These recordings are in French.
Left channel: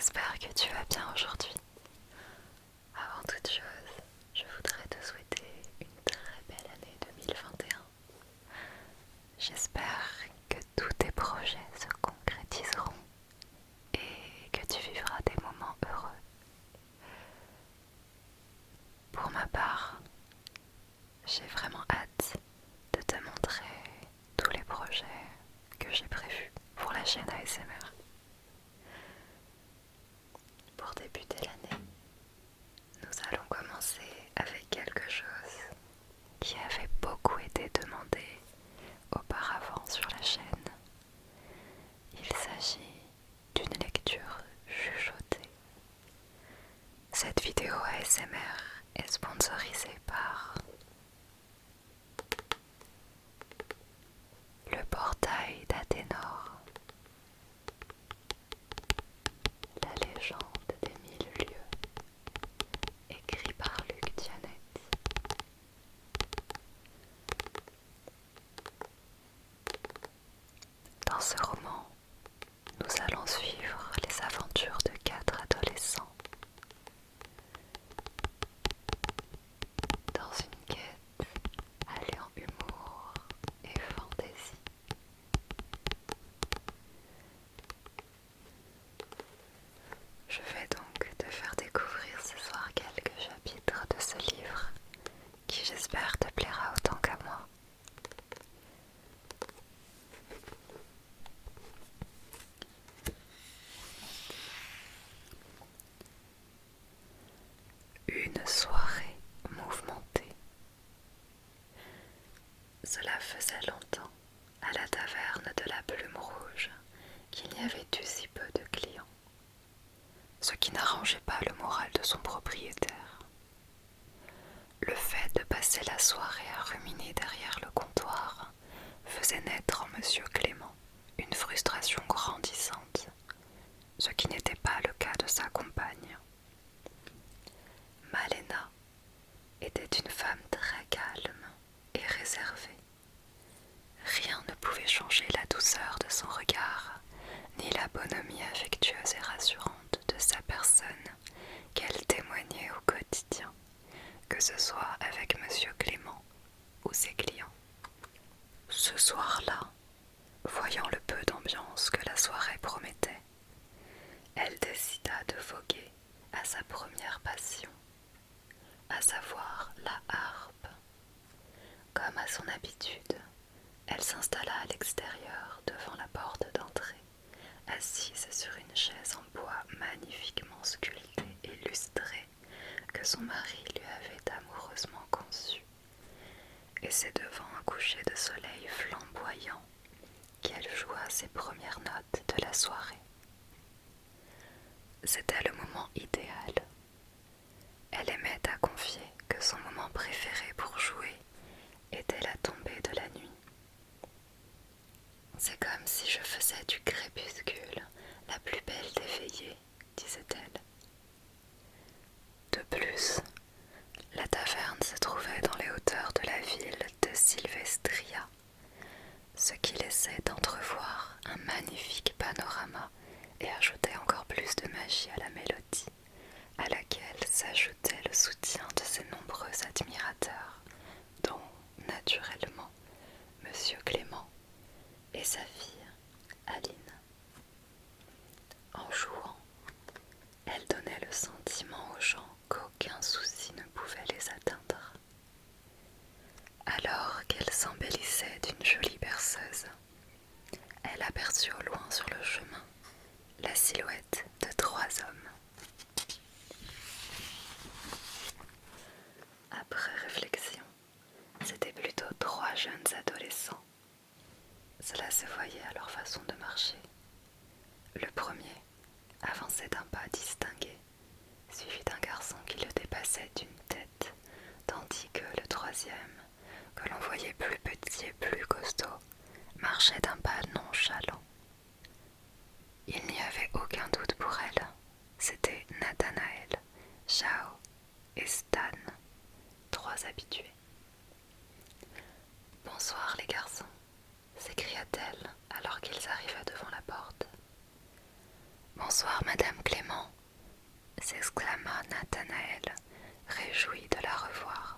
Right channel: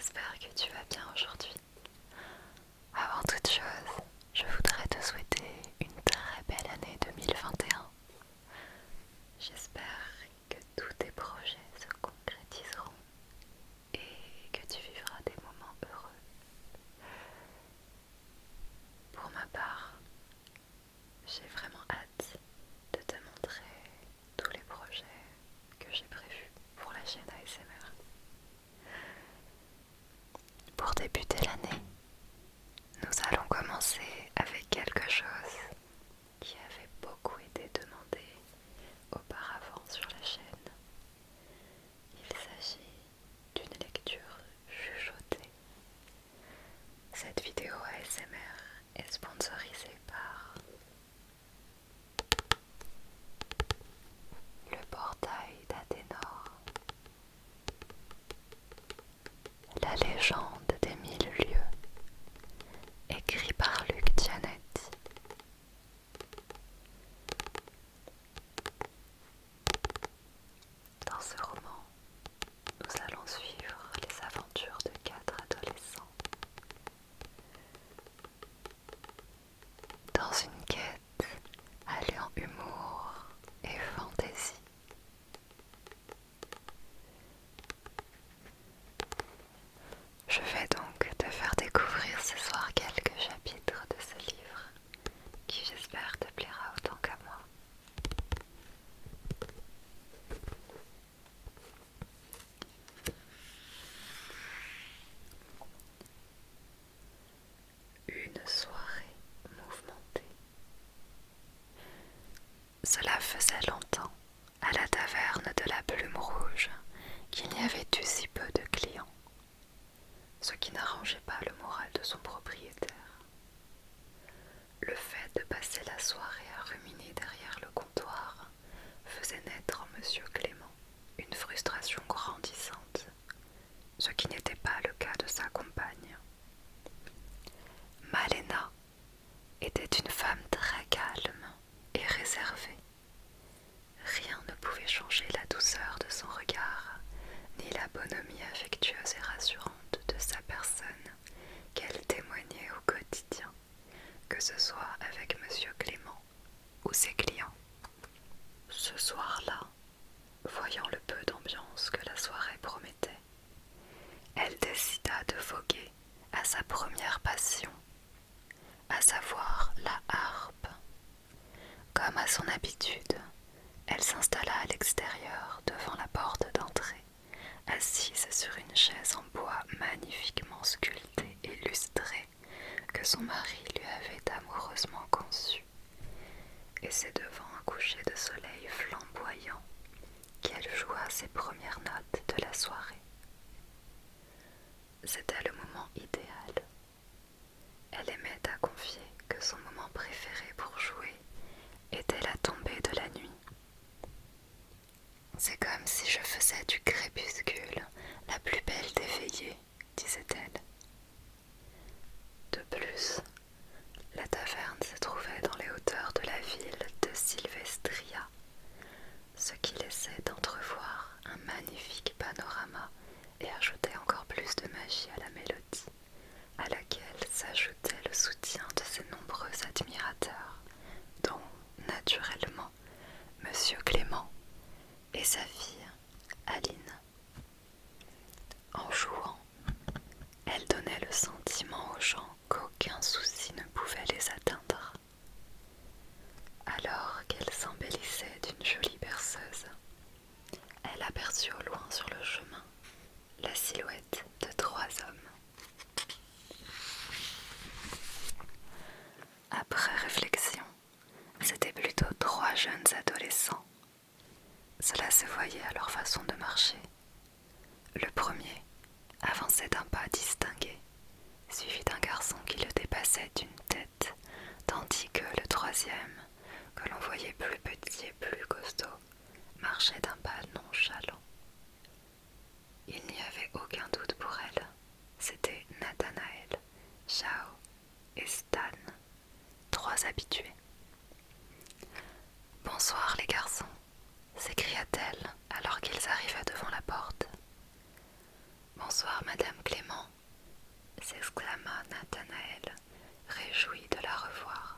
J'espère que tu vas bien aujourd'hui. Avant toute chose, je voudrais te souhaiter une très belle année 2021. J'espère que tous tes projets se concrétiseront et que tu vivras des moments heureux. Pour ma part, j'ai vraiment hâte de te montrer tous les projets que j'ai prévus pour la chaîne ASMR. Pour débuter l'année, nous allons commencer avec quelque chose qui avait beaucoup été demandé auparavant sur la chaîne. Il s'agit d'une lecture chuchotée. Cette vidéo ASMR est sponsorisée par le portail d'Athénor, la légende des 1000 lieues, écrit par Luc Dianette. Dans ce roman, nous allons suivre les aventures de 4 adolescents dans une quête alliant humour et fantaisie. Je vais donc te faire découvrir ce soir quelques chapitres de ce livre qui, j'espère, te plaira autant qu'à moi. Une soirée mouvementée. Cela faisait longtemps, à la taverne de la Plume Rouge, qu'il n'y avait eu si peu de clients, ce qui n'arrangeait pas le moral de son propriétaire. Le fait de passer la soirée à ruminer derrière le comptoir faisait naître en Monsieur Clément une frustration grandissante, ce qui n'était pas le cas de sa compagne. Malena était une femme très calme et réservée. Rien ne pouvait changer la douceur de son regard, ni la bonhomie affectueuse et rassurante de sa personne qu'elle témoignait au quotidien, que ce soit avec Monsieur Clément ou ses clients. Ce soir-là, voyant le peu d'ambiance que la soirée promettait, elle décida de voguer à sa première passion, à savoir la harpe. Comme à son habitude, elle s'installa à l'extérieur devant la porte d'entrée, assise sur une chaise en bois magnifiquement sculptée et lustrée que son mari lui avait amoureusement conçue. Et c'est devant un coucher de soleil flamboyant qu'elle joua ses premières notes de la soirée. C'était le moment idéal. Elle aimait à confier que son moment préféré pour jouer était la tombée de la nuit. C'est comme si je faisais du crépuscule la plus belle des veillées, disait-elle. De plus, la taverne se trouvait dans les hauteurs de la ville de Sylvestria, ce qui laissait entrevoir un magnifique panorama et ajoutait encore plus de magie à la mélodie, à laquelle s'ajoutait le soutien de ses nombreux admirateurs, dont, naturellement, Monsieur Clément et sa fille, Aline. En jouant, elle donnait le sentiment aux gens qu'aucun souci ne pouvait les atteindre. Alors qu'elle s'embellissait d'une jolie berceuse, elle aperçut au loin sur le chemin la silhouette de 3 hommes. Après réflexion, c'étaient plutôt 3 jeunes adolescents. Cela se voyait à leur façon de marcher. Le premier avançait d'un pas distingué, suivi d'un garçon qui le dépassait d'une tête, tandis que le troisième, que l'on voyait plus petit et plus costaud, marchait d'un pas nonchalant. Il n'y avait aucun doute pour elle, c'était Nathanaël, Chao et Stan, 3 habitués. « Bonsoir les garçons », s'écria-t-elle alors qu'ils arrivaient devant la porte. « Bonsoir, Madame Clément, s'exclama Nathanaël, réjoui de la revoir.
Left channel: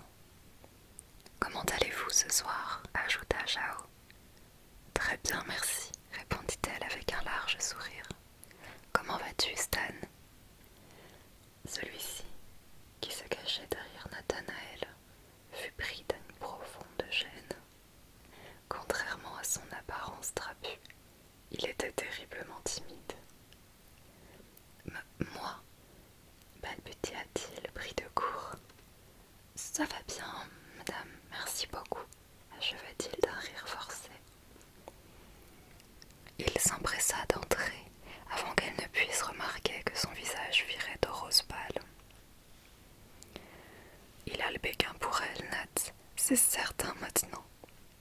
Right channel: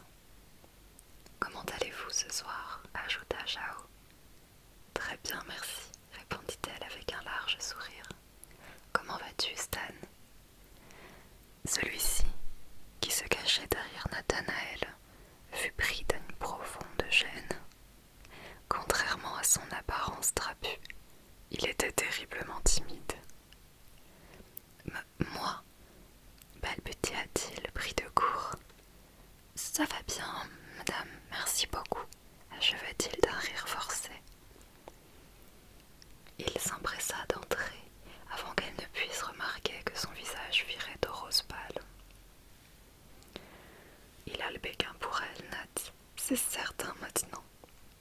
Comment allez-vous ce soir? Ajouta Jao. Très bien, merci, répondit-elle avec un large sourire. Comment vas-tu, Stan? Celui-ci, qui se cachait derrière Nathanaël, fut pris d'une profonde gêne. Contrairement à son apparence trapue, il était terriblement timide. Moi, balbutia-t-il pris de court. Ça va bien, madame, merci beaucoup, acheva-t-il d'un rire forcé. Il s'empressa d'entrer avant qu'elle ne puisse remarquer que son visage virait au rose pâle. Il a le béguin pour elle, Nat, c'est certain maintenant,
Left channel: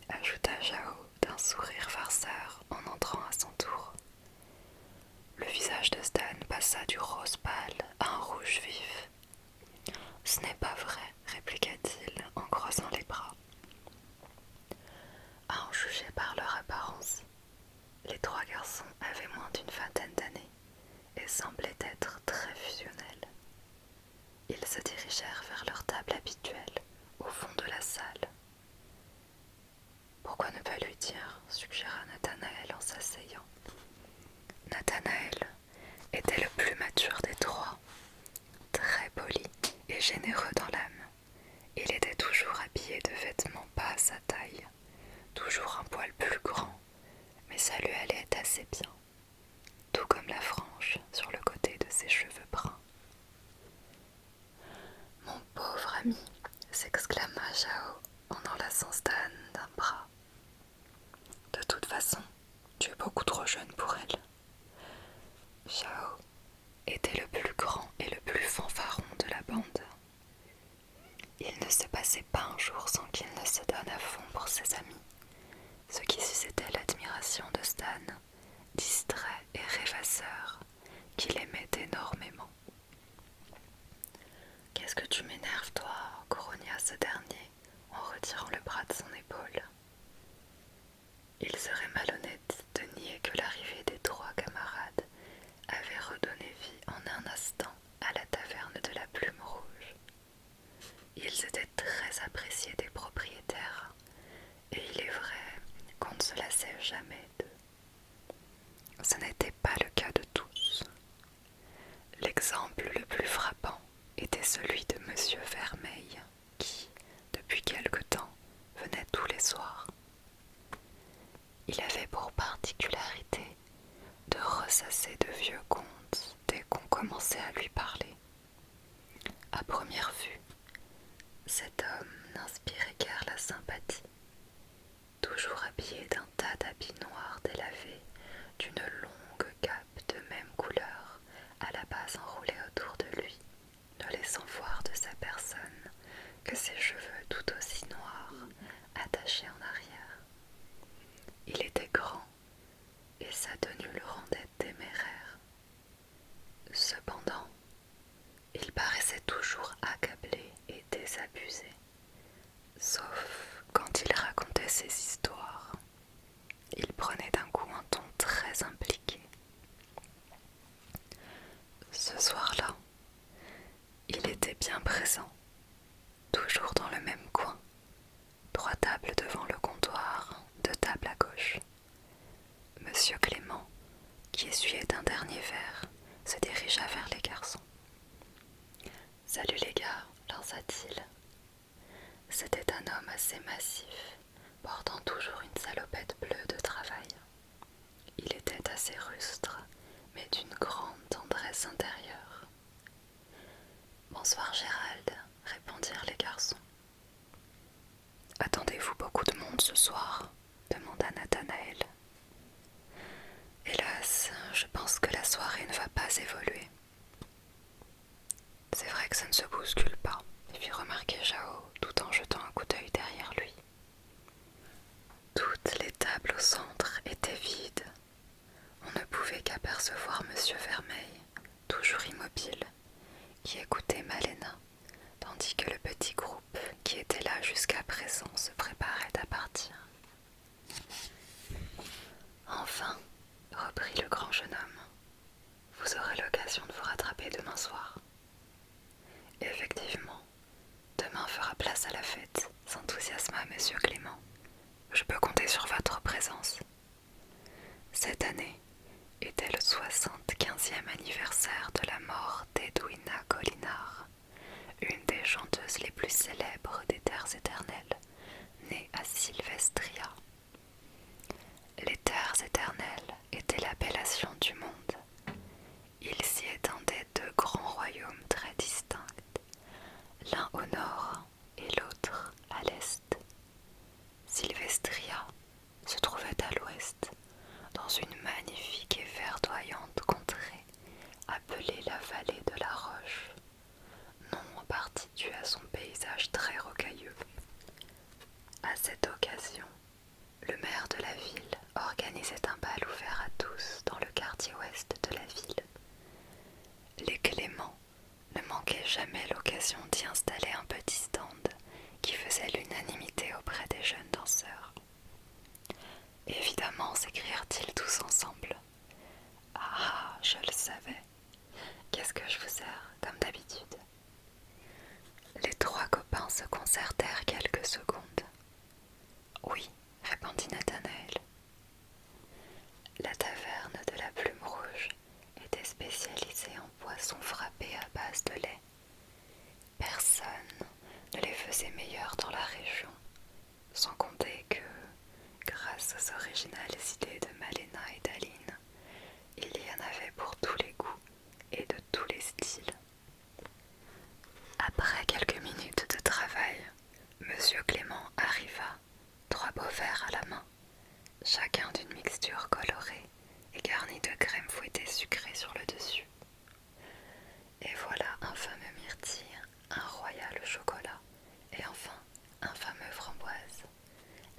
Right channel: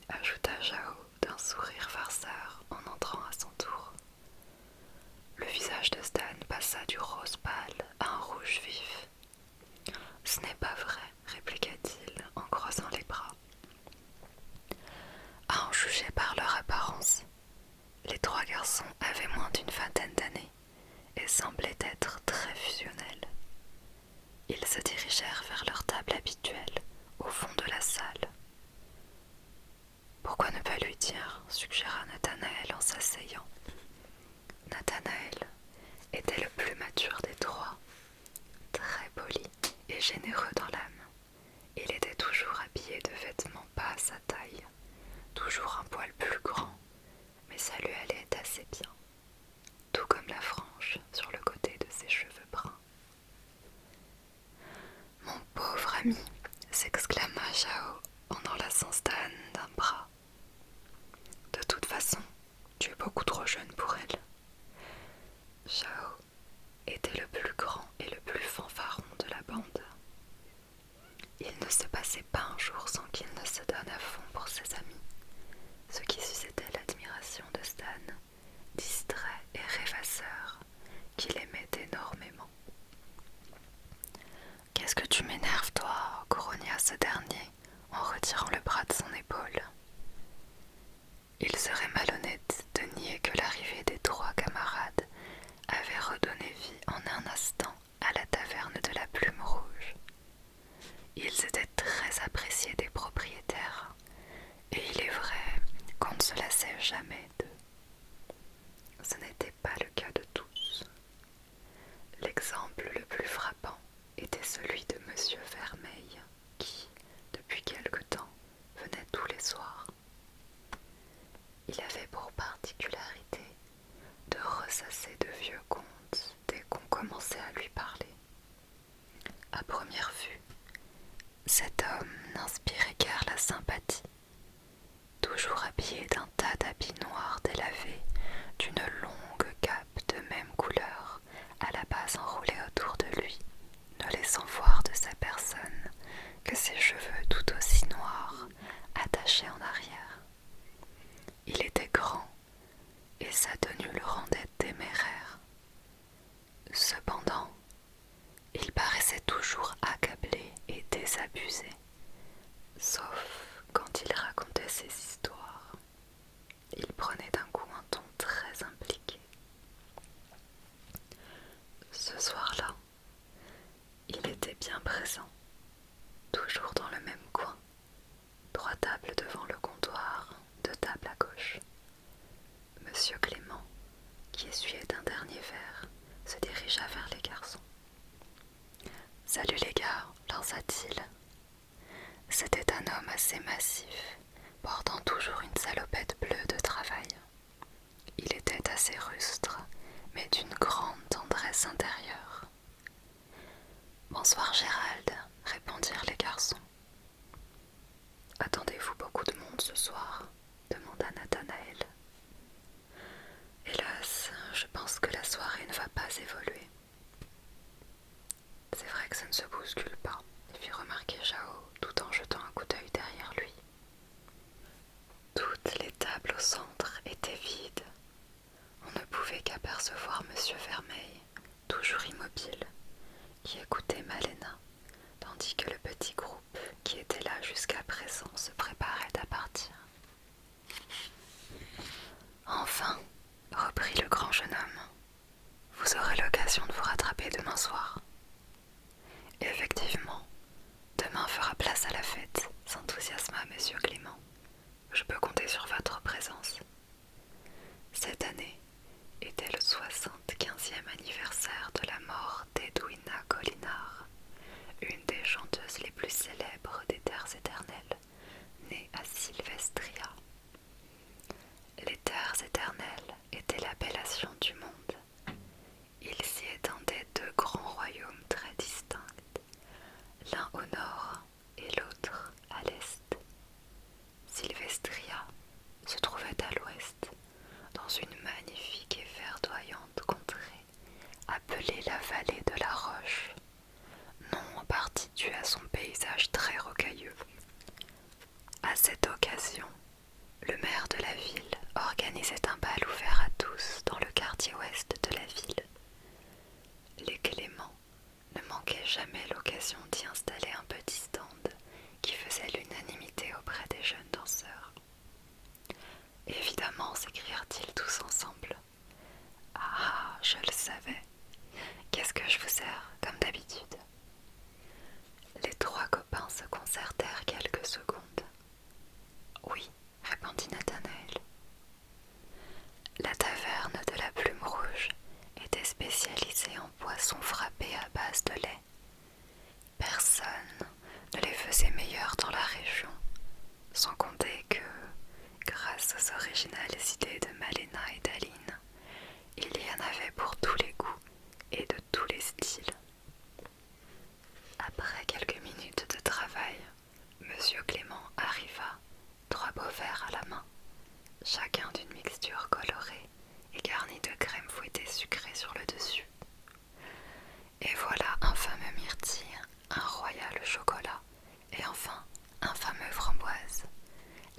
ajouta Jao d'un sourire farceur en entrant à son tour. Le visage de Stan passa du rose pâle à un rouge vif. Ce n'est pas vrai, répliqua-t-il en croisant les bras. À en juger par leur apparence, les trois garçons avaient moins d'une vingtaine d'années et semblaient être très fusionnels. Ils se dirigèrent vers leur table habituelle, au fond de la salle. Pourquoi ne pas lui dire, suggéra Nathanaël en s'asseyant. Nathanaël était le plus mature des trois, très poli et généreux dans l'âme. Il était toujours habillé de vêtements pas à sa taille, toujours un poil plus grand, mais ça lui allait assez bien, tout comme la frange sur le côté de ses cheveux bruns. « Mon pauvre ami !» s'exclama Jao en enlaçant Stan d'un bras. « De toute façon, tu es beaucoup trop jeune pour elle. » Jao était le plus grand et le plus fanfaron de la bande. Il ne se passait pas un jour sans qu'il ne se donne à fond pour ses amis, ce qui suscitait l'admiration de Stan, distrait et rêvasseur, qu'il aimait énormément. « Qu'est-ce que tu m'énerves, toi ?» grogna ce dernier en retirant le bras de son épaule. Il serait malhonnête de nier que l'arrivée des trois camarades avait redonné vie en un instant à la taverne de la Plume Rouge. Ils étaient très appréciés des propriétaires, et il est vrai qu'on ne se lassait jamais d'eux. Ce n'était pas le cas de tous. L'exemple le plus frappant était celui de Monsieur Vermeil, qui, depuis quelque temps, venait tous les soirs. Il avait pour particularité de ressasser de vieux contes dès qu'on commençait à lui parler. À première vue, cet homme n'inspirait guère la sympathie. Toujours habillé d'un tas d'habits noirs délavés, d'une longue cape de même couleur, à la base enroulée autour de lui, ne laissant voir de sa personne que ses cheveux tout aussi noirs, attachés en arrière. Il était grand, et sa tenue le rendait téméraire. Cependant, il paraissait toujours accablé et désabusé, sauf quand il racontait ses histoires. Il prenait d'un coup un ton très impliqué. Ce soir-là, il était bien présent, toujours dans le même coin, 3 tables devant le comptoir, 2 tables à gauche. Monsieur Clément, qui essuyait un dernier verre, se dirigea vers les garçons. « Salut les gars » lança-t-il. C'était un homme assez massif, portant toujours une salopette bleue de travail. Il était assez rustre, mais d'une grande tendresse intérieure. « Bonsoir Gérald » répondirent les garçons. « Attendez-vous beaucoup de monde ce soir ?» demanda Nathanaël. « Hélas, je pense que la soirée ne va pas évoluer. » « C'est vrai que ça ne se bouscule pas », fit remarquer Jao tout en jetant un coup d'œil derrière lui. Toutes les tables au centre étaient vides. On ne pouvait qu'apercevoir Monsieur Vermeil, toujours immobile, qui écoutait Malena, tandis que le petit groupe qui était là jusqu'à présent se préparait à partir. « Enfin, reprit le grand jeune homme, vous célèbre des terres éternelles, né à Sylvestria. Les terres éternelles étaient l'appellation du monde. Il s'y étendait deux grands royaumes très distincts, l'un au nord et l'autre à l'est. Sylvestria se trouvait à l'ouest, dans une magnifique et verdoyante contrée appelée la vallée de la Roche, nom en partie dû à son paysage très rocailleux. À cette occasion, le maire de la ville organisait un bal ouvert à tous dans le quartier ouest de la ville. Les Clément ne manquaient jamais l'occasion d'y installer un petit stand qui faisait l'unanimité auprès des jeunes danseurs. Évidemment, s'écrièrent-ils tous ensemble. Ah, je le savais. Qu'est-ce que je vous sers, comme d'habitude? Les trois copains se concertèrent quelques secondes. Oui, répondit Nathanaël. La taverne de la Plume Rouge était spécialisée en poissons frappés à base de lait. Personne ne les faisait meilleurs dans la région, sans compter que, grâce aux originales idées de Malena et d'Aline, il y en avait pour tous les goûts et de tous les styles. Après quelques minutes de travail, Monsieur Clément arriva, trois beaux verres à la main, chacun d'une mixture colorée et garnie de crème fouettée sucrée sur le dessus. Et voilà un fameux myrtille, un royal chocolat et enfin un fameux framboise,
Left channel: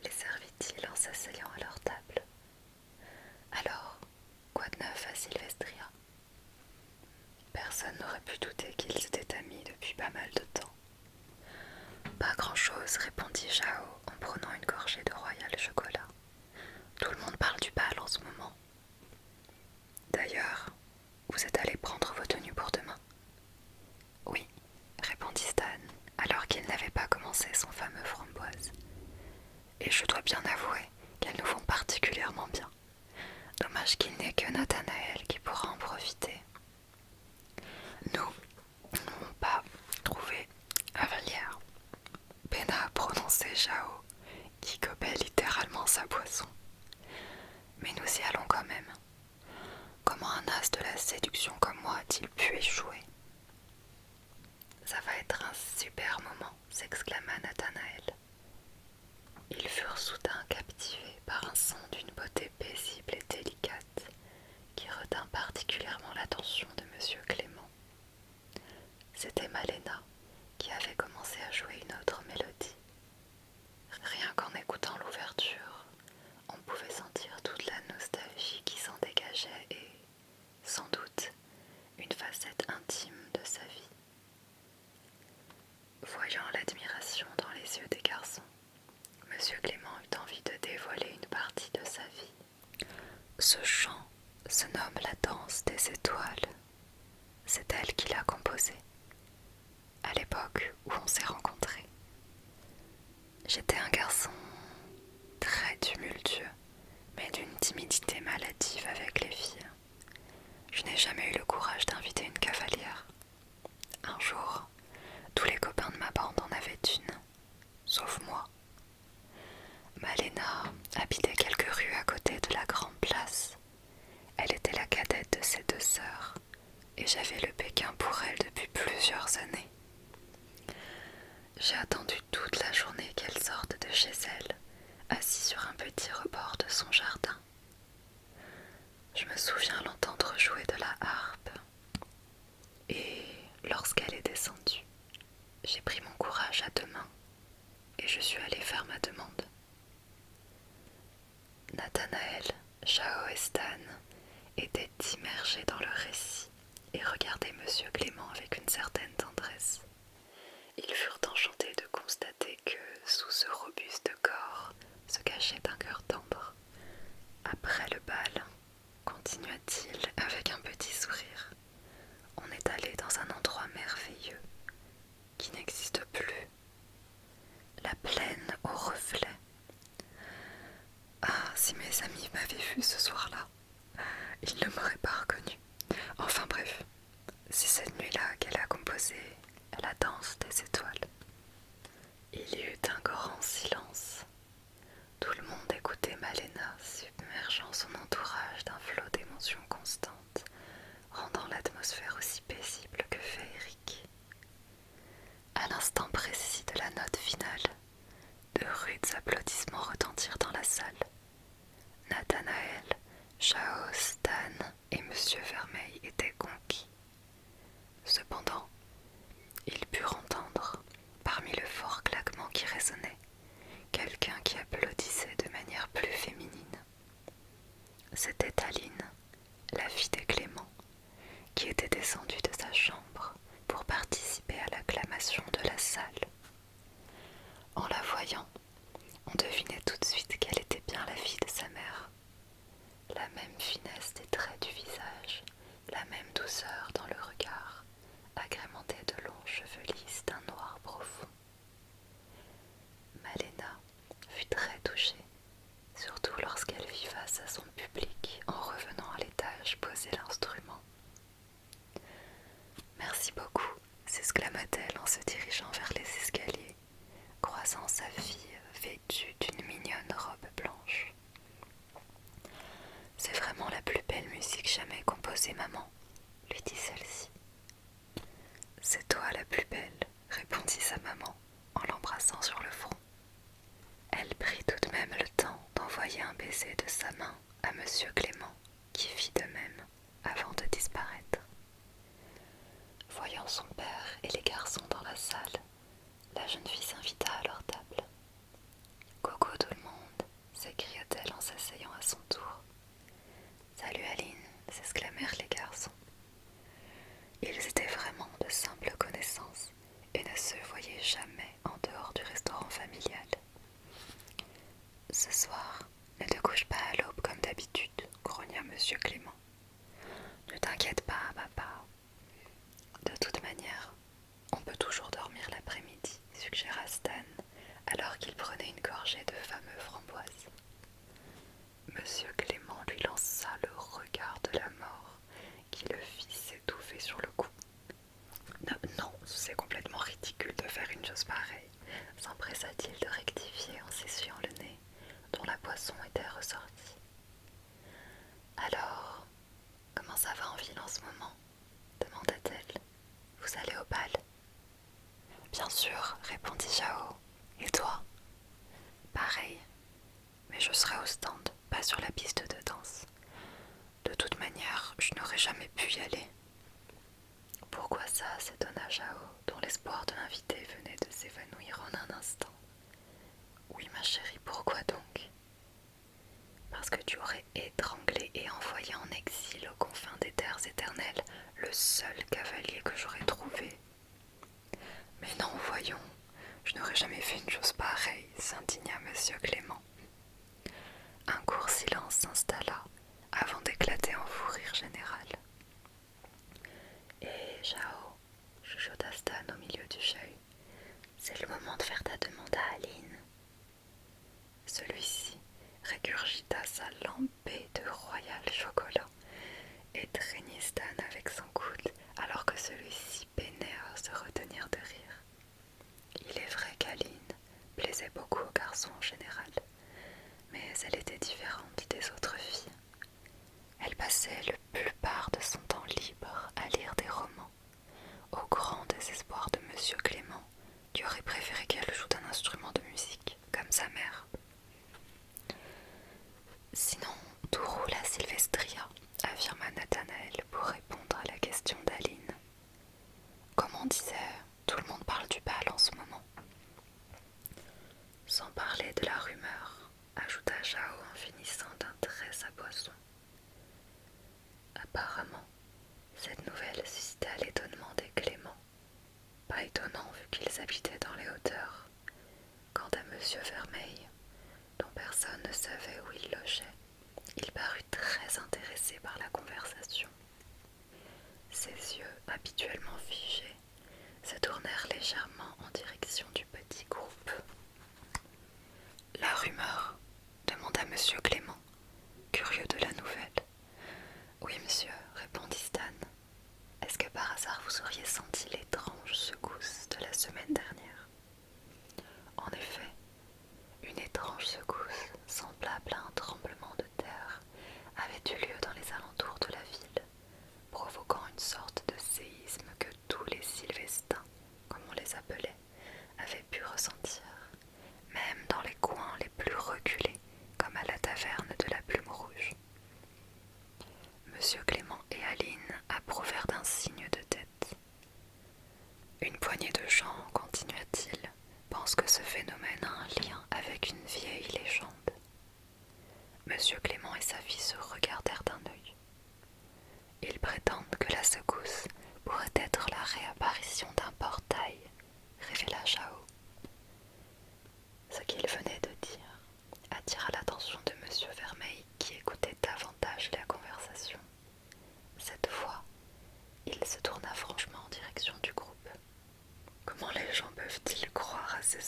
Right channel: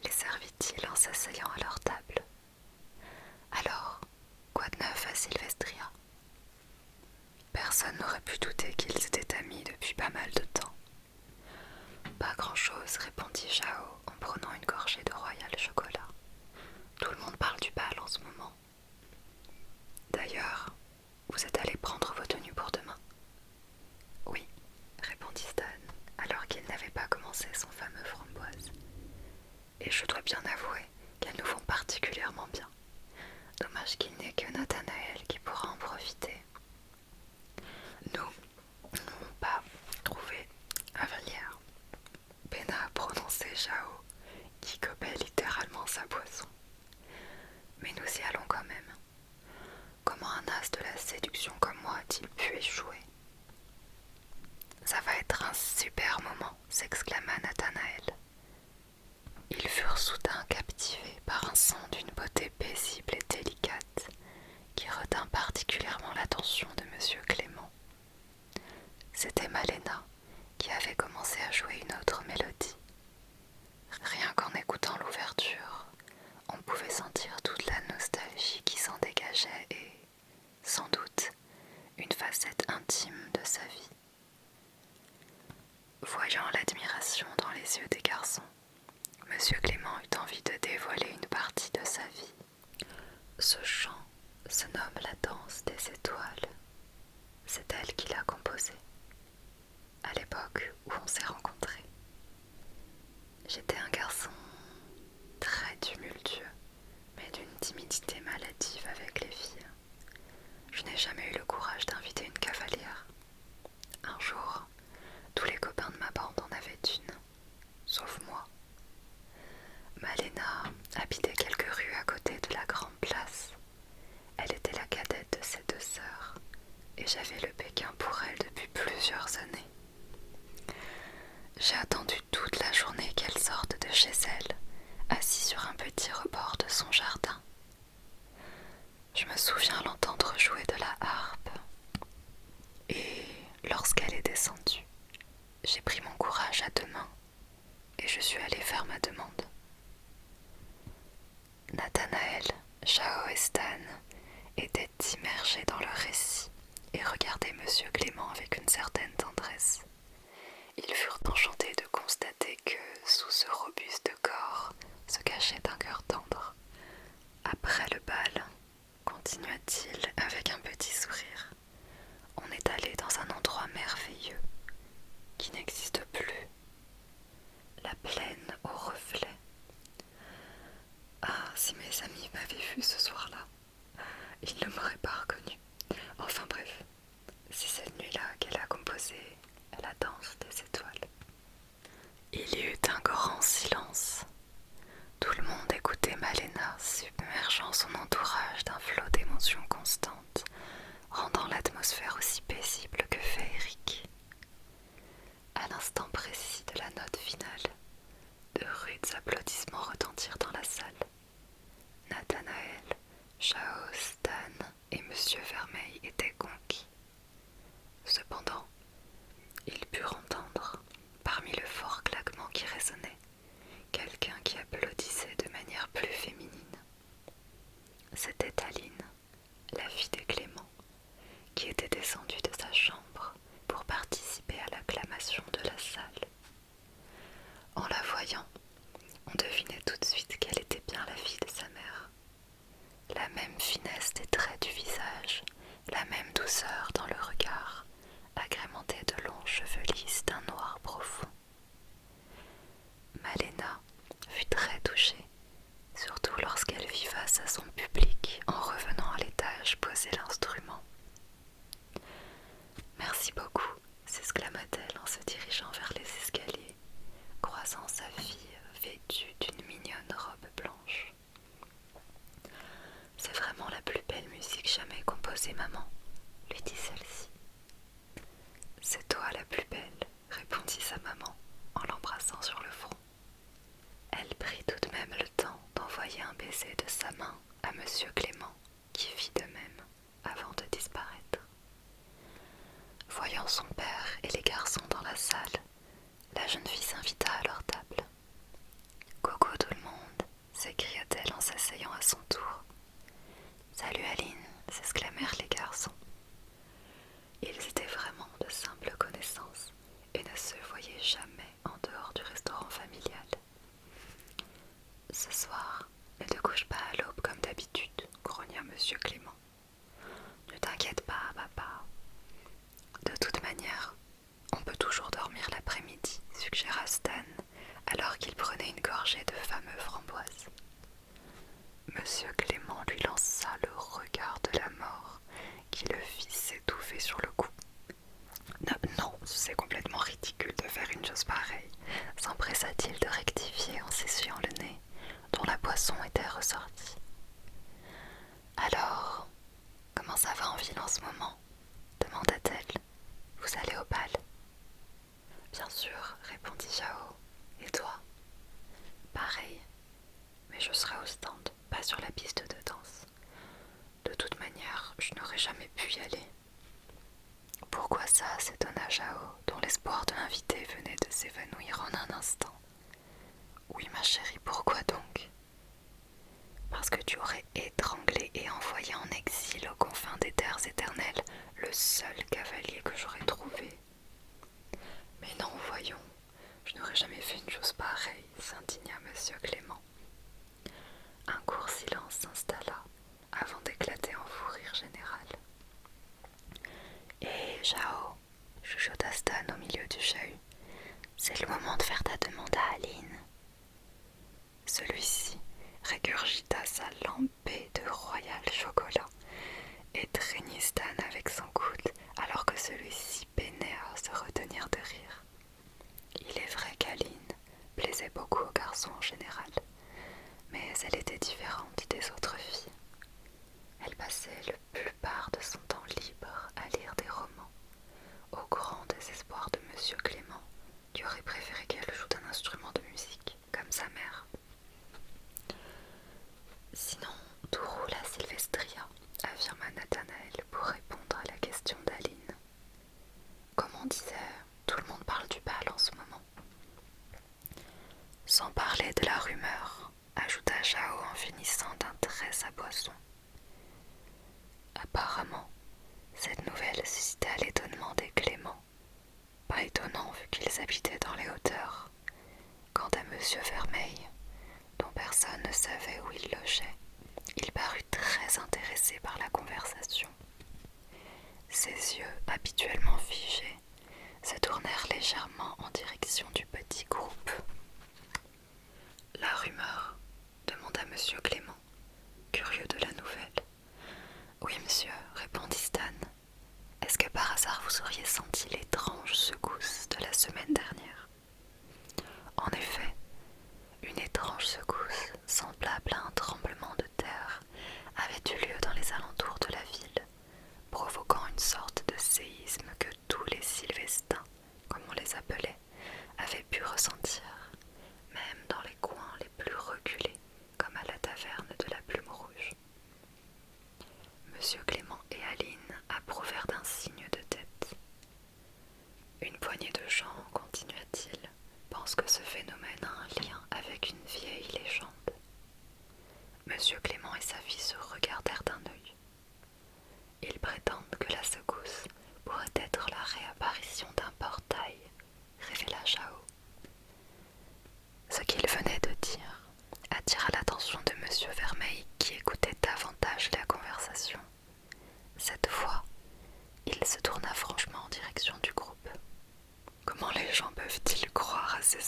les servit-il en s'asseyant à leur table. Alors, quoi de neuf à Sylvestria? Personne n'aurait pu douter qu'ils étaient amis depuis pas mal de temps. Pas grand-chose, répondit Jao en prenant une gorgée de royal chocolat. Tout le monde parle du bal en ce moment. D'ailleurs, vous êtes allés prendre vos tenues pour demain? Oui, répondit Stan, alors qu'il n'avait pas commencé son fameux framboise. Et je dois bien avouer qu'elles nous vont particulièrement bien. Dommage qu'il n'y ait que Nathanaël qui pourra en profiter. Nous n'avons pas trouvé Avalière, peina à prononcer Jao, qui gobait littéralement sa boisson. Mais nous y allons quand même. Comment un as de la séduction comme moi a-t-il pu échouer? Ça va être un super moment, s'exclama Nathanaël. Ils furent soudain captivés par un son d'une beauté paisible et délicate qui retint particulièrement l'attention de Monsieur Clément. C'était Malena qui avait commencé à jouer une autre mélodie. Rien qu'en écoutant l'ouverture, on pouvait sentir toute la nostalgie qui s'en dégageait et, sans doute, une facette intime de sa vie. Voyant l'admiration dans les yeux des garçons, Monsieur Clément eut envie de dévoiler une partie de sa vie. Ce chant se nomme la danse des étoiles. C'est elle qui l'a composé, à l'époque où on s'est rencontrés. J'étais un garçon très tumultueux, mais d'une timidité maladive avec les filles. Je n'ai jamais eu le courage d'inviter une cavalière. Un jour, tous les copains de ma bande en avaient une, sauf moi. Malena habitait quelques rues à côté de la grande place. Elle était la cadette de ses deux sœurs, et j'avais le Pékin pour elle depuis plusieurs années. J'ai attendu toute la journée qu'elle sorte de chez elle, assise sur un petit rebord de son jardin. Je me souviens l'entendre jouer de la harpe. Et lorsqu'elle est descendue, j'ai pris mon courage à deux mains et je suis allée faire ma demande. Nathanaël, Jao et Stan étaient immergés dans leur récit et regardaient Monsieur Clément avec une certaine tendresse. Ils furent enchantés de constater que, sous ce robuste corps, se cachait un cœur tendre. Après le bal, continua-t-il avec un petit sourire, on est allé dans un endroit merveilleux qui n'existe plus. La plaine aux reflets. Ah, si mes amis m'avaient vu ce soir-là, ils ne m'auraient pas reconnu. Enfin bref, c'est cette nuit-là qu'elle a composé la danse des étoiles. Il y eut un grand silence. Tout le monde écoutait Malena, submergeant son entourage d'un flot d'émotions constantes, rendant l'atmosphère aussi paisible que féerique. À l'instant précis de la note finale, de rudes applaudissements retentirent dans la salle. Nathanaël, Chao, Stan et Monsieur Vermeil étaient conquis. Cependant, ils purent entendre, parmi le fort claquement qui résonnait, quelqu'un qui applaudissait de manière plus féminine. C'était Aline, la fille de Clément, qui était descendue de sa chambre pour participer à l'acclamation de la salle. En la voyant, on devinait tout de suite qu'elle était bien la fille de sa mère. La même finesse des traits du visage, la même douceur dans le regard, agrémentée de longs cheveux lisses d'un noir profond. Malena fut très touchée, surtout lorsqu'elle vit face à son public en revenant à l'étage poser l'instrument. « Merci beaucoup », s'exclama-t-elle en se dirigeant vers les escaliers, croisant sa fille vêtue d'une mignonne robe blanche. « C'est vraiment la plus belle musique jamais composée, maman, lui dit celle-ci. « C'est toi la plus belle, répondit sa maman en l'embrassant sur le front. Elle prit tout de même le temps d'envoyer un baiser de sa main à Monsieur Clément, qui fit de même avant de disparaître. Voyant son père et les garçons dans la salle, la jeune fille s'invita à leur table. « Coucou tout le monde !» s'écria-t-elle en s'asseyant à son tour. « Salut Aline !» s'exclamèrent les garçons. Ils étaient vraiment de simples connaissances et ne se voyaient jamais en dehors du restaurant familial. « Ce soir, ne te couche pas à l'aube comme d'habitude, » grogna Monsieur Clément. « Ne t'inquiète pas, papa. De toute manière, on peut toujours dormir l'après-midi, » suggéra Stan, alors qu'il prenait une gorgée de fameux framboises. Monsieur Clément lui lança le regard de la mort, qui le fit s'étouffer sur le coup. « Non, c'est complètement ridicule de faire une chose pareille, » s'empressa-t-il de rectifier en s'essuyant le nez, dont la boisson était ressortie. « Alors, comment ça va en ville en ce moment ?» demanda-t-elle. « Vous allez au bal ?»« Bien sûr, » répondit Chao. « Et toi ?»« Pareil, mais je serai au stand, pas sur la piste de danse. De toute manière, je n'aurais jamais pu y aller. » « Pourquoi ça ?» s'étonna Chao, dont l'espoir de l'inviter venait de s'évanouir en un instant. « Oui, ma chérie, pourquoi donc ?»« Parce que tu aurais étranglé et envoyé en exil aux confins des terres éternelles le seul cavalier que j'aurais trouvé. »« Mais non, voyons, je n'aurais jamais fait une chose pareille, » s'indigna Monsieur Clément. Un court silence s'installa avant d'éclater en fou rire général. « Hé, Chao !» chuchota Stan au milieu du chahut. « C'est le moment de faire ta demande à Aline. » Celui-ci régurgita sa lampée de royal chocolat et traînit Stan avec son coude alors que celui-ci peinait à se retenir de rire. Il est vrai qu'Aline plaisait beaucoup aux garçons en général, mais elle était différente des autres filles. Elle passait la plupart de son temps libre à lire des romans, au grand désespoir de Monsieur Clément, qui aurait préféré qu'elle joue d'un instrument de musique, comme sa mère. Sinon, tout roule à Sylvestria, affirma Nathanaël pour répondre à la question d'Aline. Comme on disait, tout le monde parle du bal en ce moment. Sans parler de la rumeur, ajouta Chao en finissant d'un trait sa boisson. Apparemment, cette nouvelle suscita l'étonnement des Clément. Pas étonnant vu qu'ils habitaient dans les hauteurs. Quant à Monsieur Vermeil, dont personne ne savait où il logeait, il parut très intéressé par la conversation. Ses yeux, habituellement figés, se tournèrent légèrement en direction du petit groupe. « La rumeur ?» demanda Monsieur Clément, curieux de la nouvelle. « Oui, monsieur, » répondit Stan. « Est-ce que par hasard vous auriez senti l'étrange secousse de la semaine dernière ?»«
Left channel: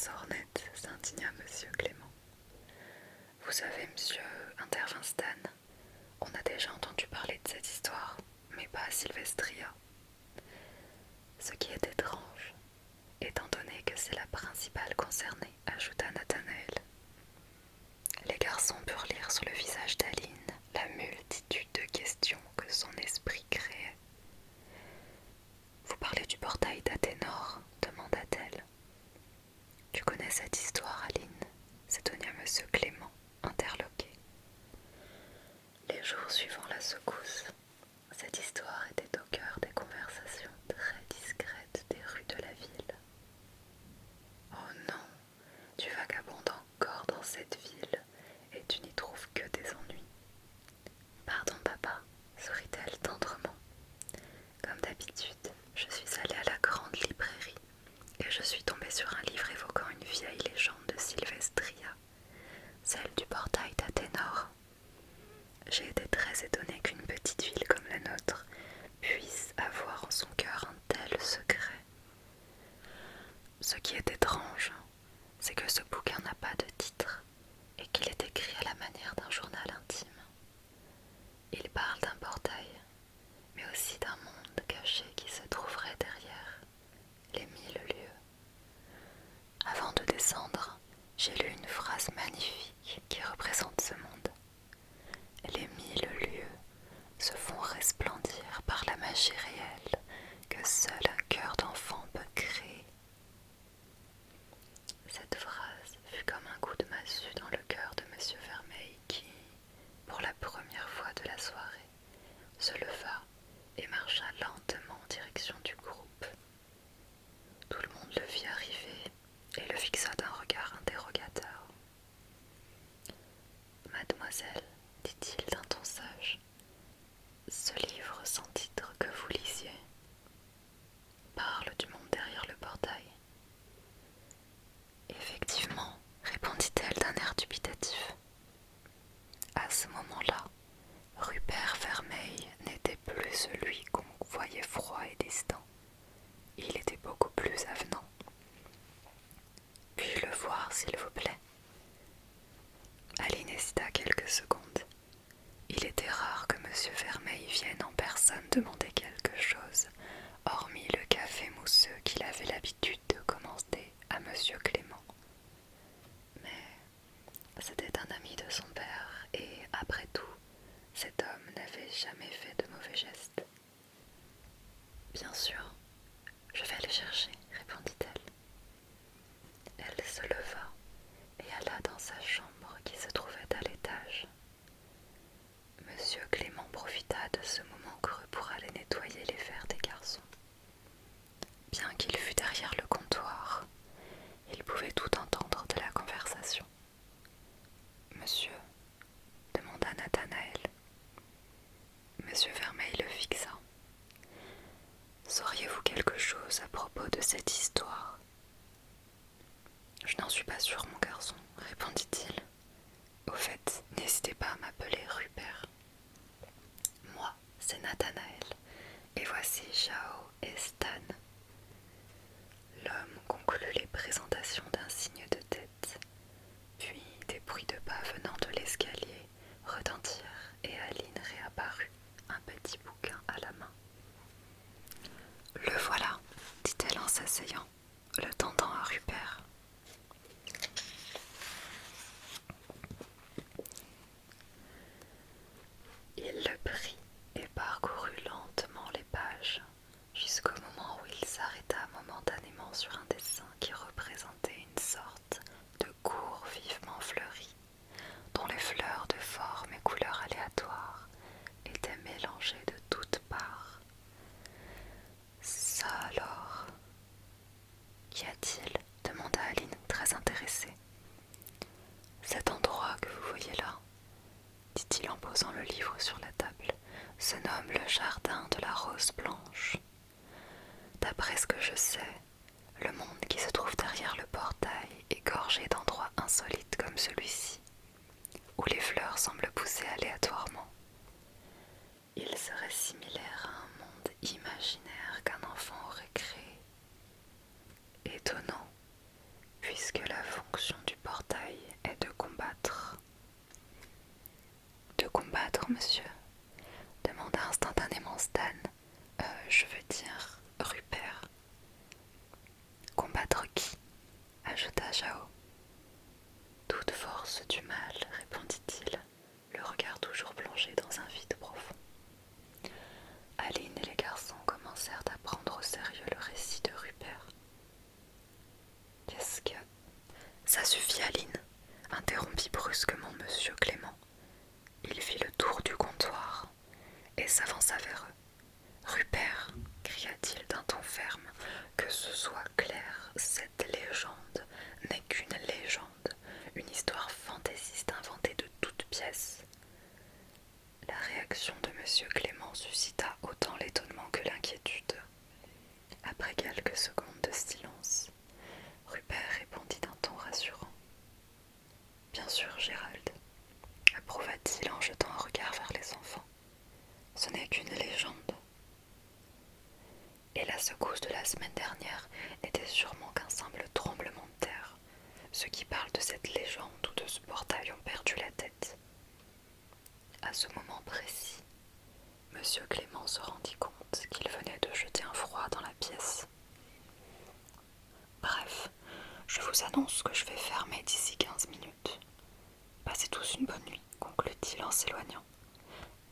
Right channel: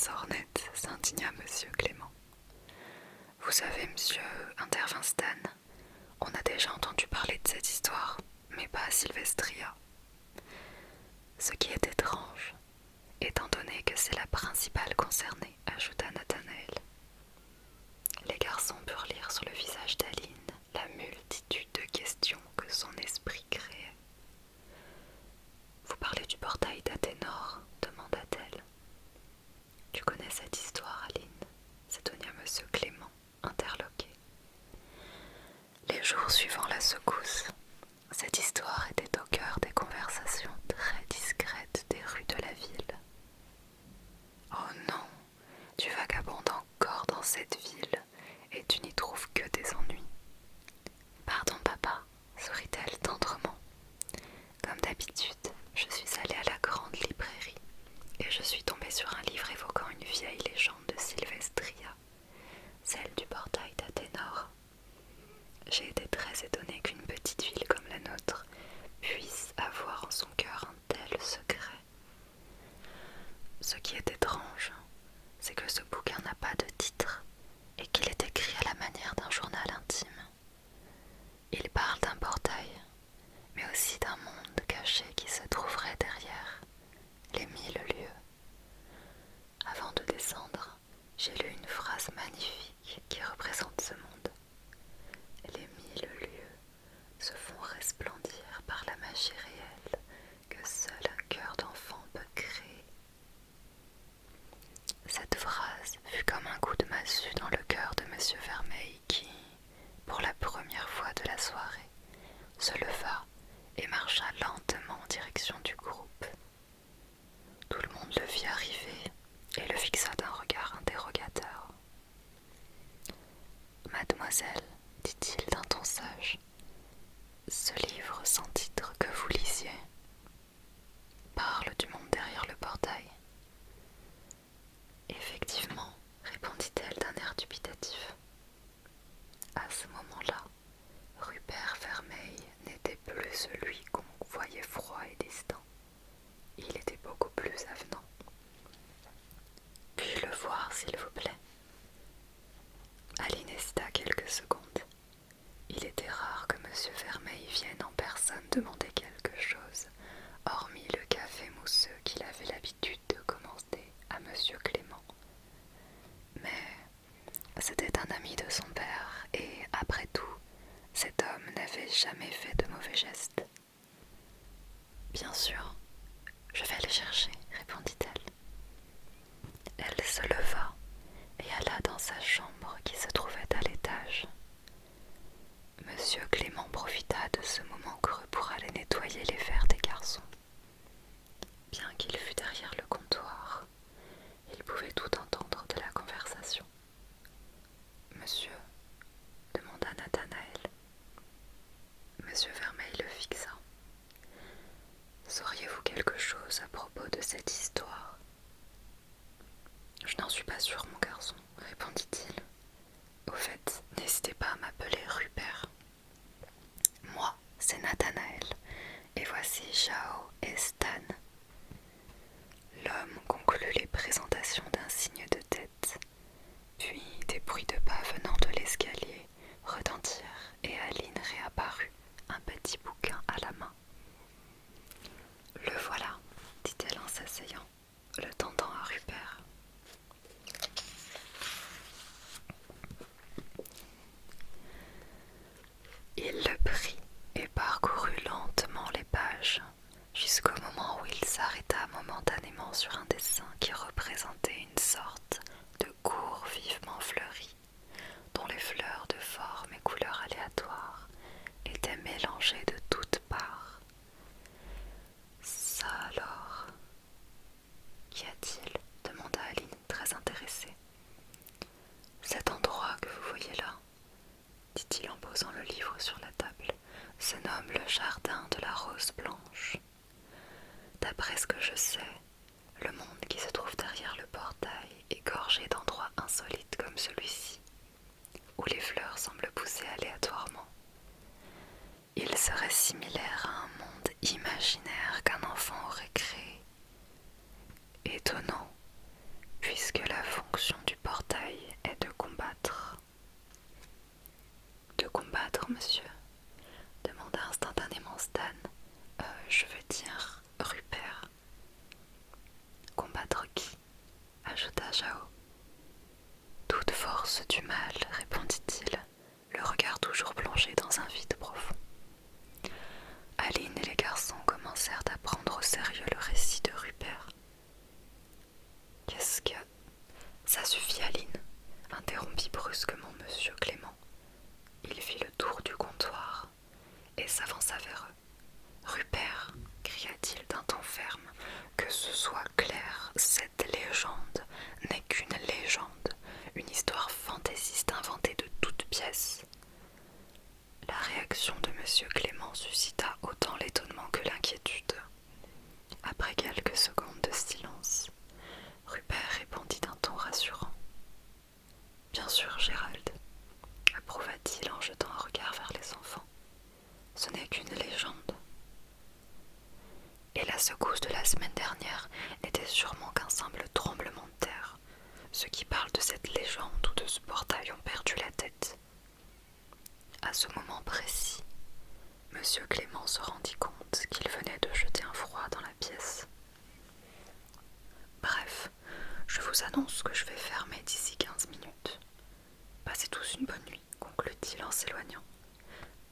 sornettes, s'indigna monsieur Clément. Vous savez, monsieur, intervint Stan, on a déjà entendu parler de cette histoire, mais pas à Sylvestria. Ce qui est étrange, étant donné que c'est la principale concernée, ajouta Nathanaël. Les garçons purent lire sur le visage d'Aline la multitude de questions que son esprit créait. Vous parlez du portail d'Athénor, demanda-t-elle. Tu connais cette histoire, Aline s'étonna monsieur Clément, interloqué. Les jours suivant la secousse, cette histoire était au cœur des conversations très discrètes des rues de la ville. Oh non, tu vagabondes encore dans cette ville et tu n'y trouves que des ennuis. Pardon, papa, sourit-elle tendrement. Comme d'habitude, je suis allée à la grande librairie et je suis tombée sur un livre évoquant une vieille légende de Sylvestria, celle du portail d'Athénor. J'ai été très étonnée qu'une petite ville comme la nôtre puisse avoir en son cœur un tel secret. Ce qui est étrange, c'est que ce bouquin n'a pas de titre et qu'il est écrit à la manière d'un journal intime. Il parle d'un portail, mais aussi d'un monde caché qui se trouverait derrière les 1000 lieues. Avant de descendre, j'ai lu une phrase magnifique qui représente ce monde. Les 1000 lieues se font resplendir par la magie réelle que seul un cœur d'enfant peut créer. Cette phrase fut comme un coup de massue dans le cœur de monsieur Vermeil qui, pour la première fois de la soirée, se leva et marcha lentement en direction du groupe. Tout le monde le vit arriver et le fixa d'un regard interrogateur. Mademoiselle, dit-il d'un ton sage, ce livre sans titre que vous lisiez parle du monde derrière le portail. Effectivement, répondit-elle d'un air dubitatif. À ce moment-là, Rupert Vermeil n'était plus celui qu'on voyait froid et distant. Il était beaucoup plus avenant. Puis-je le voir, s'il vous plaît? Aline hésita quelques secondes. Il était rare que monsieur Vermeil vienne en personne demander quelque chose, hormis le café mousseux qu'il avait l'habitude de commander à monsieur Clément. Mais c'était un ami de son père, et après tout, cet homme n'avait jamais fait de mauvais gestes. Bien sûr, je vais les chercher, répondit-elle. Elle se leva et alla dans sa chambre qui se trouvait à l'étage. Monsieur Clément profita de ce moment creux pour aller nettoyer les verres des garçons. Bien qu'il fût derrière le comptoir, il pouvait tout entendre de la conversation. Monsieur, demanda Nathanaël. Monsieur Vermeil le fixa. Sauriez-vous quelque chose à propos de cette histoire? Je n'en suis pas sûr, mon garçon, répondit-il. Au fait, n'hésitez pas à m'appeler Rupert. Moi, c'est Nathanaël, et voici Jao et Stan. L'homme conclut les présentations d'un signe de tête, puis des bruits de pas venant de l'escalier retentirent et Aline réapparut, un petit bouquin à la main. Le voilà, dit-elle en s'asseyant, le tendant à Rupert. Il le prit et parcourut lentement les pages, jusqu'au moment où il s'arrêta momentanément sur un dessin qui représentait une sorte de cour vivement fleurie, dont les fleurs de forme et couleurs aléatoires étaient mélangées de toutes parts. Ça alors? Qu'y a-t-il? Demanda Aline, très intéressée. Cet endroit que vous voyez là, dit-il en posant le livre sur la table, se nomme le jardin de la rose blanche. D'après ce que je sais, le monde qui se trouve derrière le portail est gorgé d'endroits insolites comme celui-ci, où les fleurs semblent pousser aléatoirement. Il serait similaire à un monde imaginaire qu'un enfant aurait créé. Étonnant, puisque la fonction du portail est de combattre. De combattre, monsieur? Demanda instantanément Stan. Je veux dire Rupert. Combattre qui? Ajouta Zhao. Toute force du mal, répondit-il, le regard toujours plongé dans un vide profond. Aline et les garçons commencèrent à prendre au sérieux le récit de Rupert. Qu'est-ce que... Ça suffit, Aline, interrompit brusquement monsieur Clément. Il fit le tour du comptoir et s'avança vers eux. Rupert, cria-t-il d'un ton ferme, que ce soit clair, cette légende n'est qu'une légende, une histoire fantaisiste inventée de toutes pièces. La réaction de monsieur Clément suscita autant l'étonnement que l'inquiétude. Après quelques secondes de silence, Rupert répondit d'un ton rassurant. Bien sûr, Gérald, approuva-t-il en jetant un regard vers les enfants. Ce n'est qu'une légende. Et la secousse de la semaine dernière n'était sûrement qu'un simple tremblement de terre. Ceux qui parlent de cette légende ou de ce portail ont perdu la tête. À ce moment précis, monsieur Clément se rendit compte qu'il venait de jeter un froid dans la pièce. Bref, je vous annonce que je vais fermer d'ici 15 minutes. Passez tous une bonne nuit, conclut-il en s'éloignant.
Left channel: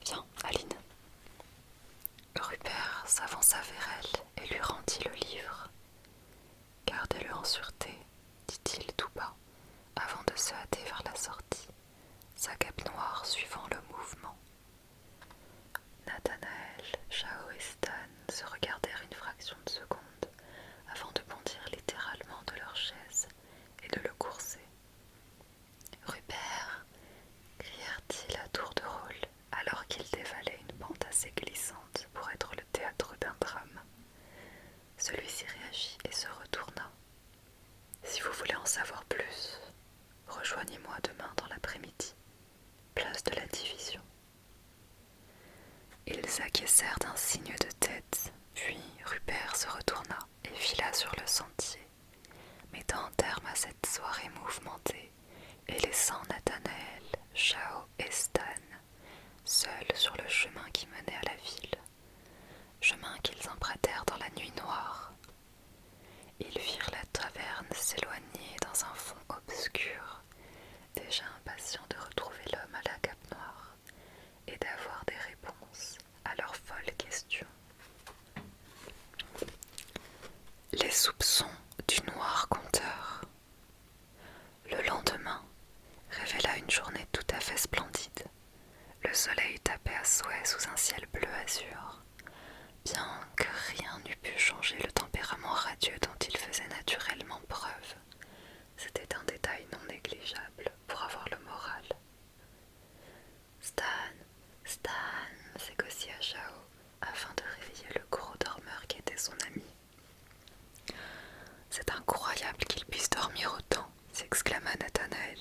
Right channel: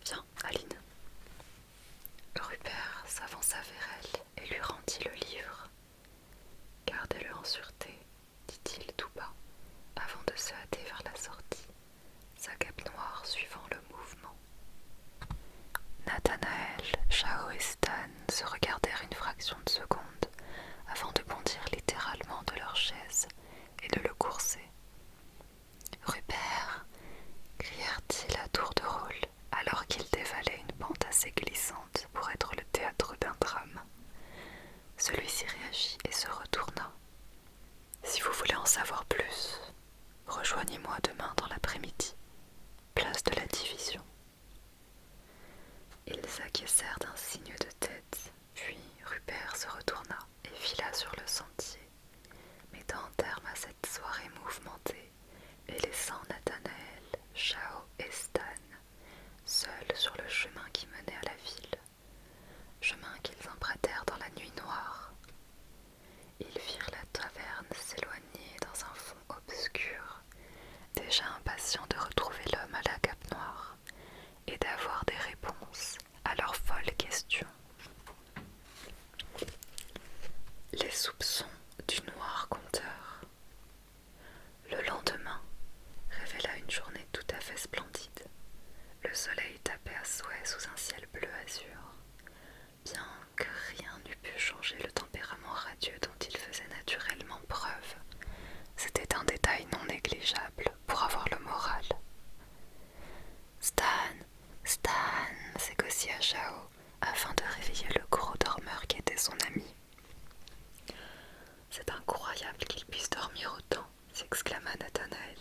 Viens, Aline. Rupert s'avança vers elle et lui rendit le livre. Gardez-le en sûreté, dit-il tout bas, avant de se hâter vers la sortie, sa cape noire suivant le mouvement. Nathanaël, Zhao et Stan se regardèrent une fraction de seconde avant de bondir littéralement de leur chaise et de le courser. Rupert, crièrent-ils à tour de rôle alors qu'ils dévalaient une pente assez glissante pour être le théâtre d'un drame. Celui-ci réagit et se retourna. Si vous voulez en savoir plus, rejoignez-moi demain dans l'après-midi, place de la Division. Ils acquiescèrent d'un signe de tête, puis Rupert se retourna et fila sur le sentier, mettant un terme à cette soirée mouvementée et laissant Nathanaël, Zhao et Stan seuls sur le chemin qui menait à la ville, chemin qu'ils empruntèrent dans la nuit noire. Ils virent la taverne s'éloigner dans un fond obscur, déjà impatients de retrouver l'homme à la cape noire et d'avoir des réponses à leurs folles questions. Les soupçons du noir conteur. Le lendemain révéla une journée tout à fait splendide. Le soleil tapait à souhait sous un ciel bleu azur, bien que rien n'eût pu changer le tempérament radieux dont il faisait naturellement preuve. C'était un détail non négligeable pour avoir le moral. Stan, s'écocia Zhao afin de réveiller le gros dormeur qui était son ami. C'est incroyable qu'il puisse dormir autant, s'exclama Nathanaël.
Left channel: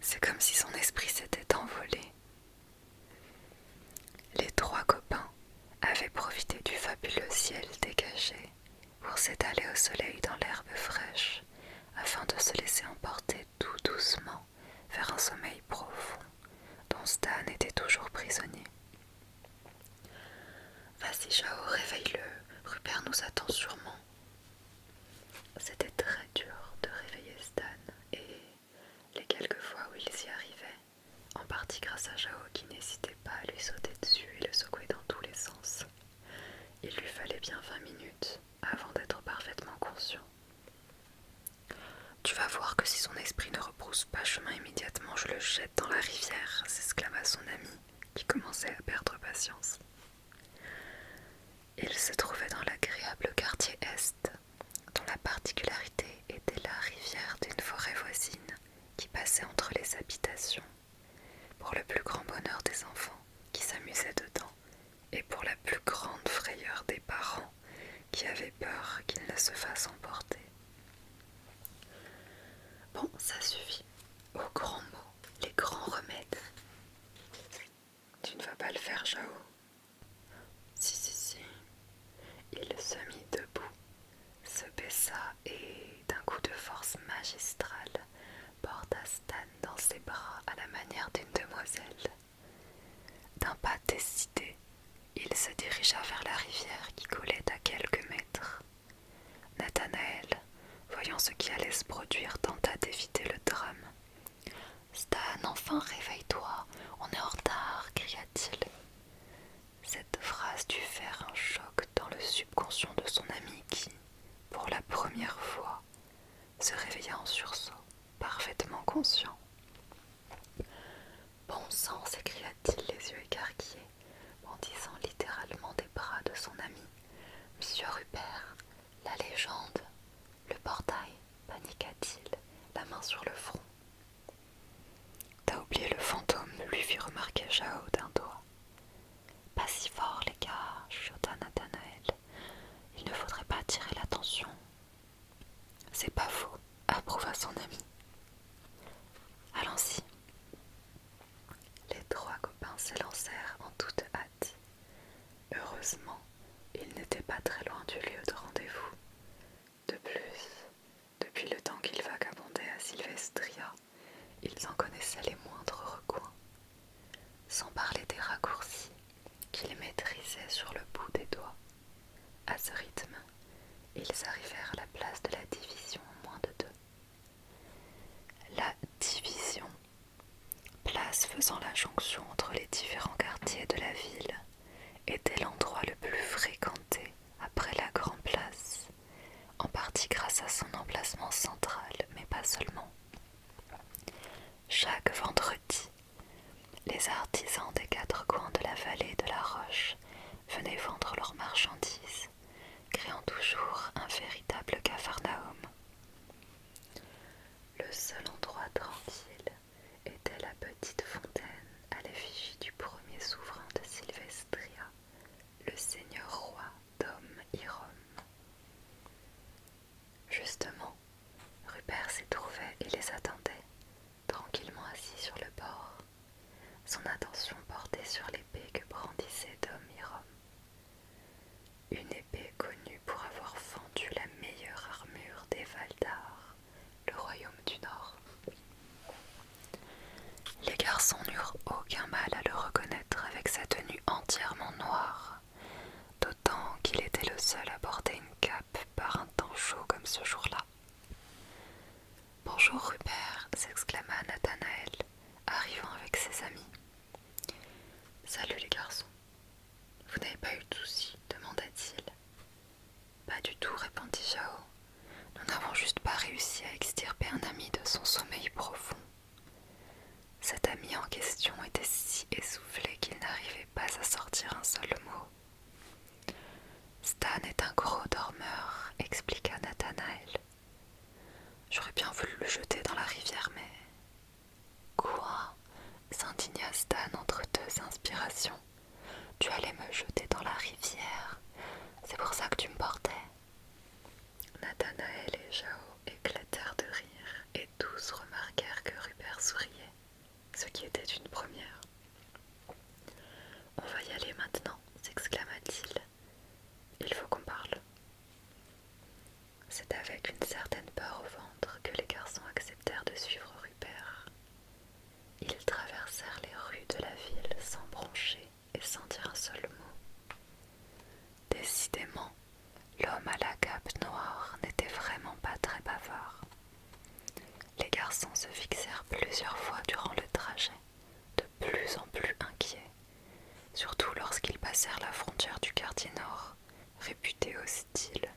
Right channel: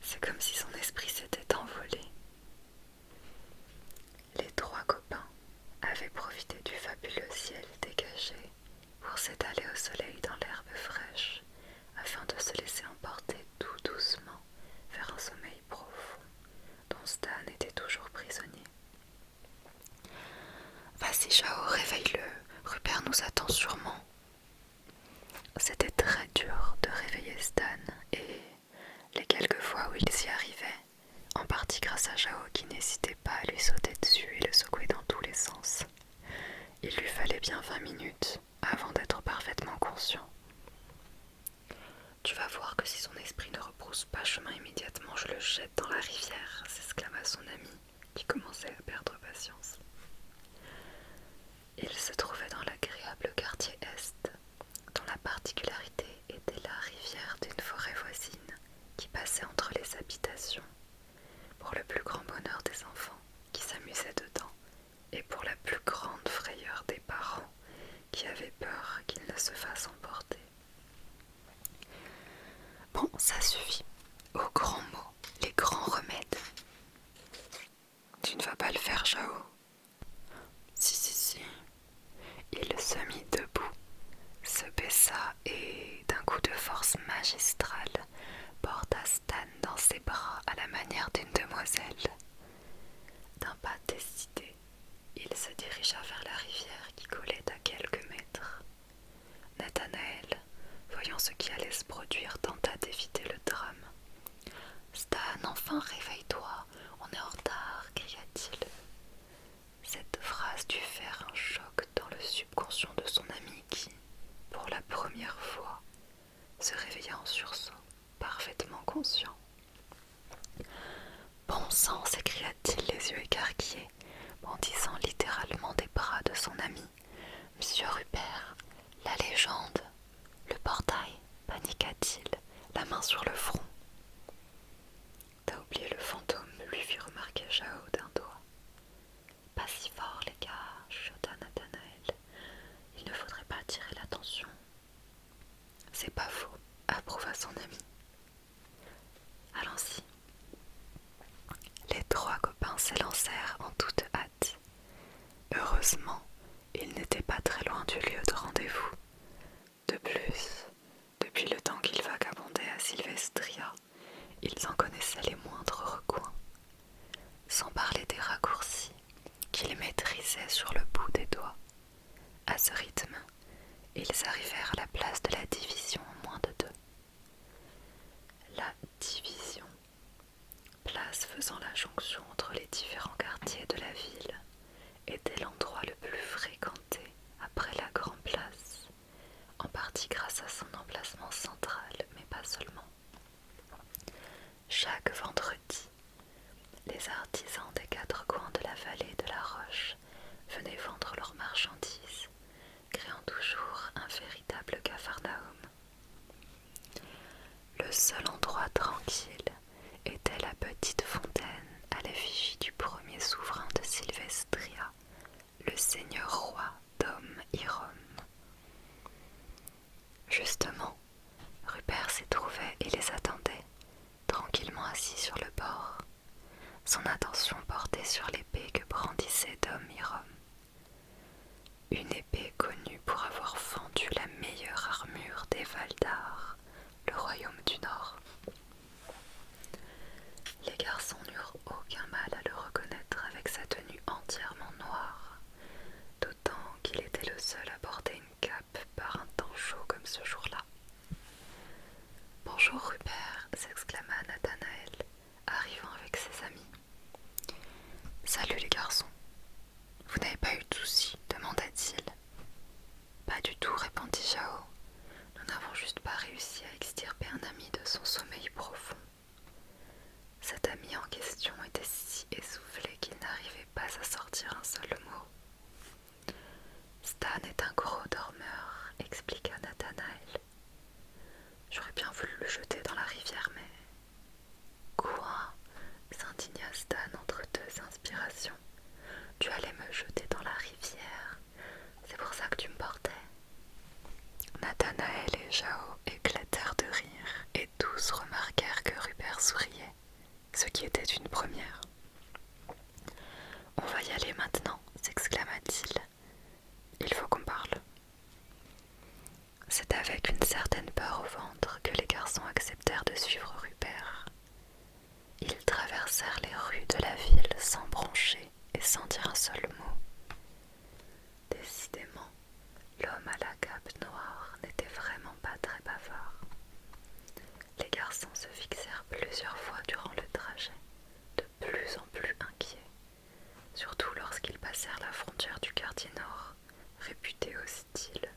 C'est comme si son esprit s'était envolé. Les trois copains avaient profité du fabuleux ciel dégagé pour s'étaler au soleil dans l'herbe fraîche, afin de se laisser emporter tout doucement vers un sommeil profond, dont Stan était toujours prisonnier. Vas-y, Zhao, réveille-le, Rupert nous attend sûrement. C'était très dur de réveiller Stan, et les quelques fois où il s'y arrivait, en partie grâce à Zhao qui n'hésitait pas à lui sauter dessus et le secouer dans tous les sens, il lui fallait bien 20 minutes avant d'être parfaitement conscient. Tu vas voir que si son esprit ne rebrousse pas chemin immédiatement, je le jette dans la rivière, s'exclama son ami, qui commençait à perdre patience. Il se trouvait dans l'agréable quartier Est, dont la particularité était la rivière d'une forêt voisine qui passait entre les habitations, pour le plus grand bonheur des enfants qui s'amusaient dedans, et pour la plus grande frayeur des parents qui avaient peur qu'il ne se fasse emporter. Bon, ça suffit. Aux grands mots, les grands remèdes. Tu ne vas pas le faire, Zhao? Si. Il se mit debout, se baissa et, d'un coup de force magique, Stan dans ses bras à la manière d'une demoiselle. D'un pas décidé, il se dirigea vers la rivière qui coulait à quelques mètres. Nathanaël, voyant ce qui allait se produire, tenta d'éviter le drame. « Stan, enfin réveille-toi, on est en retard !» cria-t-il. Cette phrase dut faire un choc dans le subconscient de son ami qui, pour la première fois, se réveilla en sursaut, parfaitement conscient. « Bon sang !» s'écria-t-il les yeux écarquillés, bondissant littéralement des bras de son ami. « Monsieur Rupert, la légende, le portail !» paniqua-t-il, la main sur le front. « T'as oublié le fantôme !» lui fit remarquer Jao d'un doigt. « Pas si fort, les gars !» chuchota Nathanaël. « Il ne faudrait pas attirer l'attention. »« C'est pas faux !» approuva son ami. « Allons-y !» Les trois copains s'élancèrent en toute hâte. Heureusement, ils n'étaient pas très loin du lieu de rendez-vous. De plus, depuis le temps qu'ils vagabondaient à Sylvestria, ils en connaissaient les moindres recoins, sans parler des raccourcis qu'ils maîtrisaient sur le bout des doigts. À ce rythme, ils arrivèrent à la place de la division en moins de 2. La division, place faisant la jonction entre les différents quartiers de la ville, était l'endroit le plus fréquenté après la Grande Place, en partie grâce à son emplacement central, mais pas seulement. Chaque vendredi, les artisans des 4 coins de la vallée de la Roche venaient vendre leurs marchandises, créant toujours un véritable capharnaüm. Le seul endroit tranquille était la petite fontaine à l'effigie du premier souverain de Sylvestria, le seigneur roi Dom Hirom. Justement, Rupert s'y trouvait et les attendait, tranquillement assis sur le bord, son attention portée sur l'épée que brandissait Dom Hirom. Une épée connue pour avoir fendu la meilleure armure des Valdar, le royaume du Nord. Les garçons n'eurent aucun mal à le reconnaître avec sa tenue entièrement noire, d'autant qu'il était le seul à porter une cape par un temps chaud comme ce jour-là. « Bonjour Rupert !» s'exclama Nathanaël, arrivant avec ses amis. « Salut les garçons. Vous n'avez pas eu de soucis ?» demanda-t-il. « Pas du tout » répondit Jao. « Nous n'avons juste pas réussi à extirper un ami de son sommeil profond. » Cet ami en question était si essoufflé qu'il n'arrivait pas à sortir un seul mot. « Stan est un gros dormeur » expliqua Nathanaël. « J'aurais bien voulu le jeter dans la rivière, mais... » « Quoi ?» s'indigna Stan entre 2 inspirations. « Tu allais me jeter dans la rivière. C'est pour ça que tu me portais. » Nathanaël et Jao éclatèrent de rire et tous remarquèrent que Rupert souriait, ce qui était une première. « On va y aller maintenant » s'exclama-t-il. « Il faut qu'on parle. » C'est avec une certaine peur au ventre que les garçons acceptèrent de suivre Rupert. Ils traversèrent les rues de la ville sans broncher et sans dire un seul mot. Décidément, l'homme à la cape noire n'était vraiment pas très bavard. Les garçons se fixèrent plusieurs fois durant le trajet, de plus en plus inquiets, surtout lorsqu'ils passèrent la frontière du quartier nord, réputé hostile.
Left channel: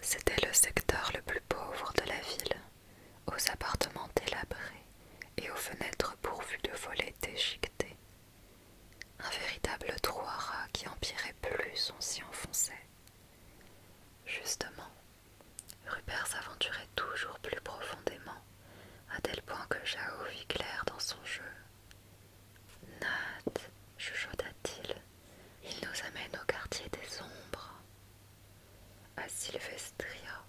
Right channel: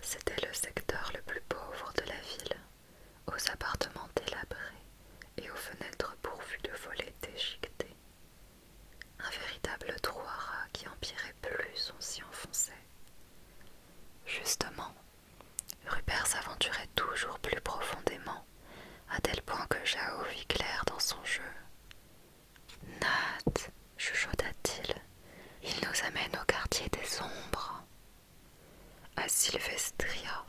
C'était le secteur le plus pauvre de la ville, aux appartements délabrés et aux fenêtres pourvues de volets déchiquetés. Un véritable trou à rats qui empirait plus on s'y enfonçait. Justement, Rupert s'aventurait toujours plus profondément, à tel point que Jao vit clair dans son jeu. « Nat, chuchota-t-il, il nous amène au quartier des ombres. » À Sylvestria,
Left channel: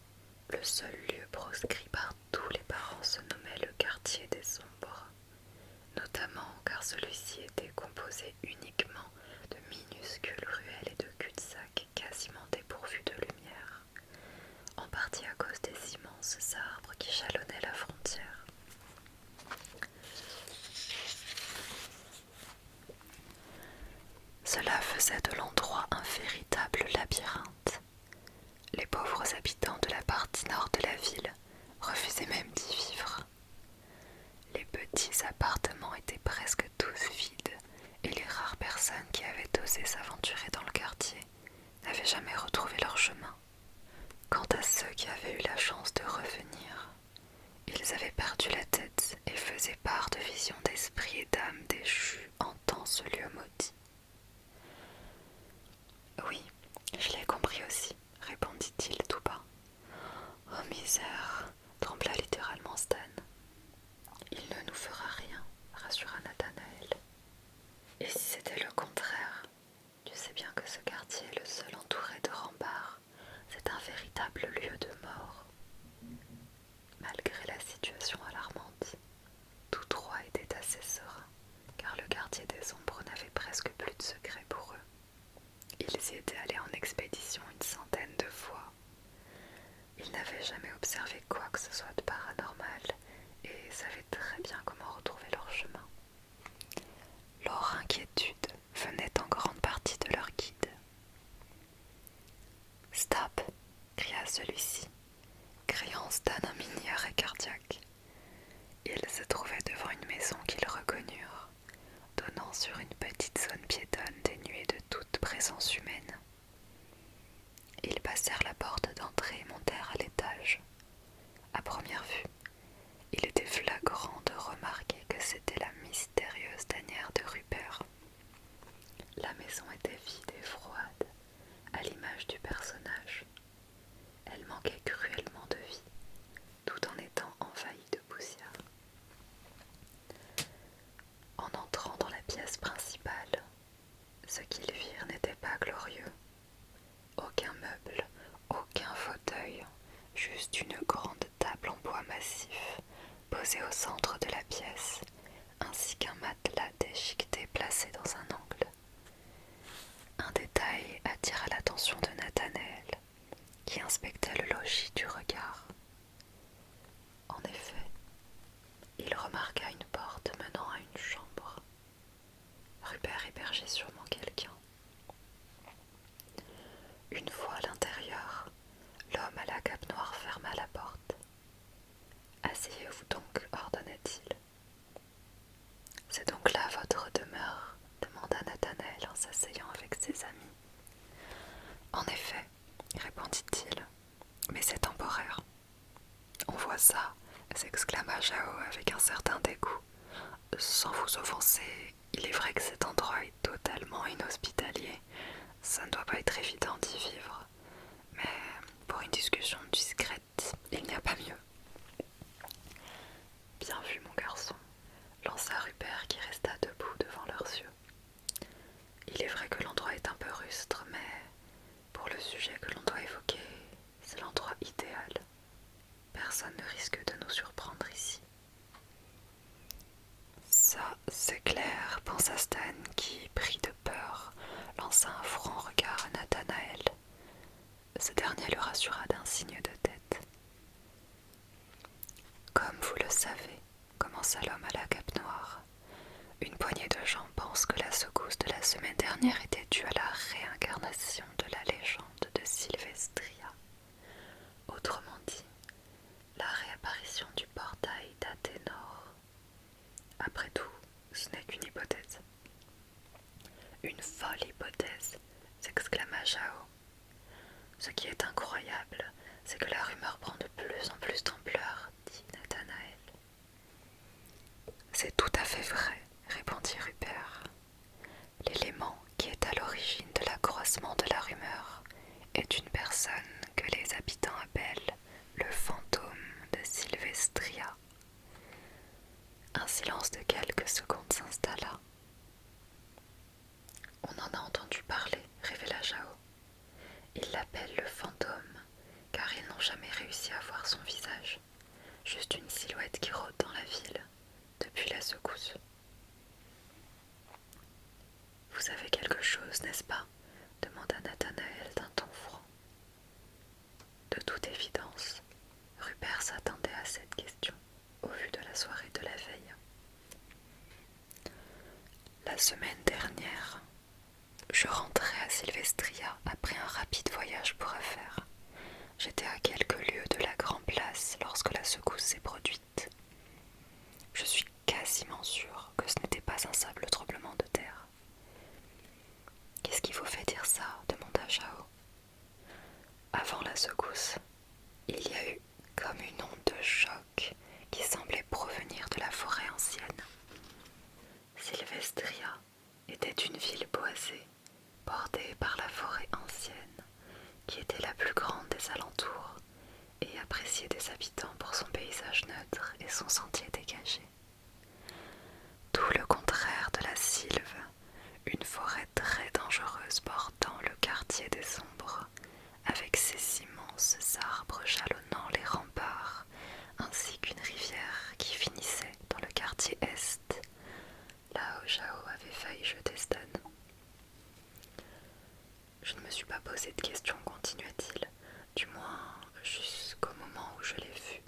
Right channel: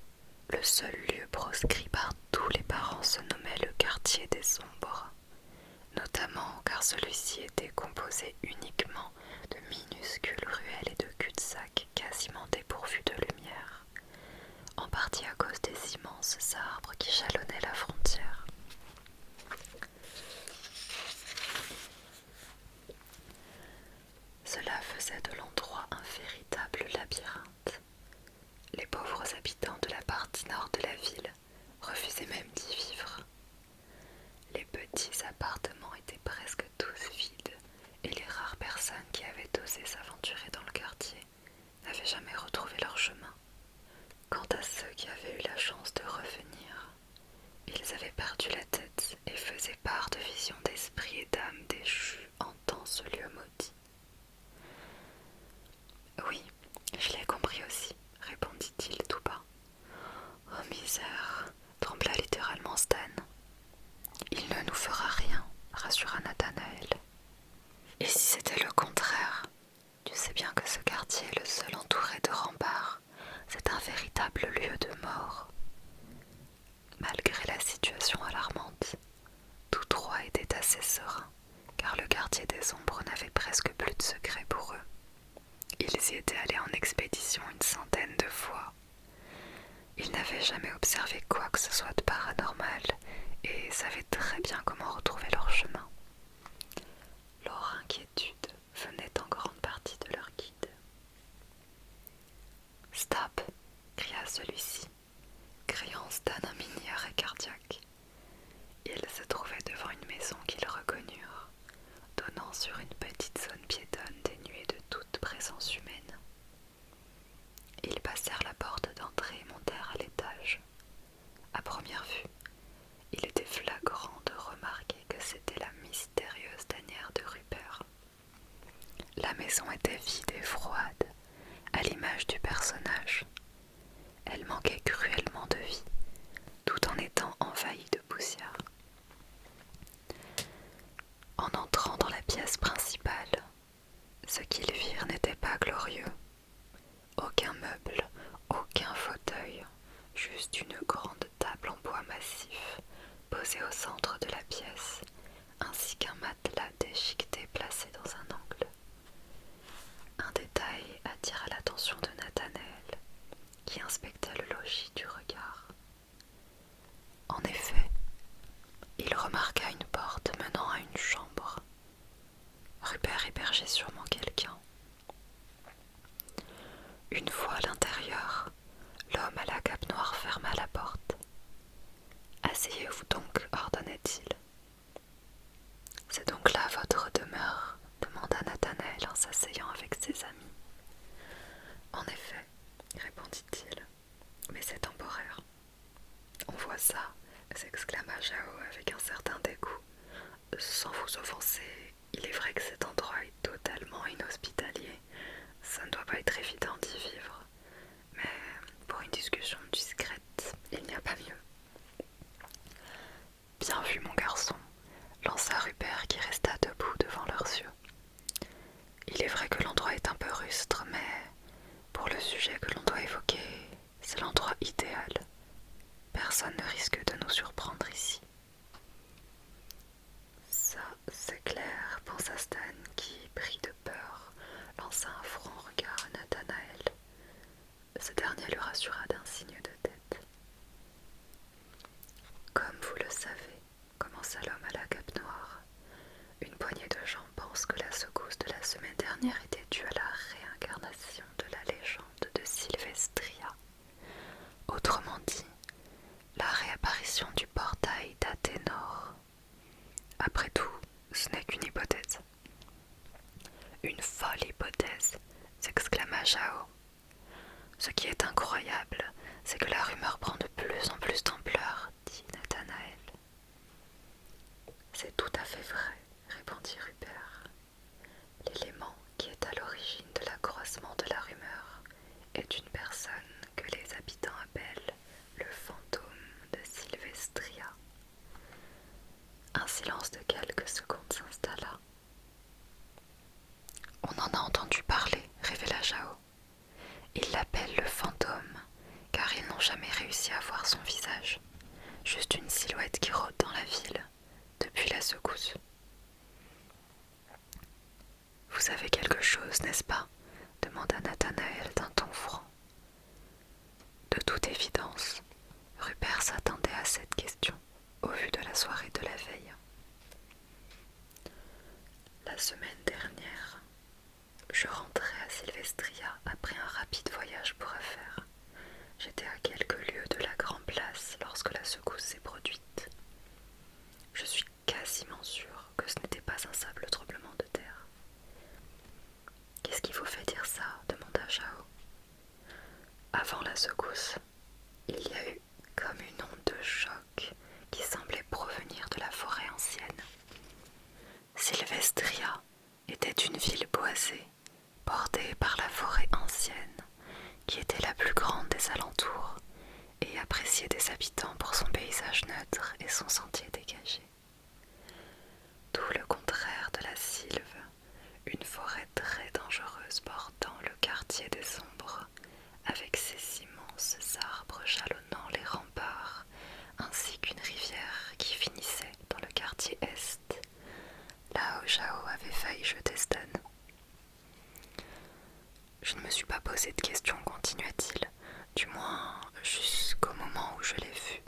le seul lieu proscrit par tous les parents se nommait le quartier des ombres, notamment car celui-ci était composé uniquement de minuscules ruelles et de cul-de-sac quasiment dépourvus de lumière, en partie à cause des immenses arbres qui jalonnait la frontière. Cela faisait de l'endroit un véritable labyrinthe. Les pauvres habitants de la partie nord de la ville refusaient même d'y vivre. Les petits appartements étaient presque tous vides et les rares personnes qui avaient osé s'aventurer dans le quartier n'avaient jamais retrouvé leur chemin. Quant à ceux qui avaient eu la chance de revenir, ils avaient perdu la tête et faisaient part de visions d'esprits et d'âmes déchues hantant ce lieu maudit. Oui, je l'ai compris aussi, répondit-il tout bas. Oh misère, trembla littéralement Stan. Il ne nous fera rien, rassura Nathanaël. Et si c'était le contraire? Tu sais bien que ce quartier est le seul entouré de remparts. C'est un véritable lieu de mort. Malgré la situation alarmante, tous trois étaient assez sereins, car le quartier des ombres n'avait presque plus de secrets pour eux. Ils y étaient allés en expédition une centaine de fois. Ils n'avaient jamais observé quoi que ce soit de paranormal et savaient très bien comment retrouver leur chemin. Leur inquiétude venait en grande partie de leur guide. « Stop !» cria celui-ci, criant Stan un mini-arrêt cardiaque. Ils se trouvaient devant une maison qu'ils reconnurent, donnant sur une petite zone piétonne dénuée de toute présence humaine. Ils passèrent la porte d'entrée et montèrent à l'étage. À première vue, il était flagrant de remarquer que c'était la mystérieuse tanière de Rupert. La maison était vide et froide, à l'image du personnage. Elle manquait cruellement de vie, tout en étant envahie de poussière. En entrant dans la pièce principale, ce qu'ils virent n'était pas glorieux. Aucun meuble, aucun fauteuil, juste une grande table en bois massif posée au centre de la pièce, ainsi qu'un matelas déchiqueté placé dans un angle. Un détail attira l'attention de Nathanaël, qui inspectait le logis du regard. En effet, il remarqua une porte menant à une chambre. Rupert hébergeait sûrement quelqu'un. Une fois à l'intérieur, l'homme à la cape noire ferma la porte. « Asseyez-vous donc, ordonna-t-il. »« C'est donc là votre demeure ?» demanda Nathanaël en s'asseyant avec ses amis. « En effet, » répondit-il, « mais c'est temporaire. »« On voit ça !» s'exclama Jao avec un certain dégoût. « Sans vous offenser, il est vrai que cet endroit est totalement inhospitalier. Ça ne doit pas être évident d'y vivre. Mais pour une discussion discrète, il n'y a pas mieux. » « Bien vu, mon garçon, » lança Rupert qui resta debout devant leurs yeux. « Il est vrai que l'endroit est un peu rustre, mais pour le sujet que l'on doit évoquer, c'est l'endroit idéal. Personne ne risque de nous surprendre ici. » Ça, c'est clair, pensa Stan qui, pris de peur, lança un franc regard à Nathanaël. Ce dernier le rassura d'un signe de tête. « Comme vous le savez, commença l'homme à la cape noire, une poignée de gens pensent que la secousse de la semaine dernière était due à la réincarnation de la légende de Sylvestria. Autrement dit, la réapparition du portail d'Athénor. Après tout, ce n'est qu'une hypothèse. »« Une folle hypothèse !» s'exclama Jao. « Ce qui est incroyable, c'est que la rumeur prend de plus en plus d'ampleur, dit Nathanaël. »« C'est tout à fait vrai, répondit Rupert. L'élément qui est à l'origine de l'accroissement de la rumeur est une personne que les habitants appellent le fantôme de Sylvestria. » Un silence de quelques secondes s'installa. « On en a entendu parler, révéla Jao. Ils l'appellent le fantôme, car ils n'ont jamais réussi à voir son visage, juste une silhouette qui rôde dans la ville, depuis la secousse. »« Vous savez quelque chose, n'est-ce pas ?» demanda Nathanaël d'un ton franc. De toute évidence, Rupert s'attendait à cette semaine dernière. Je rentrais à Sylvestria après un rapide voyage pour affaires. J'étais à quelques lieues de la Grand Place lorsque la secousse s'est produite. Je suis quasiment sûre que ce n'était pas un simple tremblement de terre. Qu'est-ce qui vous fait dire ça? Demanda Chao. Avant la secousse, il y a eu comme une onde de choc qui semblait provenir de la forêt ancienne. Sylvestria était une ville boisée, bordée par la forêt ancienne, qui était la plus grande des alentours et appréciée des habitants pour son paysage neutre et son sentier dégagé. Tout le contraire de la Sylve, une forêt très dangereuse bordant le quartier des Ombres, avec ses immenses arbres jalonnant les remparts, ainsi qu'une rivière qui finissait dans le quartier Est, là où Chao avait failli jeter Stan. Je ne me suis pas posé de questions, continua-t-il, du moins jusqu'au moment où je l'ai vu.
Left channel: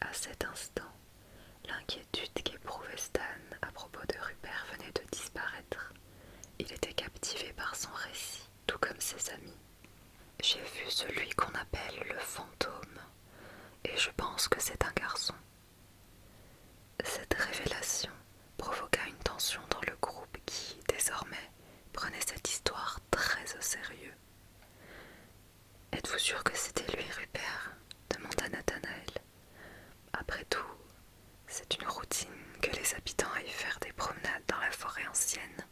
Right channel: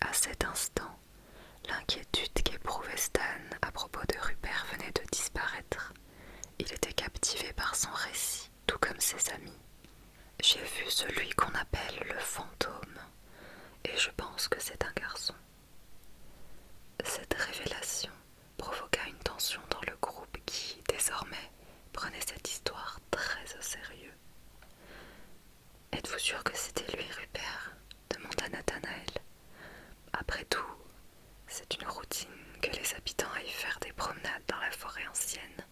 À cet instant, l'inquiétude qu'éprouvait Stan à propos de Rupert venait de disparaître. Il était captivé par son récit, tout comme ses amis. J'ai vu celui qu'on appelle le fantôme, et je pense que c'est un garçon. Cette révélation provoqua une tension dans le groupe qui, désormais, prenait cette histoire très au sérieux. « Êtes-vous sûr que c'était lui, Rupert ?» demanda Nathanaël. « Après tout, c'est une routine que les habitants aillent faire des promenades dans la forêt ancienne.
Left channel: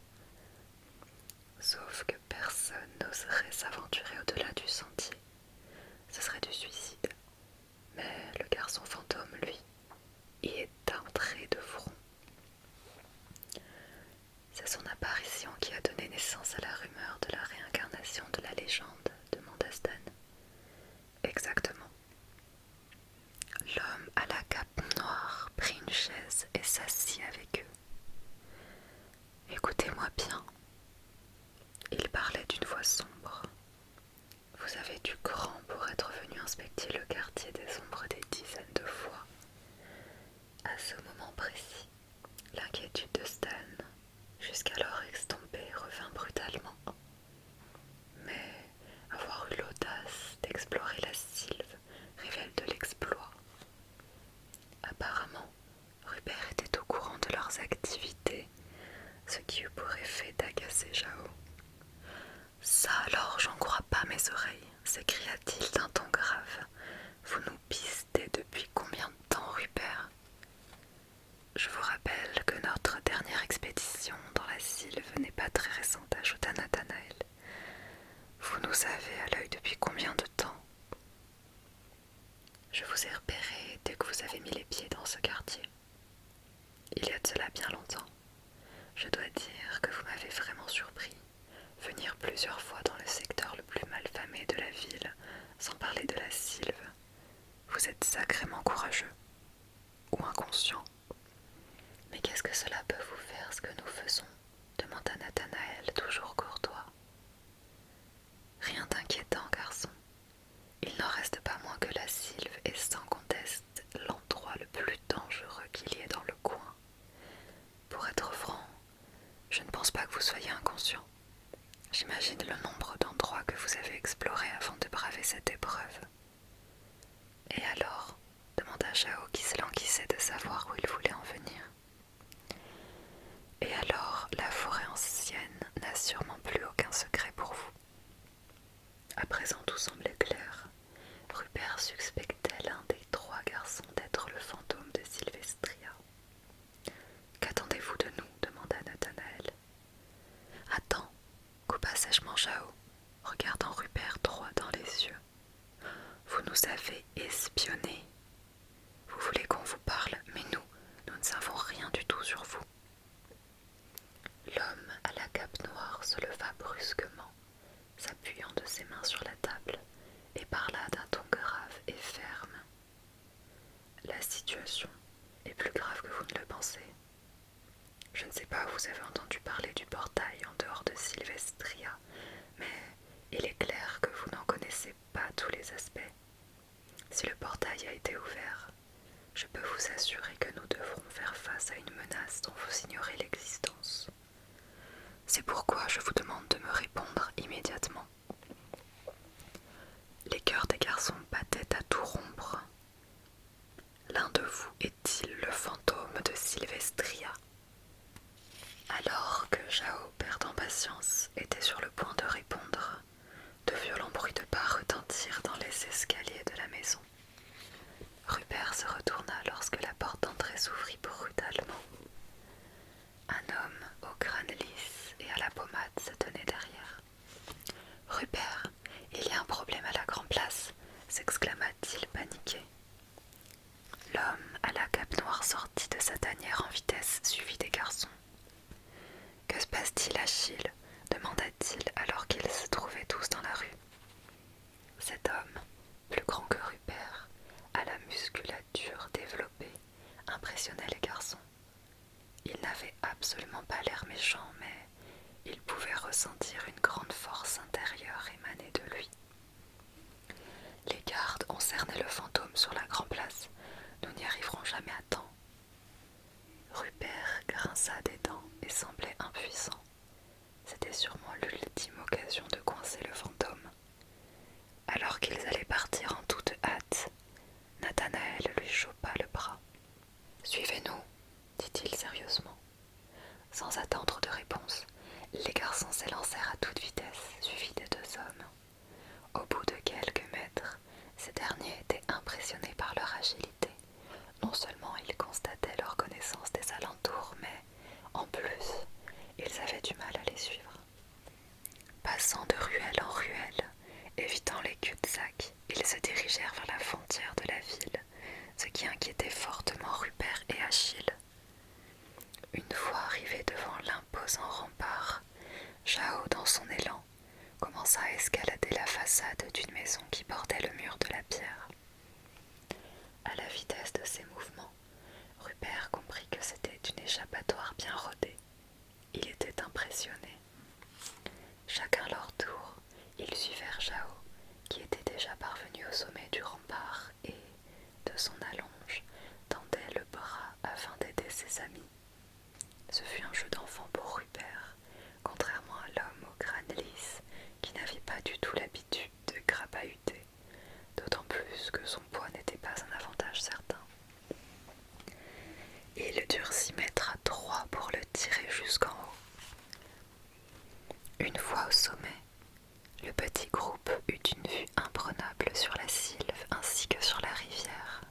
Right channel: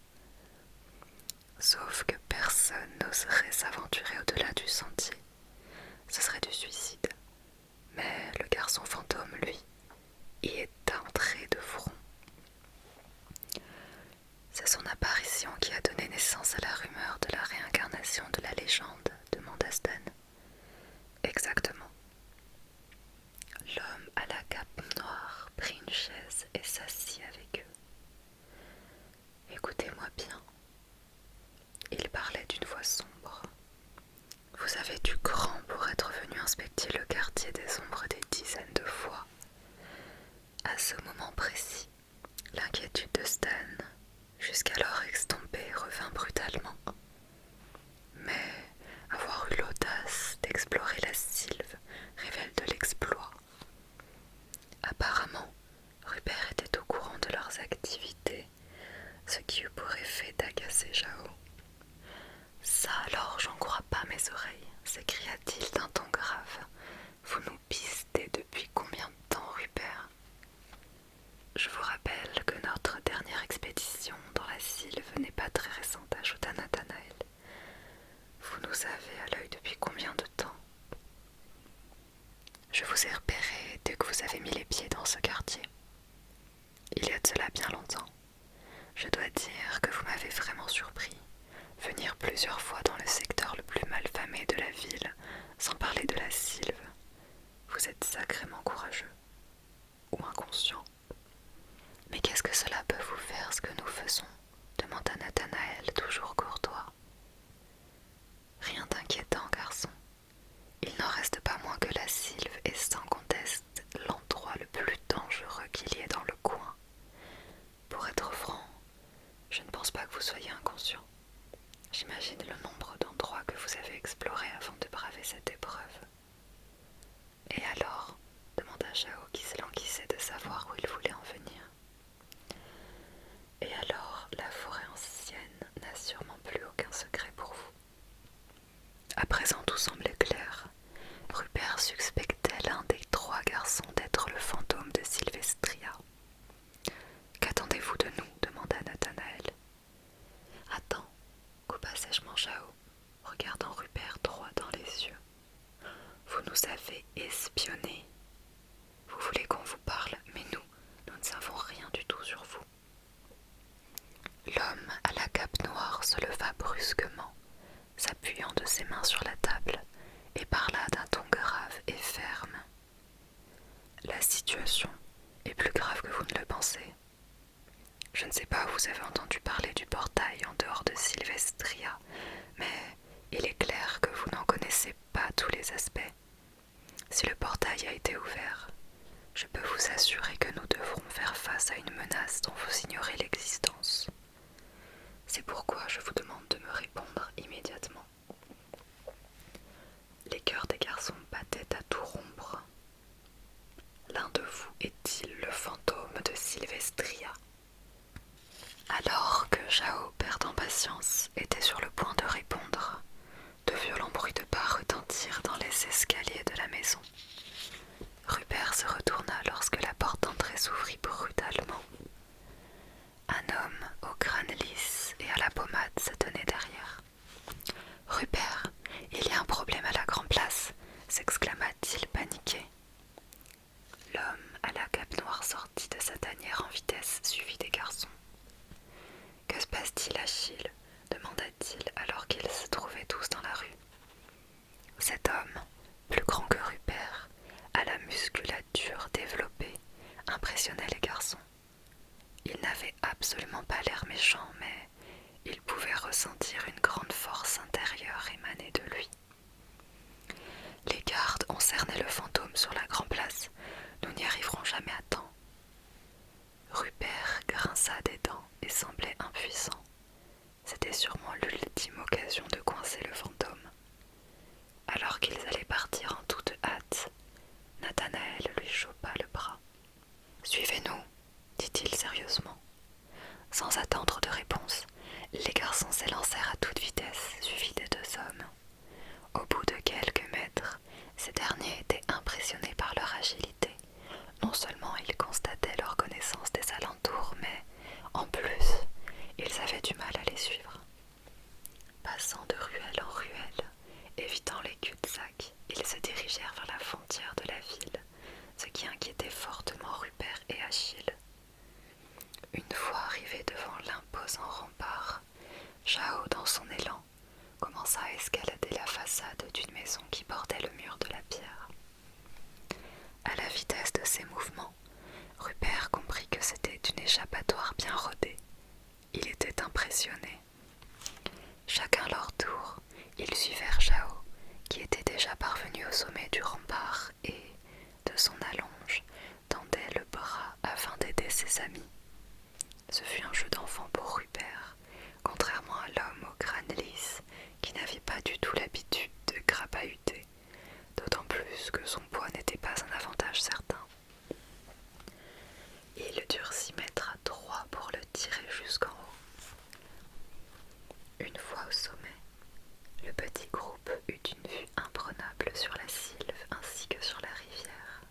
Sauf que personne n'oserait s'aventurer au-delà du sentier. Ce serait du suicide. Mais le garçon fantôme, lui, y est entré de front. C'est son apparition qui a donné naissance à la rumeur de la réincarnation de la légende, demanda Stan. Exactement. L'homme à la cape noire prit une chaise et s'assit avec eux. Écoutez-moi bien. Il parlait d'une voix sombre. Vous avez du cran pour être venu inspecter le quartier des Ombres des dizaines de fois. À ce moment précis, l'inquiétude de Stan, jusqu'alors estompée, revint brutalement. Mais avoir eu l'audace d'explorer la Sylve révèle de l'exploit. Apparemment, Rupert était au courant de leurs activités, ce qui eut pour effet d'agacer Chao. « Ça alors, j'en crois pas mes oreilles, s'écria-t-il d'un ton grave. Vous nous pistez depuis combien de temps, Rupert ? Je vous rappelle que notre dernière expédition dans la Sylve n'est pas très récente, ajouta Nathanaël. Vous nous avez à l'œil depuis combien de temps ? Je vous ai repéré dès que vous avez mis les pieds dans ce quartier. Il y a de cela bien longtemps. Je dois dire que vous m'avez vraiment surpris. Venir plusieurs fois dans le secteur le plus malfamé de la ville, sans parler de la Sylve. Vous êtes sacrément courageux. Ou inconscient. Mais qu'est-ce que cela peut vous faire, ce que nous faisons ? Demanda Nathanaël, toujours courtois. Rien d'inquiétant, garçon. Il n'en reste pas moins que la Sylve est sans conteste l'endroit le plus dangereux qu'il y ait dans le coin. Pour être franc, je ne pense pas que vous soyez inconscient. J'imagine le nombre d'endroits que vous avez explorés avant de braver cette épreuve. Et alors ? Demanda Chao qui se languissait de savoir où il voulait en venir. Et alors, la forêt ancienne n'a sûrement plus aucun secret pour vous. À présent, tout semblait clair. Rupert suspectait l'un des trois garçons d'être le fantôme de Sylvestria. Qu'attendez-vous de nous ? Demanda Nathanaël. Attends, coupa sèchement Chao, regardant Rupert droit dans les yeux. Vous nous avez espionnés. Vous voulez qu'on vous parle, mais nous ne savons rien du tout sur vous. L'homme à la cape noire se leva brusquement, s'appuyant de ses mains sur la table, et parla d'un ton grave et ferme. La situation est plus grave que vous ne le pensez. Je ne sais pas où vous avez entendu parler du portail en dehors de Sylvestria, mais il est clair que vous n'en connaissez pas tous les aspects. Si le portail a été ouvert, je peux vous assurer que nous devrons faire face à une menace dont vous ignorez l'existence. Lequel de vous est-il le fantôme de Sylvestria ?» Alors que Jao, perdant patience, était sur le point de répondre, de violents bruits de pas retentirent dans les escaliers de la maison. Rupert se retourna lorsque la porte d'entrée s'ouvrit brutalement. Un homme au crâne lisse et à la pommade se tenait derrière. « Rupert, il y a un problème à la Grand-Place !» s'exclama-t-il paniqué. L'homme à la cape noire sortit de sa tanière en vitesse, suivi des garçons. « Que se passe-t-il, Achille ?» demanda-t-il alors qu'ils se trouvaient tous dans la rue. Cet homme, plus grand que Rupert, à la musculature développée, impressionnait les garçons. Il n'avait absolument pas l'air méchant, mais il pouvait ressentir une grande force intérieure émaner de lui. « Les gardes ont cerné le fantôme sur la Grand-Place. Nous n'y arriverons jamais à temps. » Rupert grinça des dents et semblait impuissant. C'était sûrement l'ultime occasion de coincer le fantôme. Alors qu'ils allaient partir en toute hâte, Nathanaël lui chopa le bras. « Suivez-nous, » dit-il sérieusement. Sans attendre de réponse, les garçons s'élancèrent à toute vitesse, suivis des deux hommes. Au bout de quelques mètres, ces derniers étaient impressionnés par leur agilité. Non seulement ils constataient leur connaissance des alentours, mais, en plus, ils avaient du mal à les suivre. Passant de ruelle en ruelle, évitant les cul-de-sac, ils se dirigèrent vers la frontière de la ville, ce qui inquiétait fortement Rupert et Achille. Une fois arrivés devant l'imposant rempart, Jao, dans son élan, commença à escalader la façade d'une maison qui bordait le mur de la pierre. À la vitesse de ses mouvements, Rupert comprit que c'était une échappatoire bien rodée. Il était impressionné. Chacun leur tour, ils suivirent Jao, qui était déjà parvenu au sommet du rempart et, de son allonge, tendait le bras afin d'aider ses amis. Ce fut un jeu d'enfant pour Rupert, contrairement à l'homme au crâne lisse qui n'avait pas du tout l'habitude de crapahuter, d'autant plus que son poids n'était pas un avantage certain. Ils durent s'y mettre à trois pour le tirer jusqu'en haut. Une fois au sommet, le petit groupe eut une vue imprenable sur la Sylve ainsi que sur la rivière,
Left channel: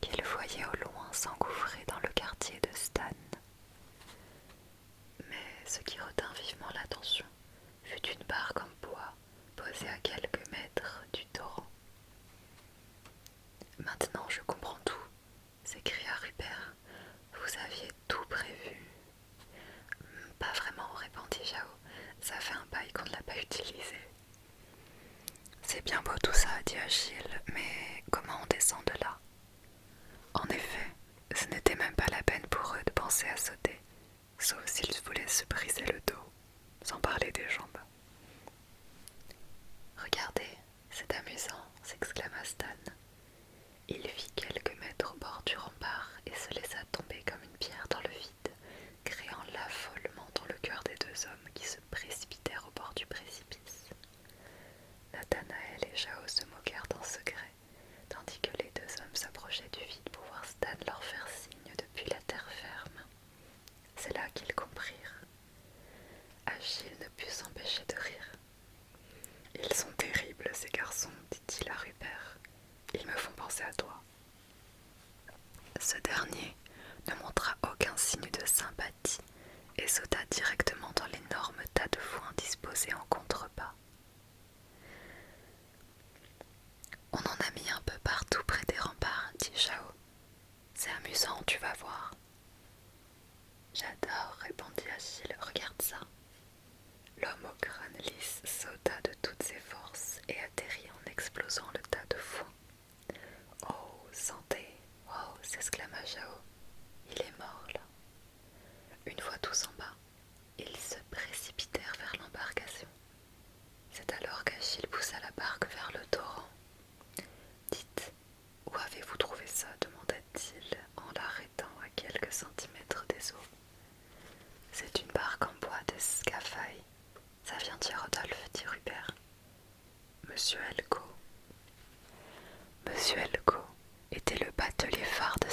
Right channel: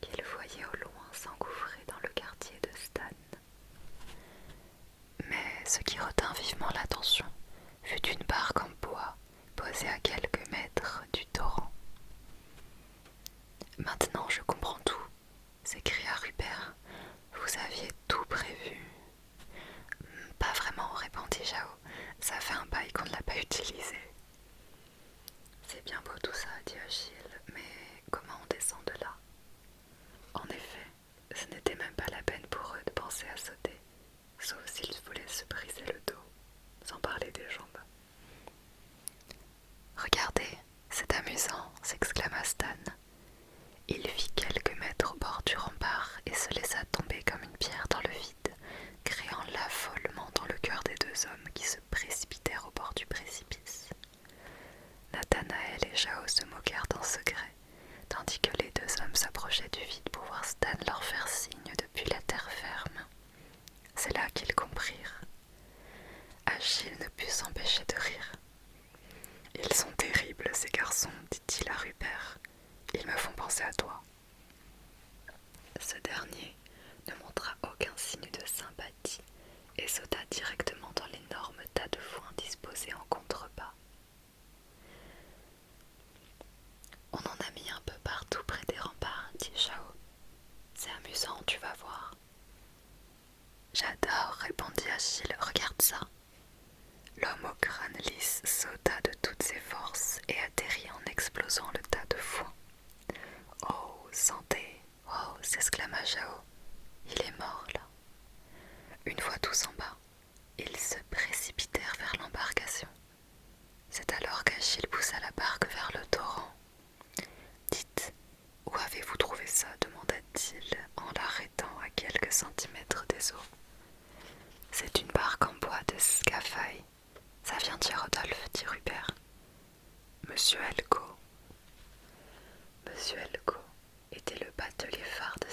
qu'elle voyait au loin s'engouffrer dans le quartier de Stan. Mais ce qui retint vivement l'attention fut une barque en bois posée à quelques mètres du torrent. « Maintenant je comprends tout », s'écria Rupert. « Vous aviez tout prévu. » »« Pas vraiment, » répondit Jao. « Ça fait un bail qu'on ne l'a pas utilisé. » »« C'est bien beau tout ça, » dit Achille, « mais comment on descend de là ?» En effet, ce n'était même pas la peine pour eux de penser à sauter, sauf s'ils voulaient se briser le dos, sans parler des jambes. « Regardez, c'est amusant » s'exclama Stan. Il fit quelques mètres au bord du rempart et se laissa tomber comme une pierre dans le vide, créant l'affolement dans le cœur des deux hommes qui se précipitèrent au bord du précipice. Nathanaël et Jao se moquèrent en secret, tandis que les deux hommes s'approchaient du vide pour voir Stan leur faire signe depuis la terre ferme. C'est là qu'ils comprirent. Achille ne put s'empêcher de rire. « Ils sont terribles, ces garçons, » dit-il à Rupert. « Ils me font penser à toi. » Ce dernier ne montra aucun signe de sympathie et sauta directement dans l'énorme tas de foin disposé en contrebas. « On en a mis un peu partout près des remparts, » dit Jao. « C'est amusant, tu vas voir. »« J'adore, » répondit Achille, « regarde ça. » L'homme au crâne lisse sauta de toutes ses forces et atterrit en explosant le tas de foin. « Oh, santé ! Oh !» s'exclama Jao. « Il est mort là. » Une fois tous en bas, ils se précipitèrent vers l'embarcation. C'est alors qu'Achille poussa la barque vers le torrent. « Dites, où avez-vous trouvé ça ?» demanda-t-il en l'arrêtant à quelques centimètres des eaux. « C'est une barque en bois de Scaphaï. Ça vient d'Hiérodolphe, » dit Rupert. « Monsieur Elko. » Monsieur Elko était le batelier phare de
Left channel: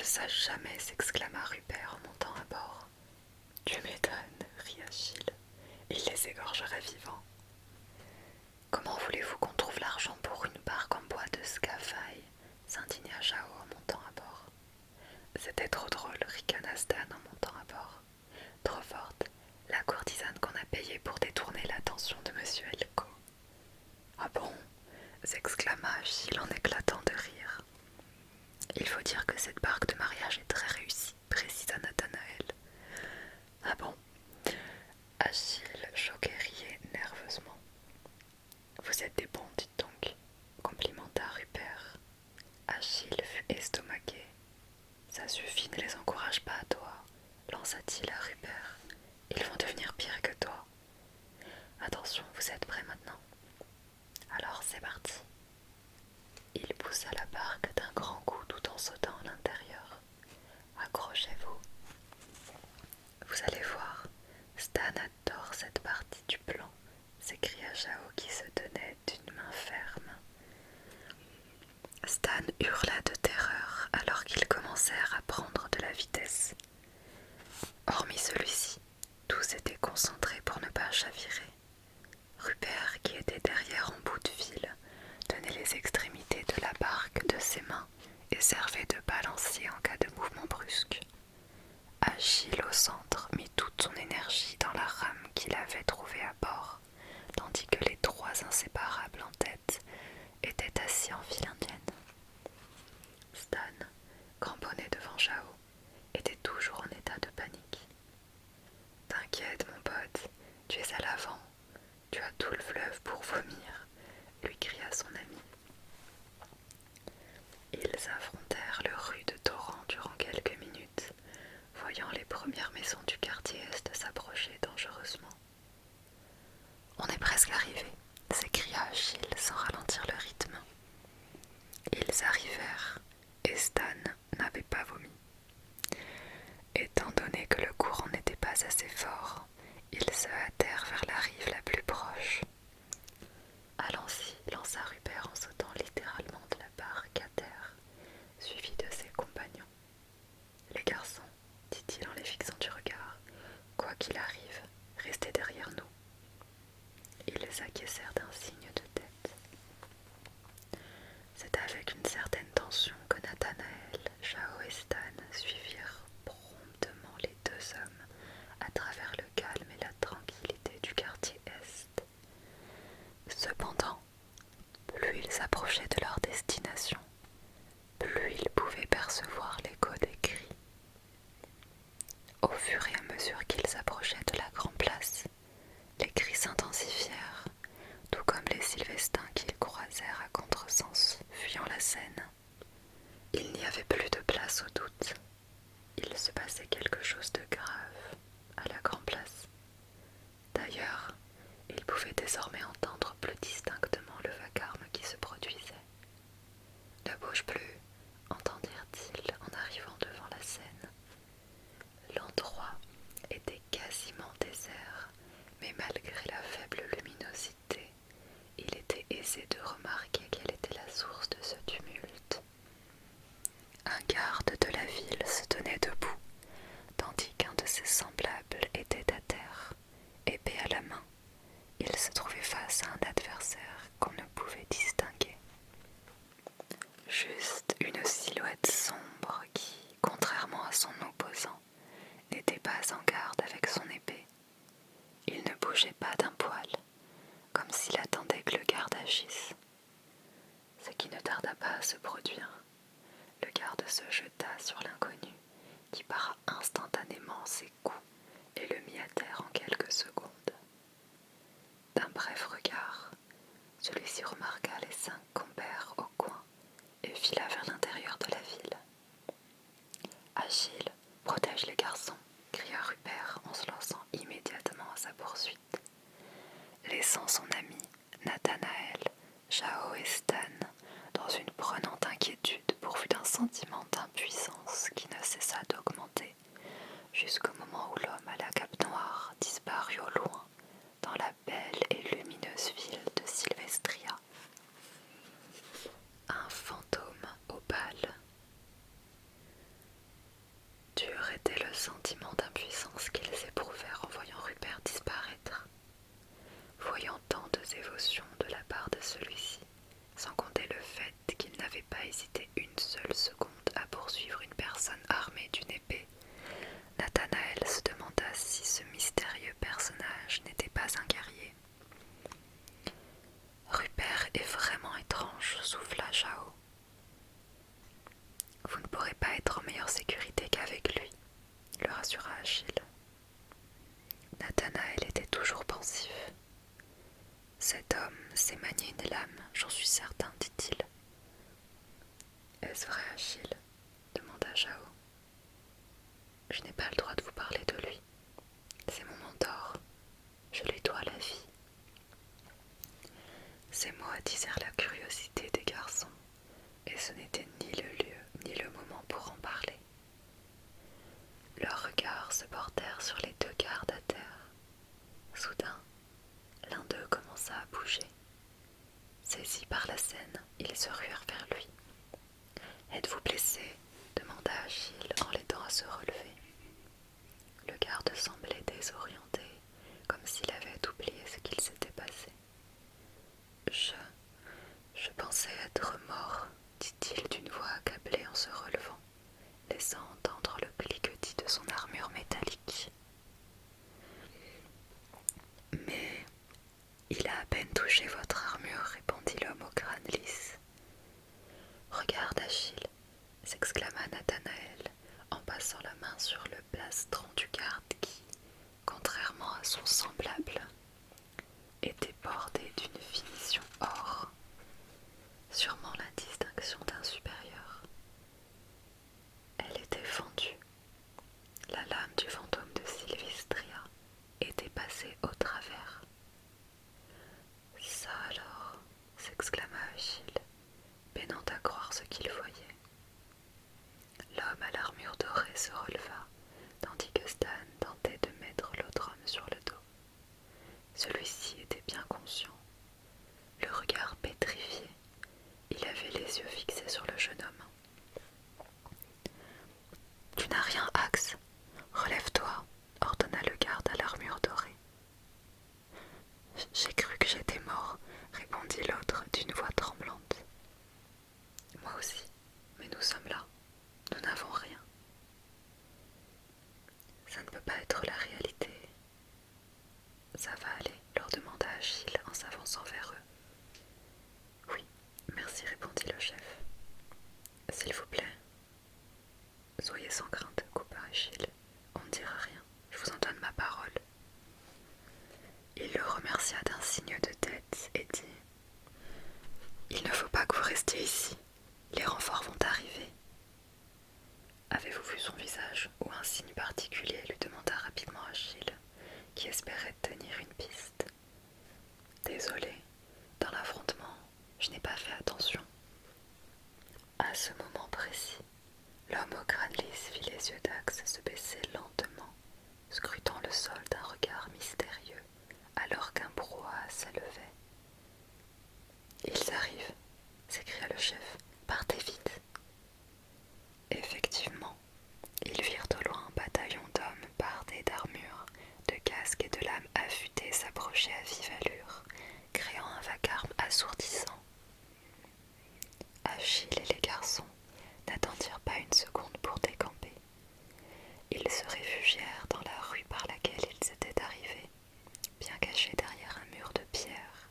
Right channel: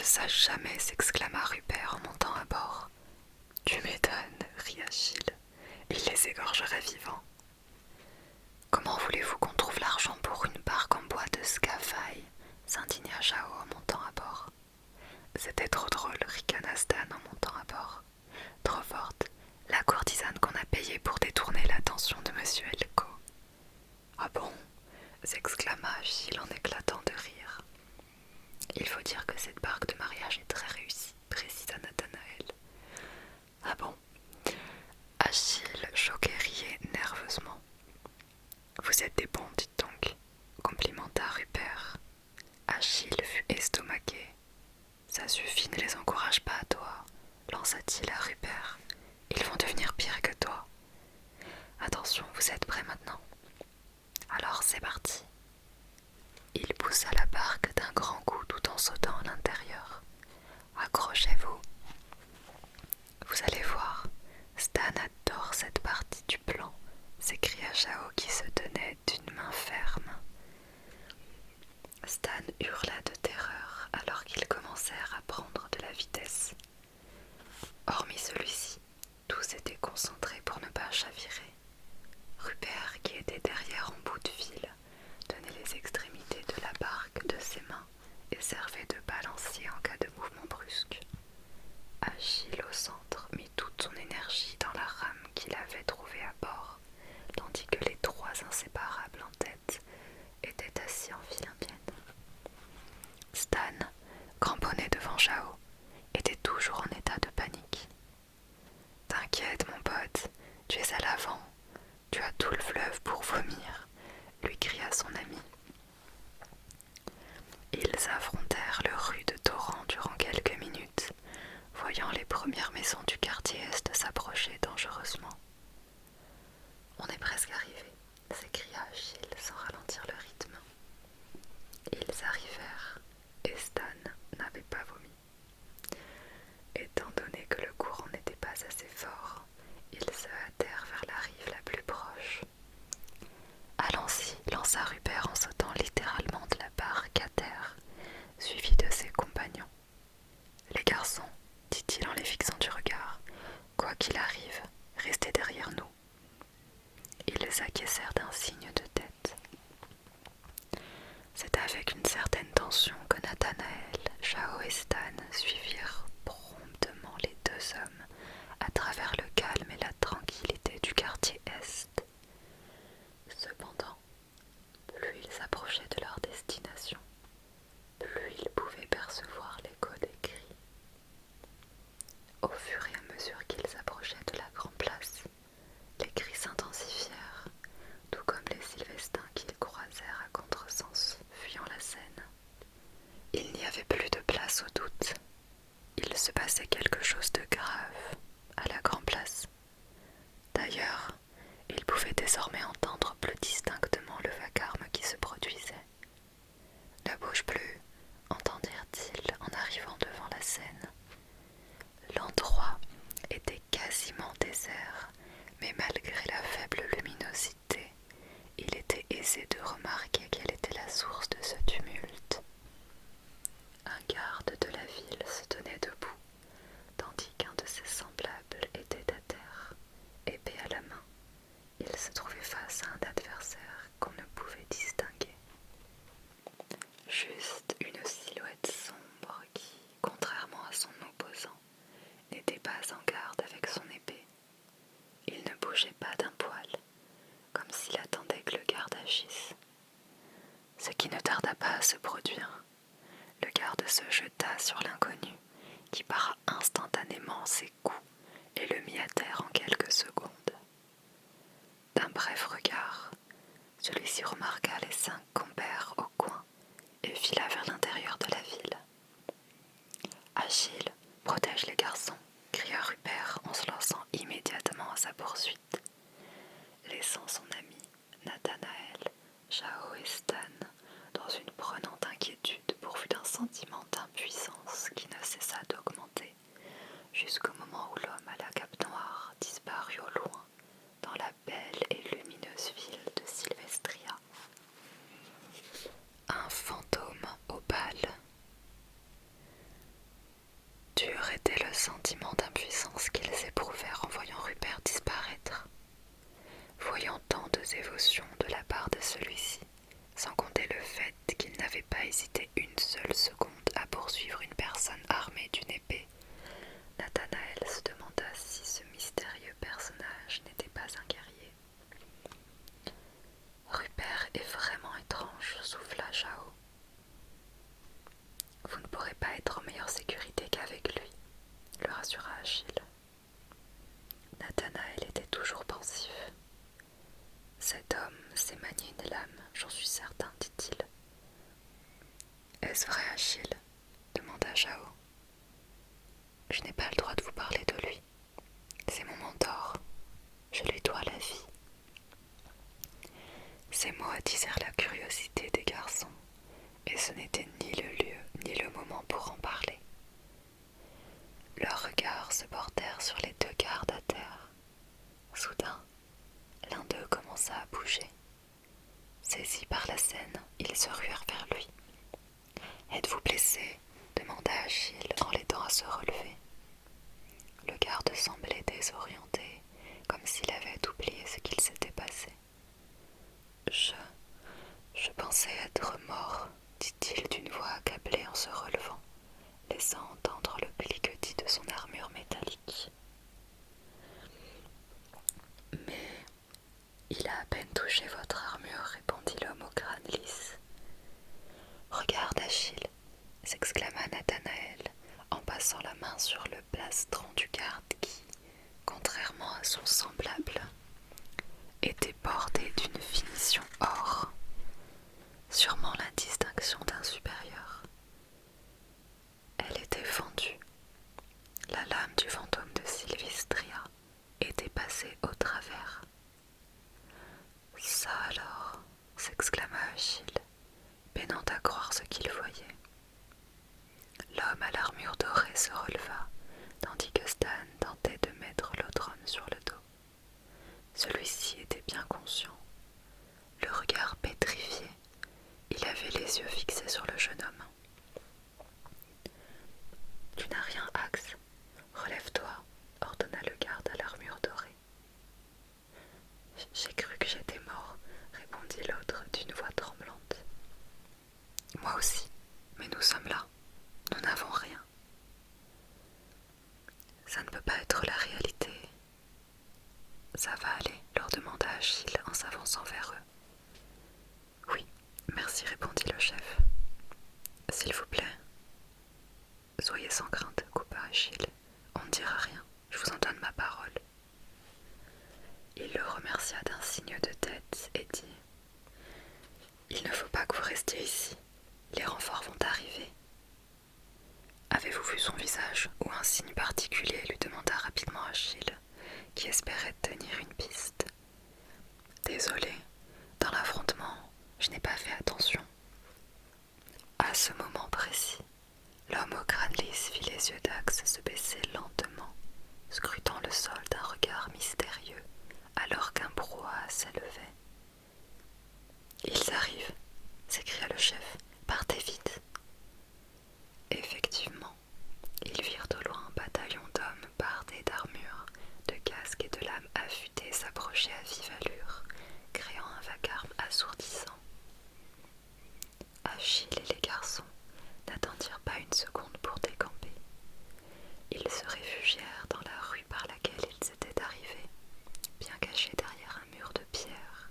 le sache jamais, s'exclama Rupert en montant à bord. Tu m'étonnes, rit Achille. Il les égorgerait vivants. Comment voulez-vous qu'on trouve l'argent pour une barque en bois de Scafaille s'indigna Jao en montant à bord. C'était trop drôle, ricana Stan en montant à bord. Trop forte, la courtisane qu'on a payée pour détourner l'attention de monsieur Elko. Ah bon, s'exclama Achille en éclatant de rire. Il faut dire que cette barque de mariage est très réussie, précisa Nathanaël. Ah bon? Achille, choqué, riait nerveusement. Vous êtes des bons, dites donc, complimenta Rupert. Achille fut estomaqué. Ça suffit, ne les encourage pas, toi, lança-t-il à Rupert. Ils vont devenir pires que toi. Attention, vous êtes prêts maintenant? Alors c'est parti. Il poussa la barque d'un grand coup tout en sautant à l'intérieur. Accrochez-vous. Vous allez voir, Stan adore cette partie du plan, s'écria Jao qui se tenait d'une main ferme. Stan hurla de terreur alors qu'ils commencèrent à prendre de la vitesse. Hormis celui-ci, tous étaient concentrés pour ne pas chavirer. Rupert, qui était derrière en bout de fil, tenait les extrémités de la barque de ses mains et servait de balancier en cas de mouvement brusque. Achille au centre mit toute son énergie dans la rame qu'il avait trouvée à bord, tandis que les trois inséparables en tête étaient assis en file indienne. Stan, cramponné devant Jao, était toujours en état de panique. « T'inquiète, mon pote, tu es à l'avant, tu as tout le fleuve pour vomir, » lui cria son ami. Ils affrontèrent le rude torrent durant quelques minutes, voyant les premières maisons du quartier Est s'approcher dangereusement. « On est presque arrivés, » s'écria Achille sans ralentir le rythme. Ils arrivèrent, et Stan n'avait pas vomi. Étant donné que le courant n'était pas assez fort, ils se hâtèrent vers la rive la plus proche. « Allons-y, » lança Rupert en sautant littéralement de la barque à terre, suivi de ses compagnons. « Les garçons, dit-il en les fixant du regard, quoi qu'il arrive, restez derrière nous. » Ils acquiescèrent d'un signe de tête. C'est avec une certaine tension que Nathanaël, Jao et Stan suivirent promptement les deux hommes à travers le calme et la tranquillité du quartier Est. Cependant, plus ils approchaient de leur destination, plus ils pouvaient percevoir l'écho des cris. Au fur et à mesure qu'ils approchaient de la grande place, les cris s'intensifièrent, tout comme les Sylvestins qu'ils croisèrent à contresens, fuyant la Seine. Il n'y avait plus de place au doute. Il se passait quelque chose de grave à la grande place. D'ailleurs, ils pouvaient désormais entendre plus distinctement le vacarme qui se produisait. « Ne bouge plus !» entendirent-ils en arrivant devant la Seine. L'endroit était quasiment désert, mais malgré la faible luminosité, il était aisé de remarquer quelle était la source de ce tumulte. Un garde de la ville se tenait debout, tandis qu'un de ses semblables était à terre, épée à la main. Il se trouvait face à un adversaire qu'on ne pouvait distinguer. Juste une silhouette sombre qui, contrairement à son opposant, n'était pas en garde avec son épée. Il ne bougeait pas d'un poil, comme s'il attendait que le garde agisse. Ce qui ne tarda pas à se produire. Le garde se jeta sur l'inconnu, qui para instantanément ses coups et le mit à terre en quelques secondes. D'un bref regard, celui-ci remarqua les 5 compères au coin et fila vers l'intérieur de la ville. « Achille, protège les garçons !» cria Rupert en se lançant immédiatement à sa poursuite. Laissant son ami, Nathanaël, Jao et Stan dans une prenante inquiétude pourvue d'un sentiment d'impuissance qui ne cessa d'augmenter jusqu'au moment où l'homme à la cape noire disparut au loin dans la belle et lumineuse ville de Sylvestria. Un fantôme au bal. était le sentiment d'impuissance qu'ils éprouvèrent en voyant Rupert disparaître. Voyant tant de dévotion de la part de celui-ci, sans compter le fait qu'il n'avait pas hésité une seule seconde à poursuivre une personne armée d'une épée, Nathanaël se demanda si ce mystérieux personnage n'était pas un guerrier. « Rupert est vraiment étrange, » souffla Jao. « Vous ne pourrez pas être en meilleure sécurité qu'avec lui, » le rassura Achille. Nathanaël était toujours pensif. « Cet homme sait manier une lame, j'en suis certain, dit-il. »« Est-ce vrai, Achille ?» demanda Jao. « Je n'ai pas le droit de vous parler de lui. C'est mon mentor. Je lui dois la vie. » Ces mots attisèrent la curiosité des garçons, et ce n'était ni le lieu ni le moment pour en parler. Leurs regards se portèrent sur les deux gardes à terre. Soudain, l'un d'eux commença à bouger. Saisi par la scène, ils se ruèrent vers lui. « Êtes-vous blessé ?» demanda Achille en l'aidant à se relever. Le garde semblait désorienté, comme s'il avait oublié ce qu'il s'était passé. Je pensais être mort, dit-il d'une voix accablée en se relevant, laissant entendre le cliquetis de son armure métallique. Mais il a à peine touché votre armure, répondit l'homme au crâne lisse. Regarde, Achille, s'exclama Nathanaël en passant la main sur le plastron du garde qui, contrairement à son semblable, était bordé d'une finition or, sûrement la distinction d'un supérieur. Elle était fendue. La lame du fantôme de Sylvistria était passée au travers. « Ça alors !» s'exclama Achille, peinant à croire ce qu'il voyait. L'homme à l'armure dorée se releva, tandis que Stan tentait de mettre l'autre homme sur le dos. Celui-ci était bien conscient. Le regard pétrifié, il avait les yeux fixés sur le jeune homme. « Tu n'as rien, Axe. Relève-toi, » ordonna le garde à l'armure dorée. « J'ai cru que j'étais mort, » répondit l'autre d'une voix tremblante. « Moi aussi, mais nous sommes là. Nous n'avons rien. »« Ça ne peut pas être la réalité. »« Ça va aller, » leur demanda Achille en s'avançant vers eux. « Oui, merci, répondit le chef. »« S'il vous plaît. »« Soyez sans crainte, » coupa Achille. « On ne dira rien, je vous en donne ma parole. » Il le remercia d'un signe de tête et dit « Il ne faut pas que vous restiez ici. Les renforts vont arriver. » « Avez-vous vu son visage ou un signe particulier ?» lui demanda rapidement Achille, qui espérait tenir une piste. « Désolé, dans l'affrontement, je n'ai pas fait attention. » À ce moment précis, l'homme au crâne lisse vit les yeux d'Axe se baisser lentement, scrutant le sol d'un regard mystérieux, alors qu'un brouhaha s'élevait. « Ils arrivent !» s'écria le chef. « Partez vite !» Effectivement, ils virent au loin un bataillon d'hommes bardés d'armures, de casques et de lames affûtées s'approcher à vive allure, créant un vacarme assourdissant. Achille et les garçons n'attendirent pas une seconde pour décamper. Ils se réfugièrent dans la rue par laquelle ils étaient arrivés, bien cachés derrière un mur de pierre.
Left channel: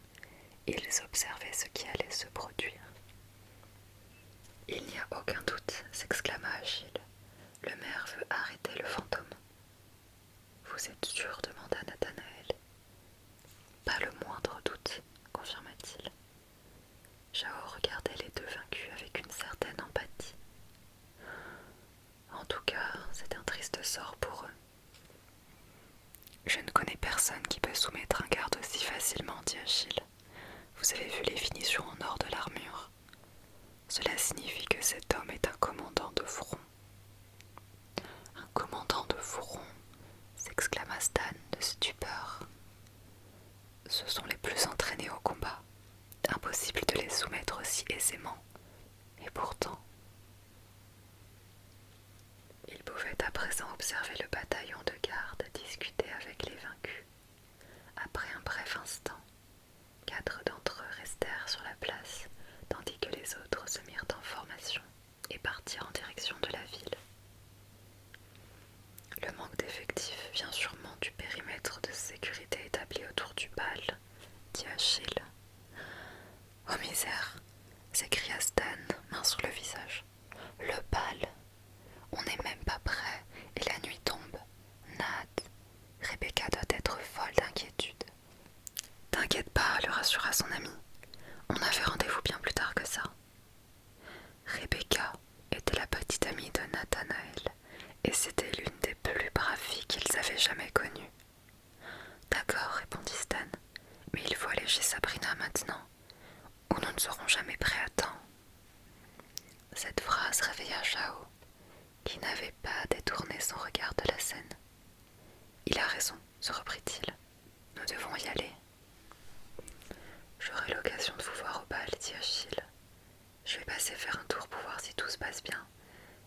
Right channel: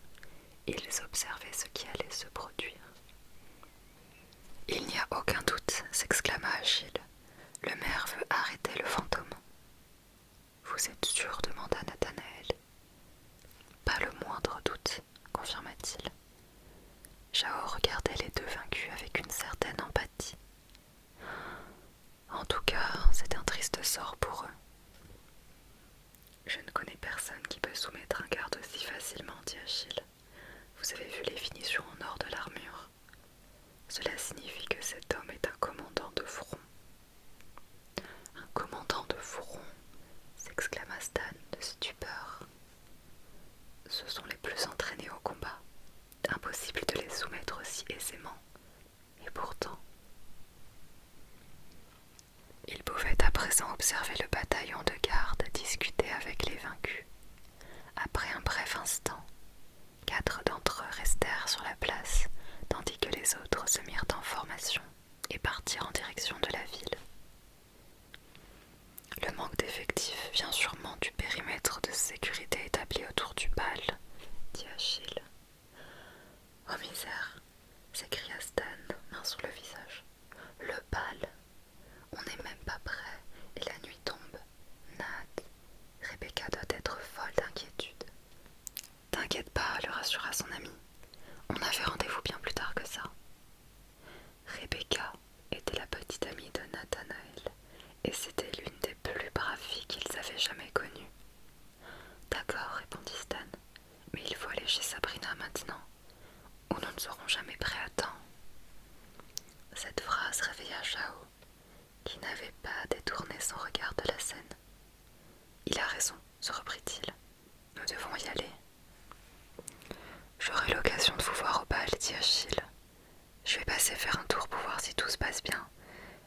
Ils observaient ce qui allait se produire. « Il n'y a aucun doute, » s'exclama Achille. « Le maire veut arrêter le fantôme. »« Vous êtes sûr ?» demanda Nathanaël. « Pas le moindre doute, » confirma-t-il. Jao regardait les deux vaincus avec une certaine empathie. « En tout cas, c'est un triste sort pour eux. »« Je ne connais personne qui peut soumettre un garde aussi facilement, » dit Achille. « Vous avez vu les finitions en or de l'armure. Cela signifie que cet homme est un commandant de front. » « Un commandant de front !» s'exclama Stan de stupeur. « Ce sont les plus entraînés au combat. Impossible de les soumettre aussi aisément. Et pourtant, ils pouvaient à présent observé le bataillon de garde discuter avec les vaincus. Après un bref instant, 4 d'entre eux restèrent sur la place, tandis que les autres se mirent en formation et partirent en direction de la ville. Le manque d'effectifs vient sûrement du périmètre de sécurité établi autour du bal, dit Achille. Oh misère, s'écria Stan, main sur le visage. Le bal, on n'est même pas prêt et la nuit tombe. Nat, Rebecca doit être folle d'inquiétude. T'inquiète pas, le rassura son ami. On avait rendez-vous bien plus tard que ça. Rebecca était la petite amie de Nathanaël et c'était l'une des plus braves filles qu'ils avaient jamais connues. D'accord, répondit Stan, mais il faut aller chez Sabrina maintenant, ou nous ne serons jamais prêts à temps. Cette phrase réveilla Chao, qui n'avait pas détourné son regard de la scène. Il a raison, se reprit-il. Nous devons y aller. J'aurai l'occasion de vous voir au bal, dit Achille. Je vais passer faire un tour pour voir si tout se passe bien,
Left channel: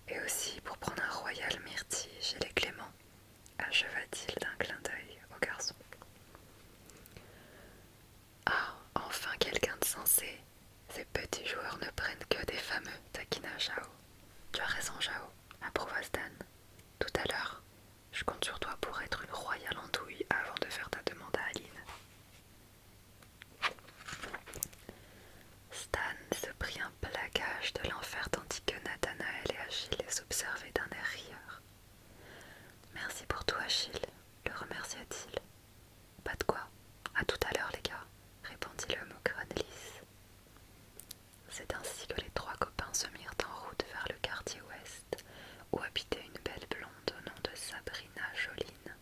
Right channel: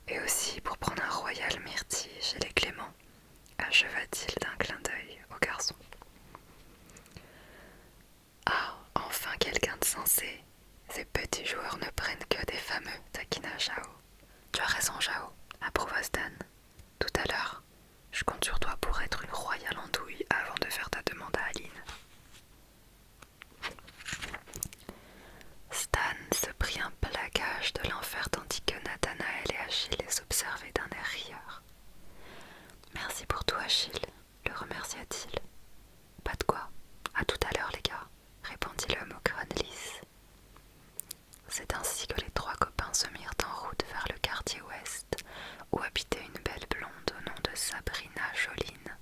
et aussi pour prendre un royal myrtille chez les Clément, acheva-t-il d'un clin d'œil au garçon. Ah, enfin quelqu'un de sensé. Ces petits joueurs ne prennent que des fameux, taquina Chao. Tu as raison, Chao, approuva Stan. Tout à l'heure, je compte sur toi pour être une royale andouille avant de faire ta demande à Aline. Stan se prit un plaquage de l'enfer tandis que Nathanaël et Achille les observaient d'un air rieur. Merci pour tout, Achille, le remercia-t-il. Pas de quoi. À tout à l'heure, les gars, répondit l'homme au crâne lisse. C'est ainsi que les 3 copains se mirent en route vers le quartier ouest, où habitait une belle blonde au nom de Sabrina Joline,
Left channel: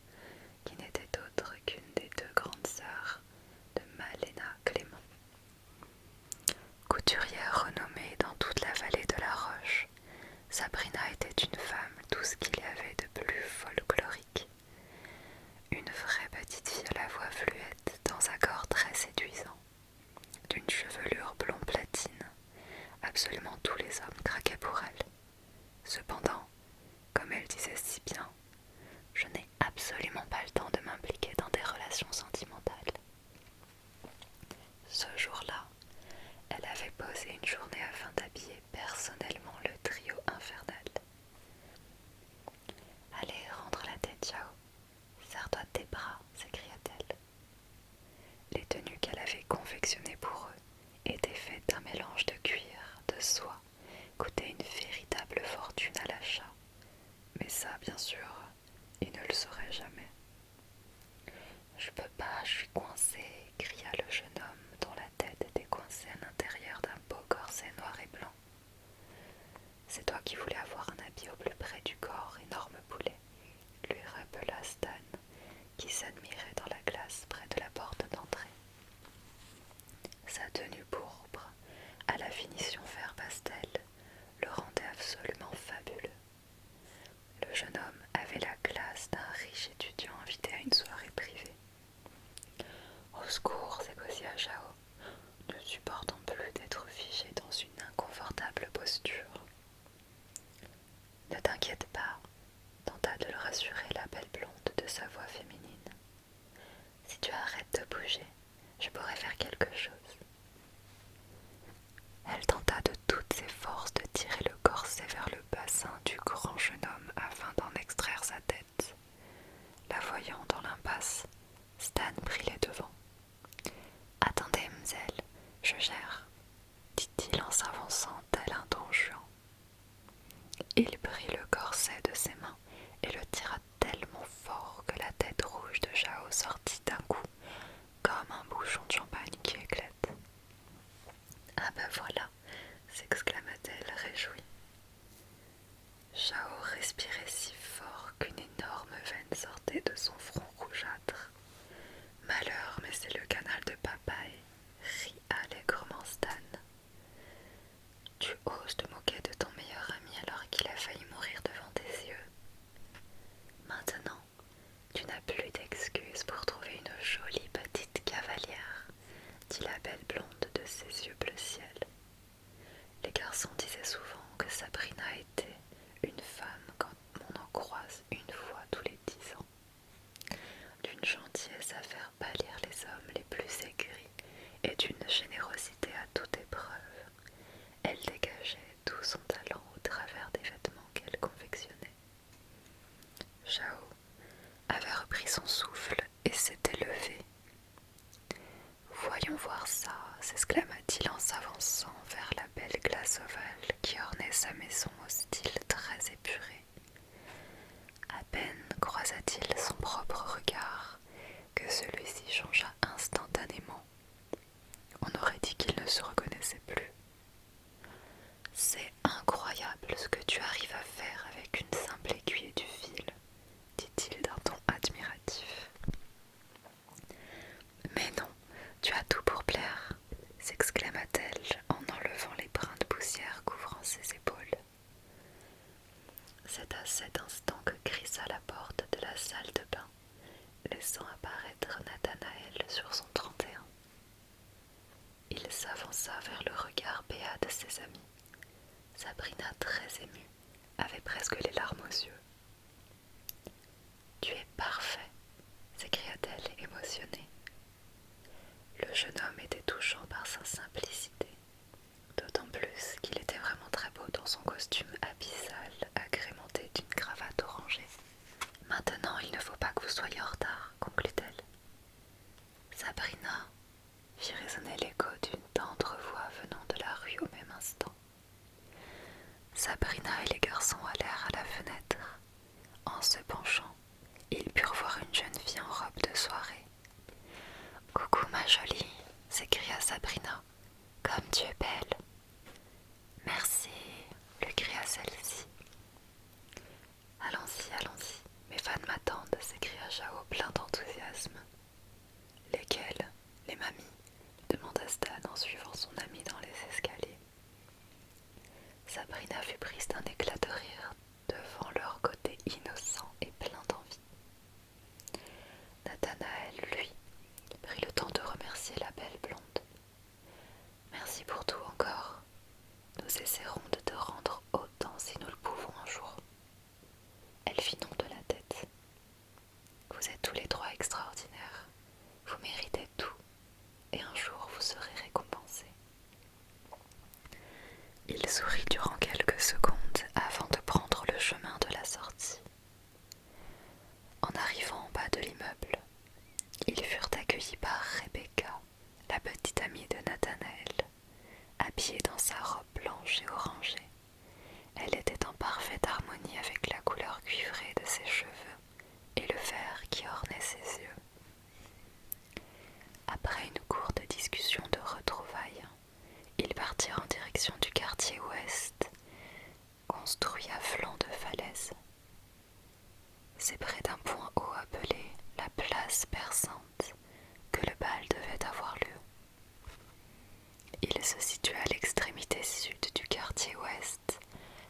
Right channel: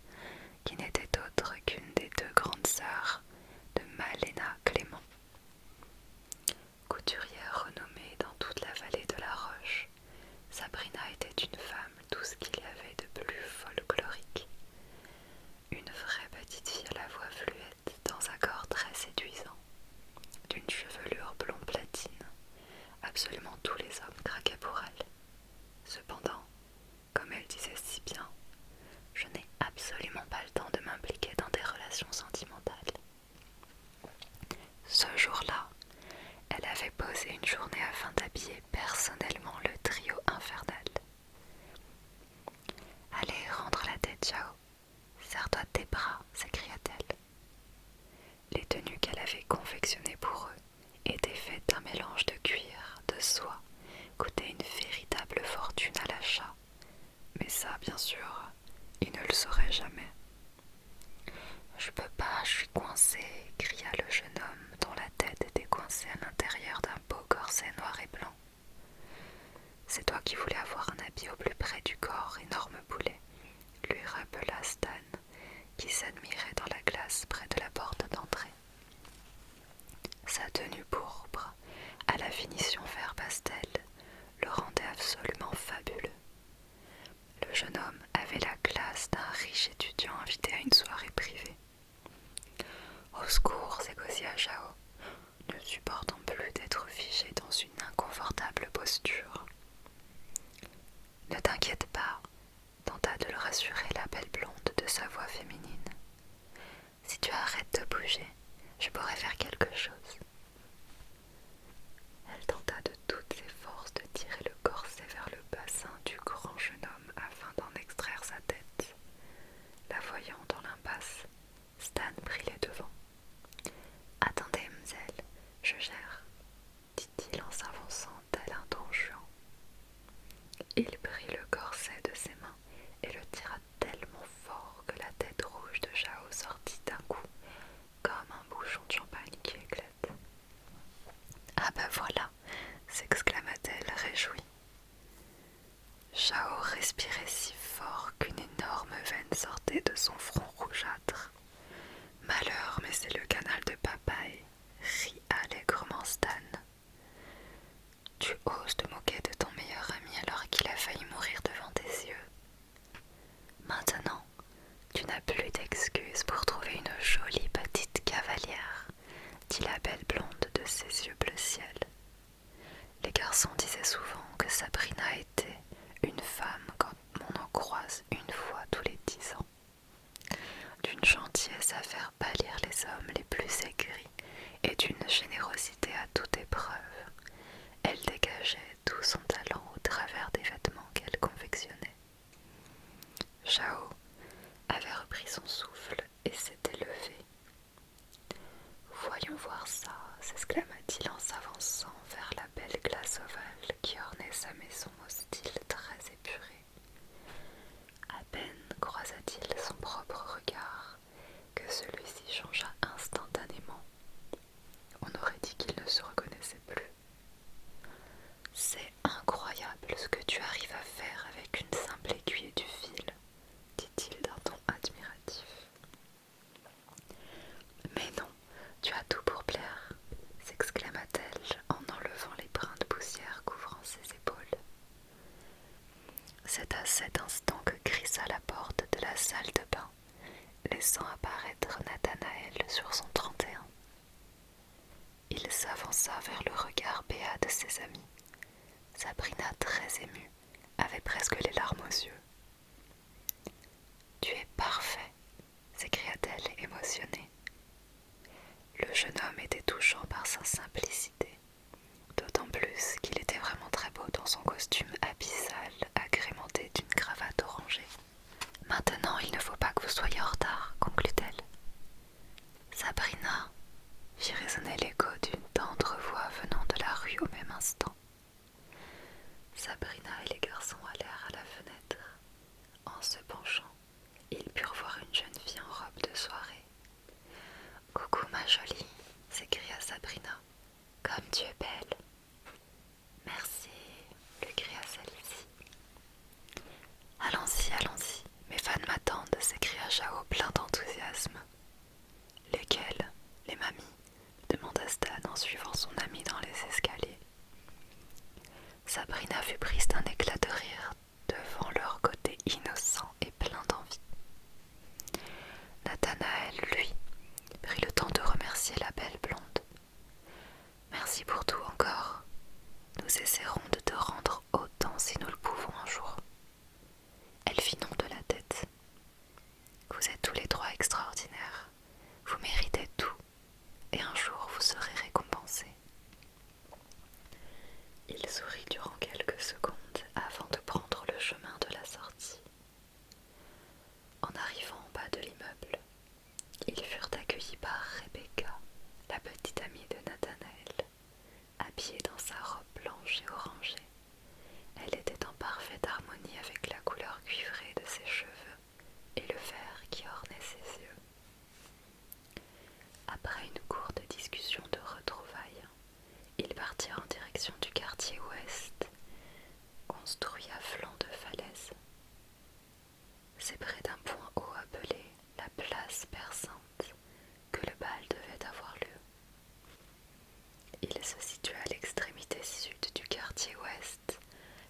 qui n'était autre qu'une des 2 grandes sœurs de Malena Clément. Couturière renommée dans toute la vallée de la Roche, Sabrina était une femme tout ce qu'il y avait de plus folklorique. Une vraie petite fille à la voix fluette dans un corps très séduisant, d'une chevelure blond platine. Absolument tous les hommes craquaient pour elle. Cependant, comme elle disait si bien, je n'ai absolument pas le temps de m'impliquer dans des relations sentimentales. Ce jour-là, elle avait posé une journée afin d'habiller personnellement le trio infernal. Allez, rentre la tête, Chao. Serre-toi de tes bras, s'écria-t-elle. Les tenues qu'elle avait confectionnées pour eux étaient faites d'un mélange de cuir, de soie, coûtaient une véritable fortune à l'achat. Mais ça, bien sûr, ils ne le sauraient jamais. Je peux pas, je suis coincé, cria le jeune homme dont la tête était coincée à l'intérieur d'un beau corset noir et blanc. C'est toi qui voulais avoir un habit au plus près du corps, énorme poulet, lui rappela Stan, qui s'admirait dans la glace près de la porte d'entrée. Sa tenue pourpre, à la finition vert pastel, le rendait absolument fabuleux. Le jeune homme avait la classe d'un riche étudiant invité à une soirée privée. Au secours, s'égosia Chao, ne supportant plus d'être figé dans une inconfortable posture. Ne t'inquiète pas, tenta de le rassurer la belle blonde de sa voix féminine. Si tu arrêtes de bouger, je pourrais faire quelque chose. Elle tenta de toutes ses forces de tirer le corset vers le bassin du grand jeune homme afin d'en extraire sa tête. La voyant dans l'impasse, Stan prit les devants. « Attendez, mzelle, je gère, » dit-il en s'avançant tel un don juan. Il prit le corset de ses mains et le tira tellement fort que la tête rouge de Chao sortit d'un coup, comme un bouchon de champagne qui éclate. « Ah ben voilà !» s'exclama-t-elle réjouie. Chao respirait si fort qu'une énorme veine sortait de son front rougeâtre. « Malheur, mais c'est le canal de papaye !» rit allègrement Stan. « Tu oses te moquer de ton meilleur ami alors qu'il a failli mourir devant tes yeux. Maintenant, tu n'as plus d'excuses pour trouver une jolie petite cavalière, » dit la belle blonde de ses yeux bleu ciel. Les garçons disaient souvent que Sabrina était une femme comme on en croise une fois à cet instant que crissa la porte de la salle de bain, laissant apparaître Nathanaël sur son 31. Il s'avança vers le regard béat de ses amis. Sabrina, très émue, avait presque les larmes aux yeux. « Tu es parfait !» s'écria-t-elle émotionnée. Le jeune homme était touchant par sa simplicité, d'autant plus qu'il était vraiment très beau dans son costume abyssal agrémenté d'une cravate orangée. « Maintenant, il ne faut pas que vous soyez en retard, » conclut-elle. Sabrina, fit résonner l'écho d'une tendre voix venant de la rue au même instant. Sabrina et les garçons allèrent à la fenêtre. En se penchant, ils purent voir une jeune fille en robe de soirée. « Coucou ma jolie !» s'écria Sabrina. « Comme tu es belle !»« Merci !» lui cria celle-ci. « Allons-y, allons-y, mes fans m'attendent !» s'écria Jao plein d'enthousiasme. « Lesquels ? Les mamies ?» demanda Stan en suivant son ami dans les escaliers. Sabrina fut prise d'un éclat de rire devant leur côté innocent et plein d'envie. Nathanaël, lui, prit le temps de remercier la belle blonde. « Merci pour tout encore. Nous essaierons de te rendre autant si nous le pouvons un jour. » Elle fit non de la tête. « Vous êtes tous les trois extraordinaires. Vous méritez tout, et un jour vous serez récompensés. » Il sourit durant quelques secondes avant de prendre le chemin de la sortie. En arrivant en bas de l'immeuble, ils furent accueillis par Rebecca, la petite amie de Nathanaël, habillée dans sa robe blanche et orangée. Elle était en parfaite harmonie avec la couleur cuivrée de ses cheveux et le vert qui ornait ses yeux. Après une courte discussion de retrouvailles, ils partirent en direction du quartier ouest, construit à flanc de falaise. C'est près d'un point haut appelé la place perçante que le bal devait avoir lieu. Il se situe à l'extrémité sud du quartier ouest,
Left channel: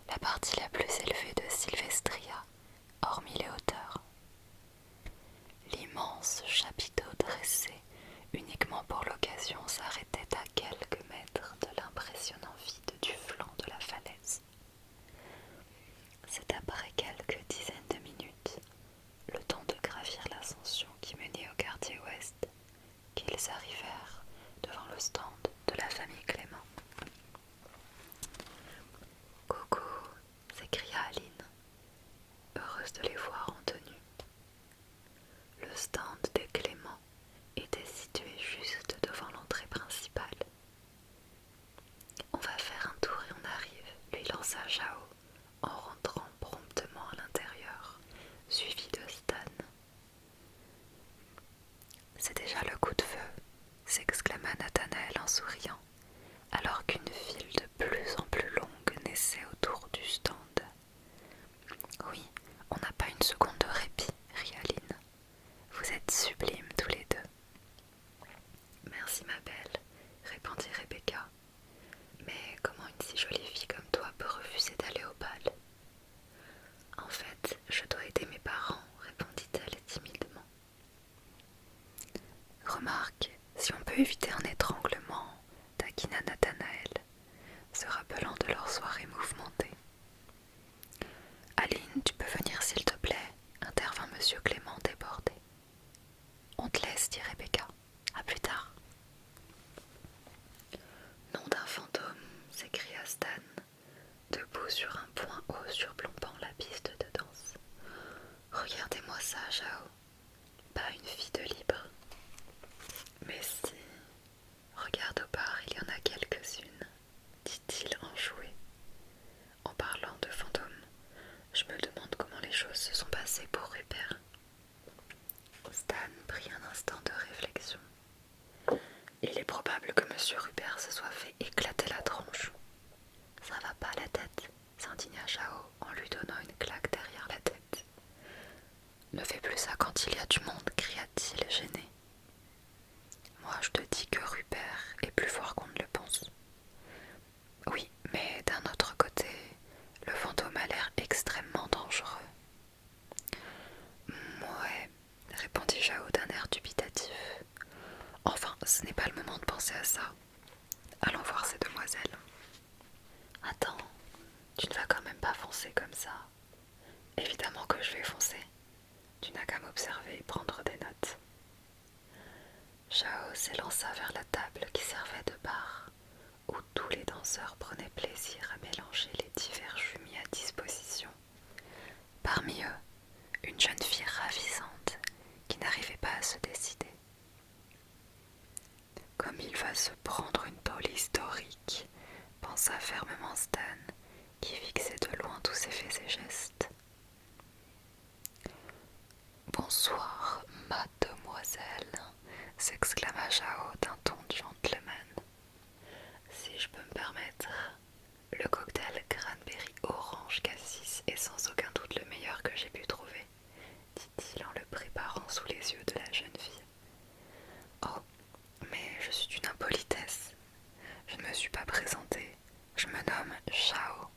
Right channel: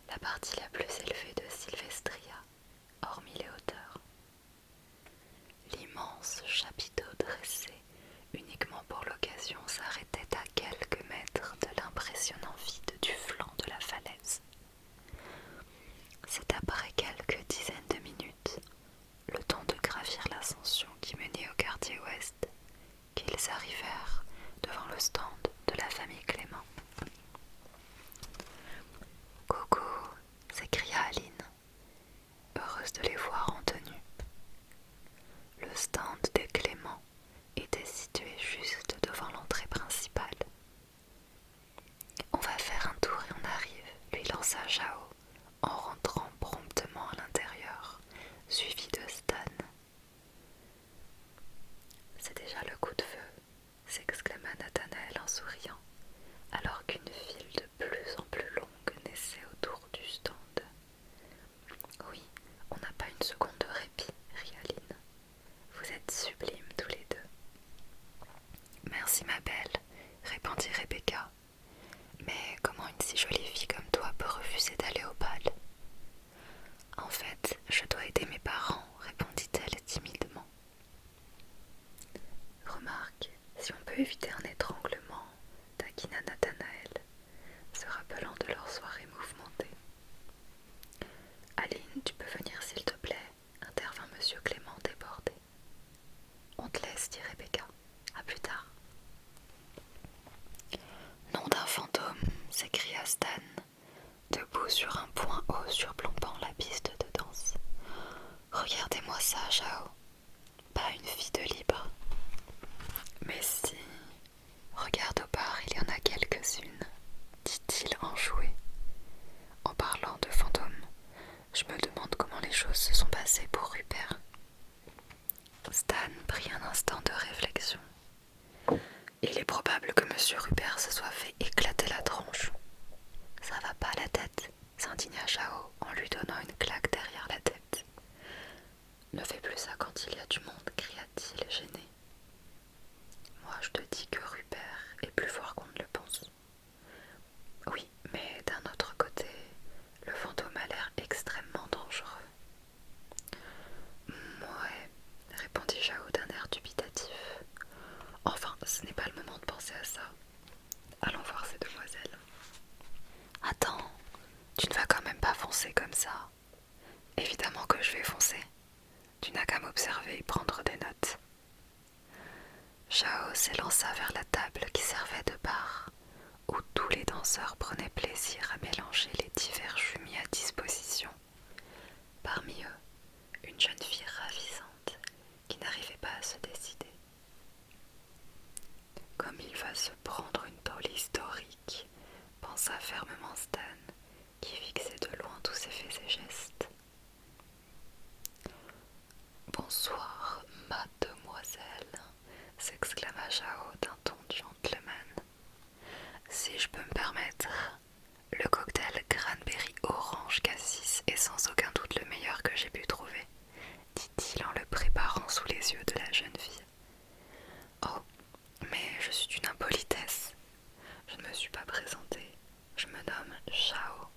la partie la plus élevée de Silvestria, hormis les hauteurs. L'immense chapiteau dressé uniquement pour l'occasion s'arrêtait à quelques mètres de l'impressionnant vide du flanc de la falaise. C'est après quelques dizaines de minutes, le temps de gravir l'ascension qui menait au quartier ouest, qu'ils arrivèrent devant le stand de la famille Clément. « Coucou !» s'écria Aline, heureuse de les voir en tenue. Le stand de Clément était situé juste devant l'entrée principale. « On va faire un tour et on arrive », lui lança Jao, en rentrant promptement à l'intérieur, suivi de Stan. « C'est déjà le coup de feu », s'exclama Nathanaël en souriant, alors qu'une file de plus en plus longue naissait autour du stand. « Oui, on n'a pas une seconde de répit, » rit Aline. « Vous êtes sublimes tous les deux. »« Merci ma belle, » répondit Rebecca. « Mais comment une si jolie fille comme toi peut refuser d'aller au bal ? » « En fait, je dois aider mes parents, » répondit-elle timidement. « Remarque, si on peut éviter un étranglement, » taquina Nathanaël, se rappelant de leur soirée mouvementée. « Aline, tu peux venir s'il te plaît, » intervint monsieur Clément débordé. « On te laisse, dit Rebecca. À plus tard. » Nom d'un fantôme, s'écria Stan, debout sur un point haut surplombant la piste de danse. Regardez-moi ça, Jao. Pas une fille de libre. Mais si, regarde au bar, il y en a quelques-unes, dit-il enjoué. En parlant de fantômes, je me demande comment les choses se sont passées pour Rupert. Stan prit un instant de réflexion. Il est probable que monsieur Rupert se soit fait éclater la tronche. Ça va pas la tête, s'indigna Jao en lui donnant une claque derrière la tête. Ne fais plus ça quand il y a du monde, cria-t-il gêné. Moi je te dis que Rupert est plus fort qu'on ne le pense. Oui, mais d'un autre côté, le fantôme a l'air extrêmement dangereux. que je vais foncer. Tu n'as qu'à m'observer et prendre des notes. Chao s'élança vers la table qui servait de bar, où tous les danseurs prenaient plaisir à mélanger les divers jus mis à disposition. Parmi eux, une jeune fille ravissante qui n'arrivait pas à se décider. Comme il va se prendre une tôle historique, pensa fermement Stan, qui fixait de loin tous ses faits et gestes. Bonsoir, mademoiselle, s'exclama Chao d'un ton gentleman. Si je peux me permettre, le cocktail cranberry orange cassis est sans aucun doute le meilleur que j'ai pu trouver, dit-il en le préparant sous les yeux de la jeune fille. Oh, mais je suis d'une impolitesse. Je ne me suis pas présentée. Je me nomme Chao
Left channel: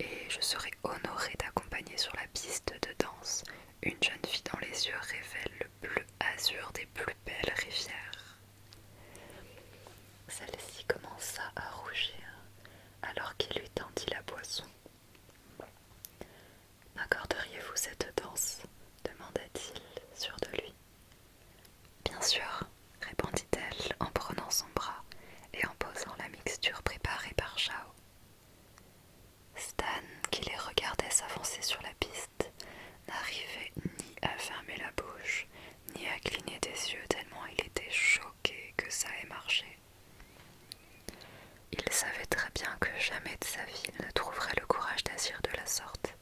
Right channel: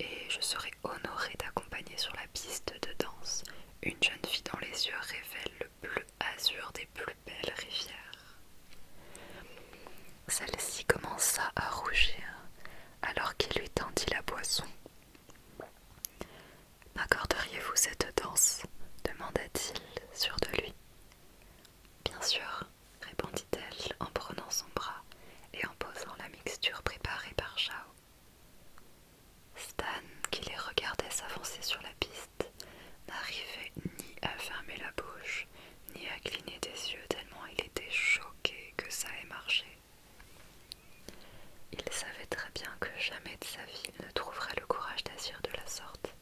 et je serai honorée d'accompagner sur la piste de danse une jeune fille dont les yeux révèlent le bleu azur des plus belles rivières. Celle-ci commença à rougir alors qu'il lui tendit la boisson. M'accorderiez-vous cette danse ? Demanda-t-il, sûr de lui. Bien sûr, répondit-elle en prenant son bras et en posant la mixture préparée par Chao. Stan, qui les regardait s'avancer sur la piste, n'arrivait ni à fermer la bouche, ni à cligner des yeux tellement il était choqué que ça ait marché. Il savait très bien que jamais de sa vie il ne trouverait le courage d'agir de la sorte.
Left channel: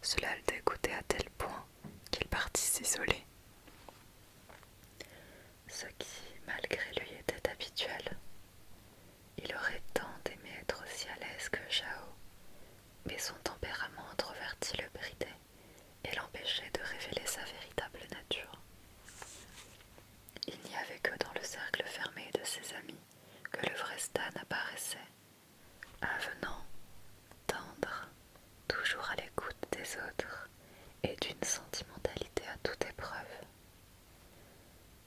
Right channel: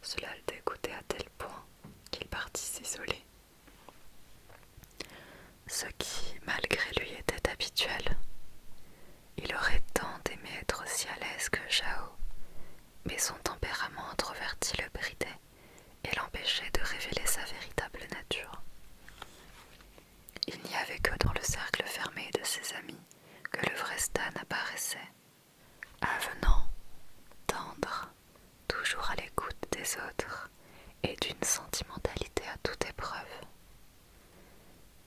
Cela le dégoûtait à tel point qu'il partit s'isoler. Ce qui, malgré lui, était habituel. Il aurait tant aimé être aussi à l'aise que Chao, mais son tempérament introverti le bridait et l'empêchait de révéler sa véritable nature. Il n'y avait que dans le cercle fermé de ses amis que le vrai Stan apparaissait, avenant, tendre, toujours à l'écoute des autres et d'une sentimentalité à toute épreuve.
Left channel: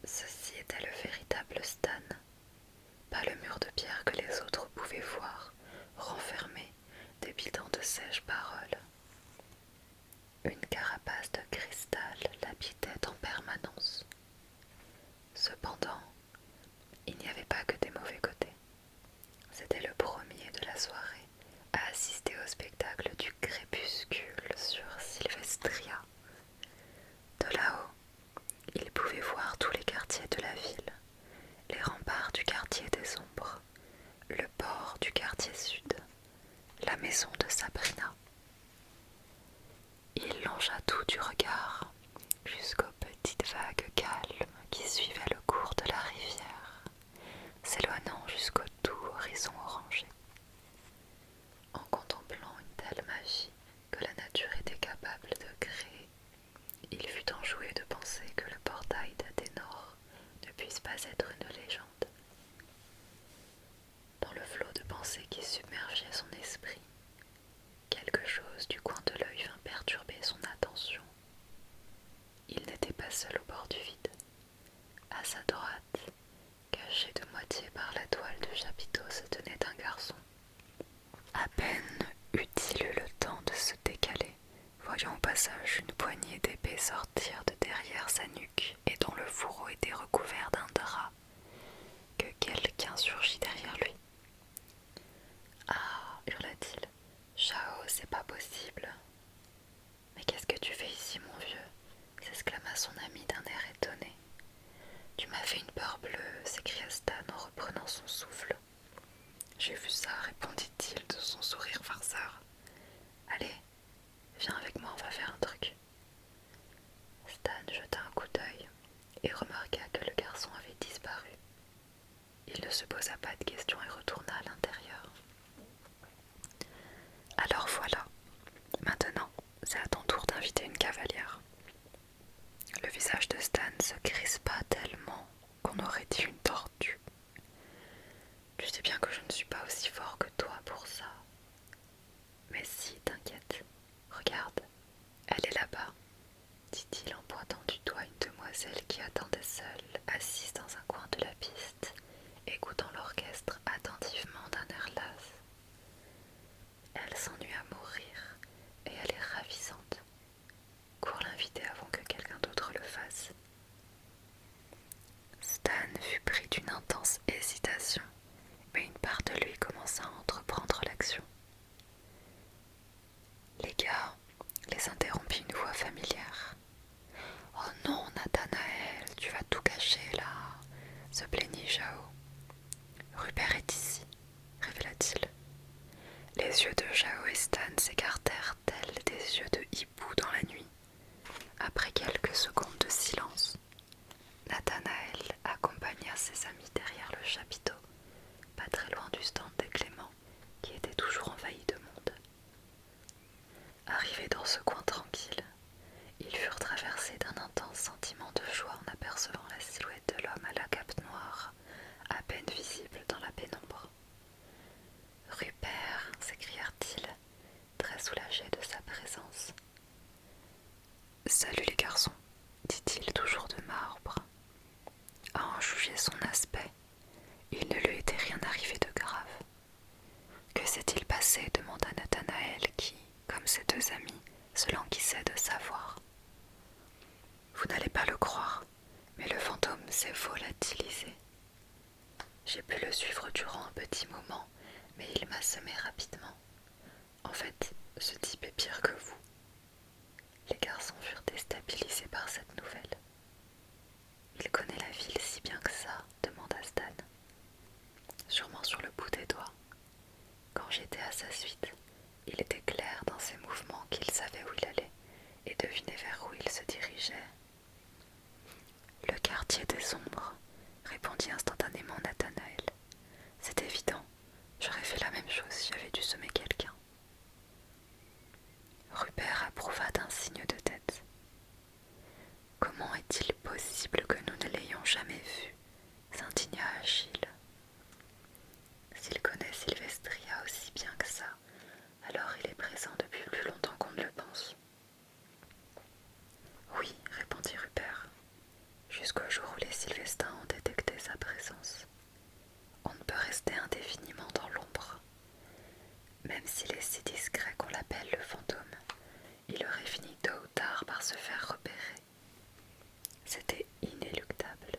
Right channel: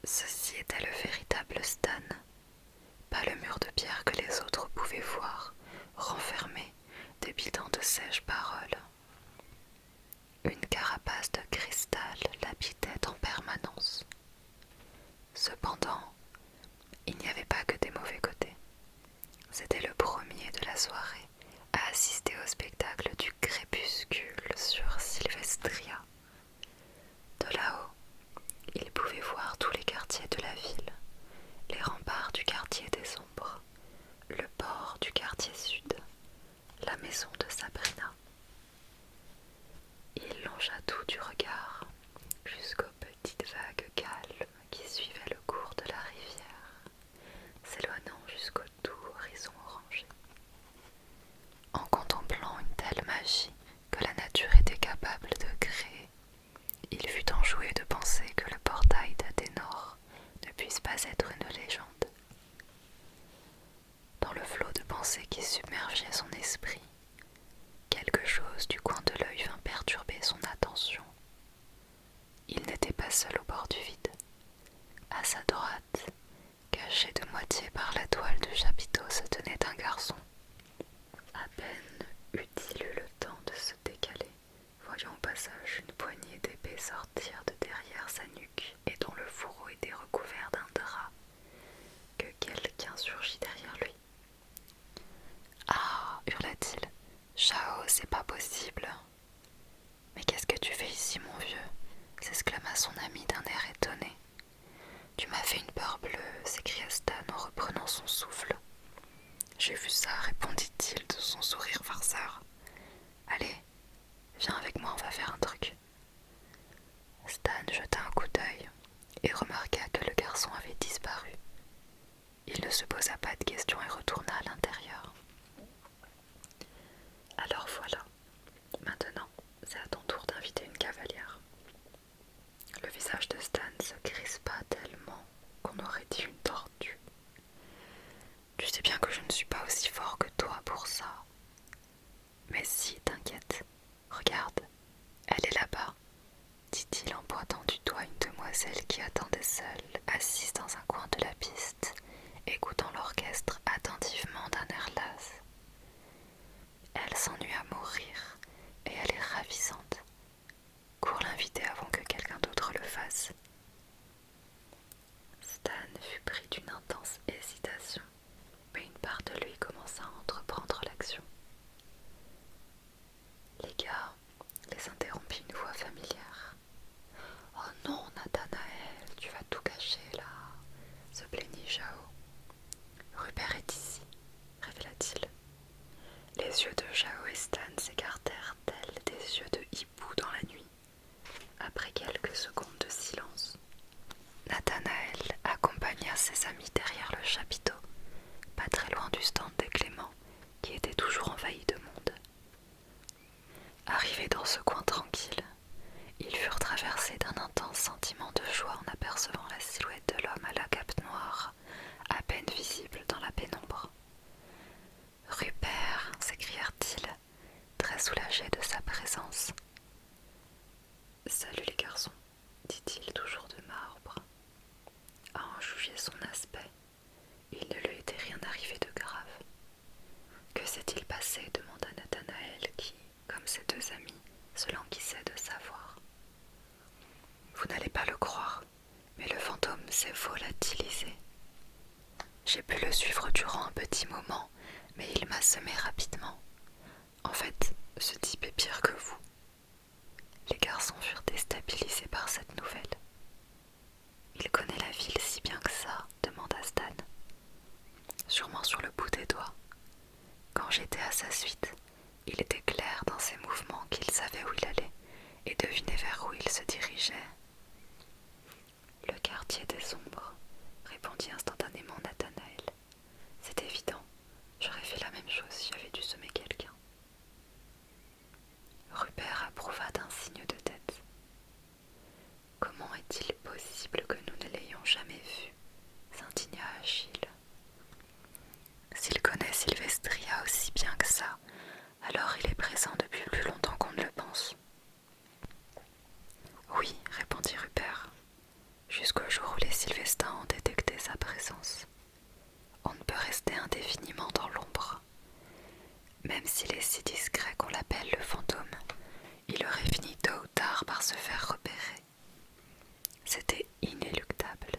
Ceci était le véritable Stan, pas le mur de pierre que les autres pouvaient voir, renfermé, débitant de sèches paroles. Une carapace de cristal l'habitait en permanence. Cependant, il n'y avait pas que des mauvais côtés. C'était le premier de la soirée à assister au spectacle du crépuscule sur Sylvestria. De là-haut, il pouvait voir tous les quartiers de la ville, les remparts du quartier des ombres, le port du quartier sud, la maison de Sabrina. Il longea tout du regard jusqu'aux petites vagues calmes qui suivaient le cours de la rivière, s'éloignant jusqu'au doux horizon orangé. En contemplant une telle magie que la nature était capable de créer, il fut enjoué de penser que le portail d'Athénor ne puisse pas être une légende. Dans le flot de pensées qui submergeait son esprit, quelque chose du coin de l'œil vint perturber son attention. Il n'était pas seul au bord du vide. À sa droite, caché de moitié par la toile de chapiteau, se tenait un garçon. À peine eut-il eu le temps de se décaler, voyant au passage une poignée d'épée sortir de derrière sa nuque et dont le fourreau était recouvert d'un drap, que quelqu'un surgit derrière lui. « Ah !» hurla-t-il. « Chao, c'est pas possible !»« Mais qu'est-ce que tu fais ici, mon vieux ?» s'exclama son ami d'un air étonné. « Tu m'as fait une peur bleue !» s'écria Stan en reprenant son souffle. « J'ai vu ça !» répondit-il de son sourire farceur. « Allez, viens avec moi, on va faire un truc. » Stan jeta un coup d'œil et remarqua que le garçon avait disparu. Il ne se posa pas de questions et retourna à l'intérieur. « Alors voilà, maintenant, c'est à ton tour d'inviter une cavalière. » Le visage de Stan se crispa tellement qu'on aurait dit une tortue. « Tu sais bien que je ne suis pas aussi fort que toi pour ça. Mais si, t'inquiète, regarde, elle est là-bas, dit-il en pointant du doigt une demoiselle qui attendait seule, assise dans un coin de la piste, écoutant l'orchestre attentivement d'un air las. Elle s'ennuie à mourir, et elle est ravissante. Salut les garçons, dit-il toujours de marbre. À en juger son aspect, il ne lui était rien arrivé de grave. Que s'est-il passé demanda Nathanaël qui, comme ses deux amis, se languissait de savoir. Vous n'allez pas le croire, mais le fantôme s'est volatilisé. J'ai pu le suivre durant un petit moment, mais il m'a semé rapidement. En fait, ce type est pire que vous. Les garçons furent déstabilisés par cette nouvelle. Il connaît la ville si bien que ça, demanda Stan. Sûrement sur le bout des doigts. Quand j'étais à sa suite, il était clair dans ses mouvements qu'il savait où il allait et devinait vers où il se dirigeait. Le quartier des ombres, répondit instantanément Nathanaël. C'est évident, j'aurais fait la même chose si j'avais dû semer quelqu'un. Rupert approuva d'un signe de tête. Comment est-il possible que nous ne l'ayons jamais vu s'indigna Achille. S'il connaît Sylvestria aussi bien que ça, alors il est présent depuis plus longtemps qu'on ne le pense. Oui, répondit Rupert, jusqu'au jour où les Sylvestins ont détecté sa présence. On ne peut rester indéfiniment dans l'ombre. Même s'il est si discret qu'on l'appelle le fantôme, il aurait fini tôt ou tard par se faire repérer. C'était inéluctable.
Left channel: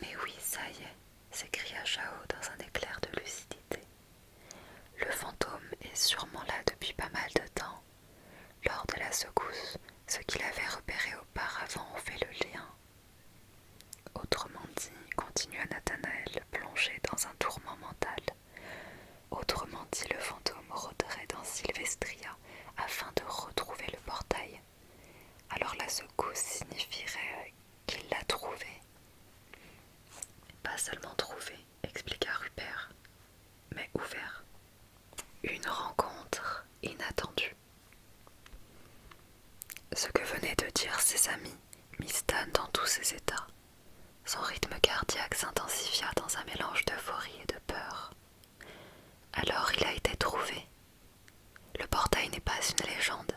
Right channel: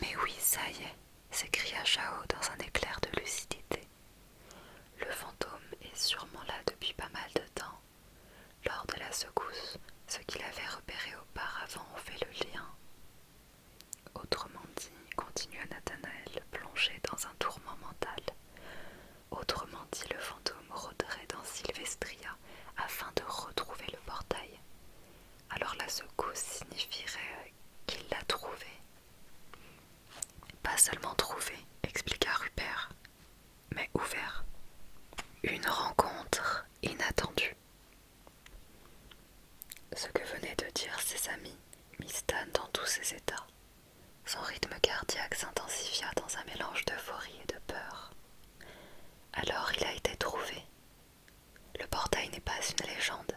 Mais oui, ça y est, s'écria Chao dans un éclair de lucidité. Le fantôme est sûrement là depuis pas mal de temps. Lors de la secousse, ceux qui l'avaient repéré auparavant ont fait le lien. Autrement dit, continua Nathanaël, plongé dans un tourment mental. Autrement dit, le fantôme rôderait dans Sylvestria afin de retrouver le portail. Alors la secousse signifierait qu'il l'a trouvé. Pas seulement trouvé, expliqua Rupert, mais ouvert. Une rencontre inattendue. Ce que venaient de dire ses amis mit Stan dans tous ses états. Son rythme cardiaque s'intensifia dans un mélange d'euphorie et de peur. Alors il a été trouvé. Le portail n'est pas une légende,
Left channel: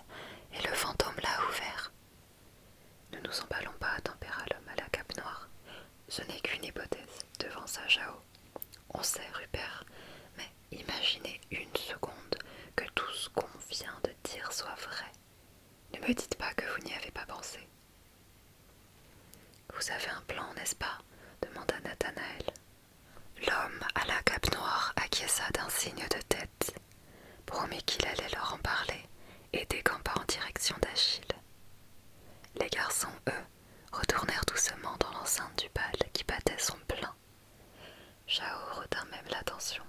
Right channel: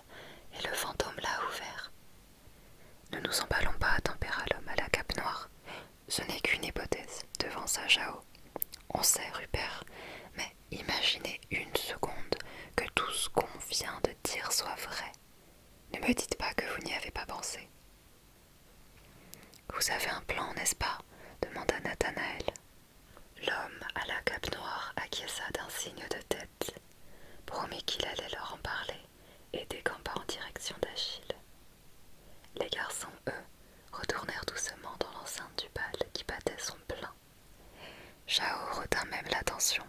et le fantôme l'a ouvert. Ne nous emballons pas, tempéra l'homme à la cape noire. Ce n'est qu'une hypothèse, devança Jao. On sait, Rupert, mais imaginez une seconde que tout ce qu'on vient de dire soit vrai. Ne me dites pas que vous n'y avez pas pensé. Vous avez un plan, n'est-ce pas demanda Nathanaël. L'homme à la cape noire acquiesça d'un signe de tête, promit qu'il allait leur en parler et décampa en direction d'Achille. Les garçons, eux, retournèrent doucement dans l'enceinte du bal qui battait son plein. Chao retint même l'attention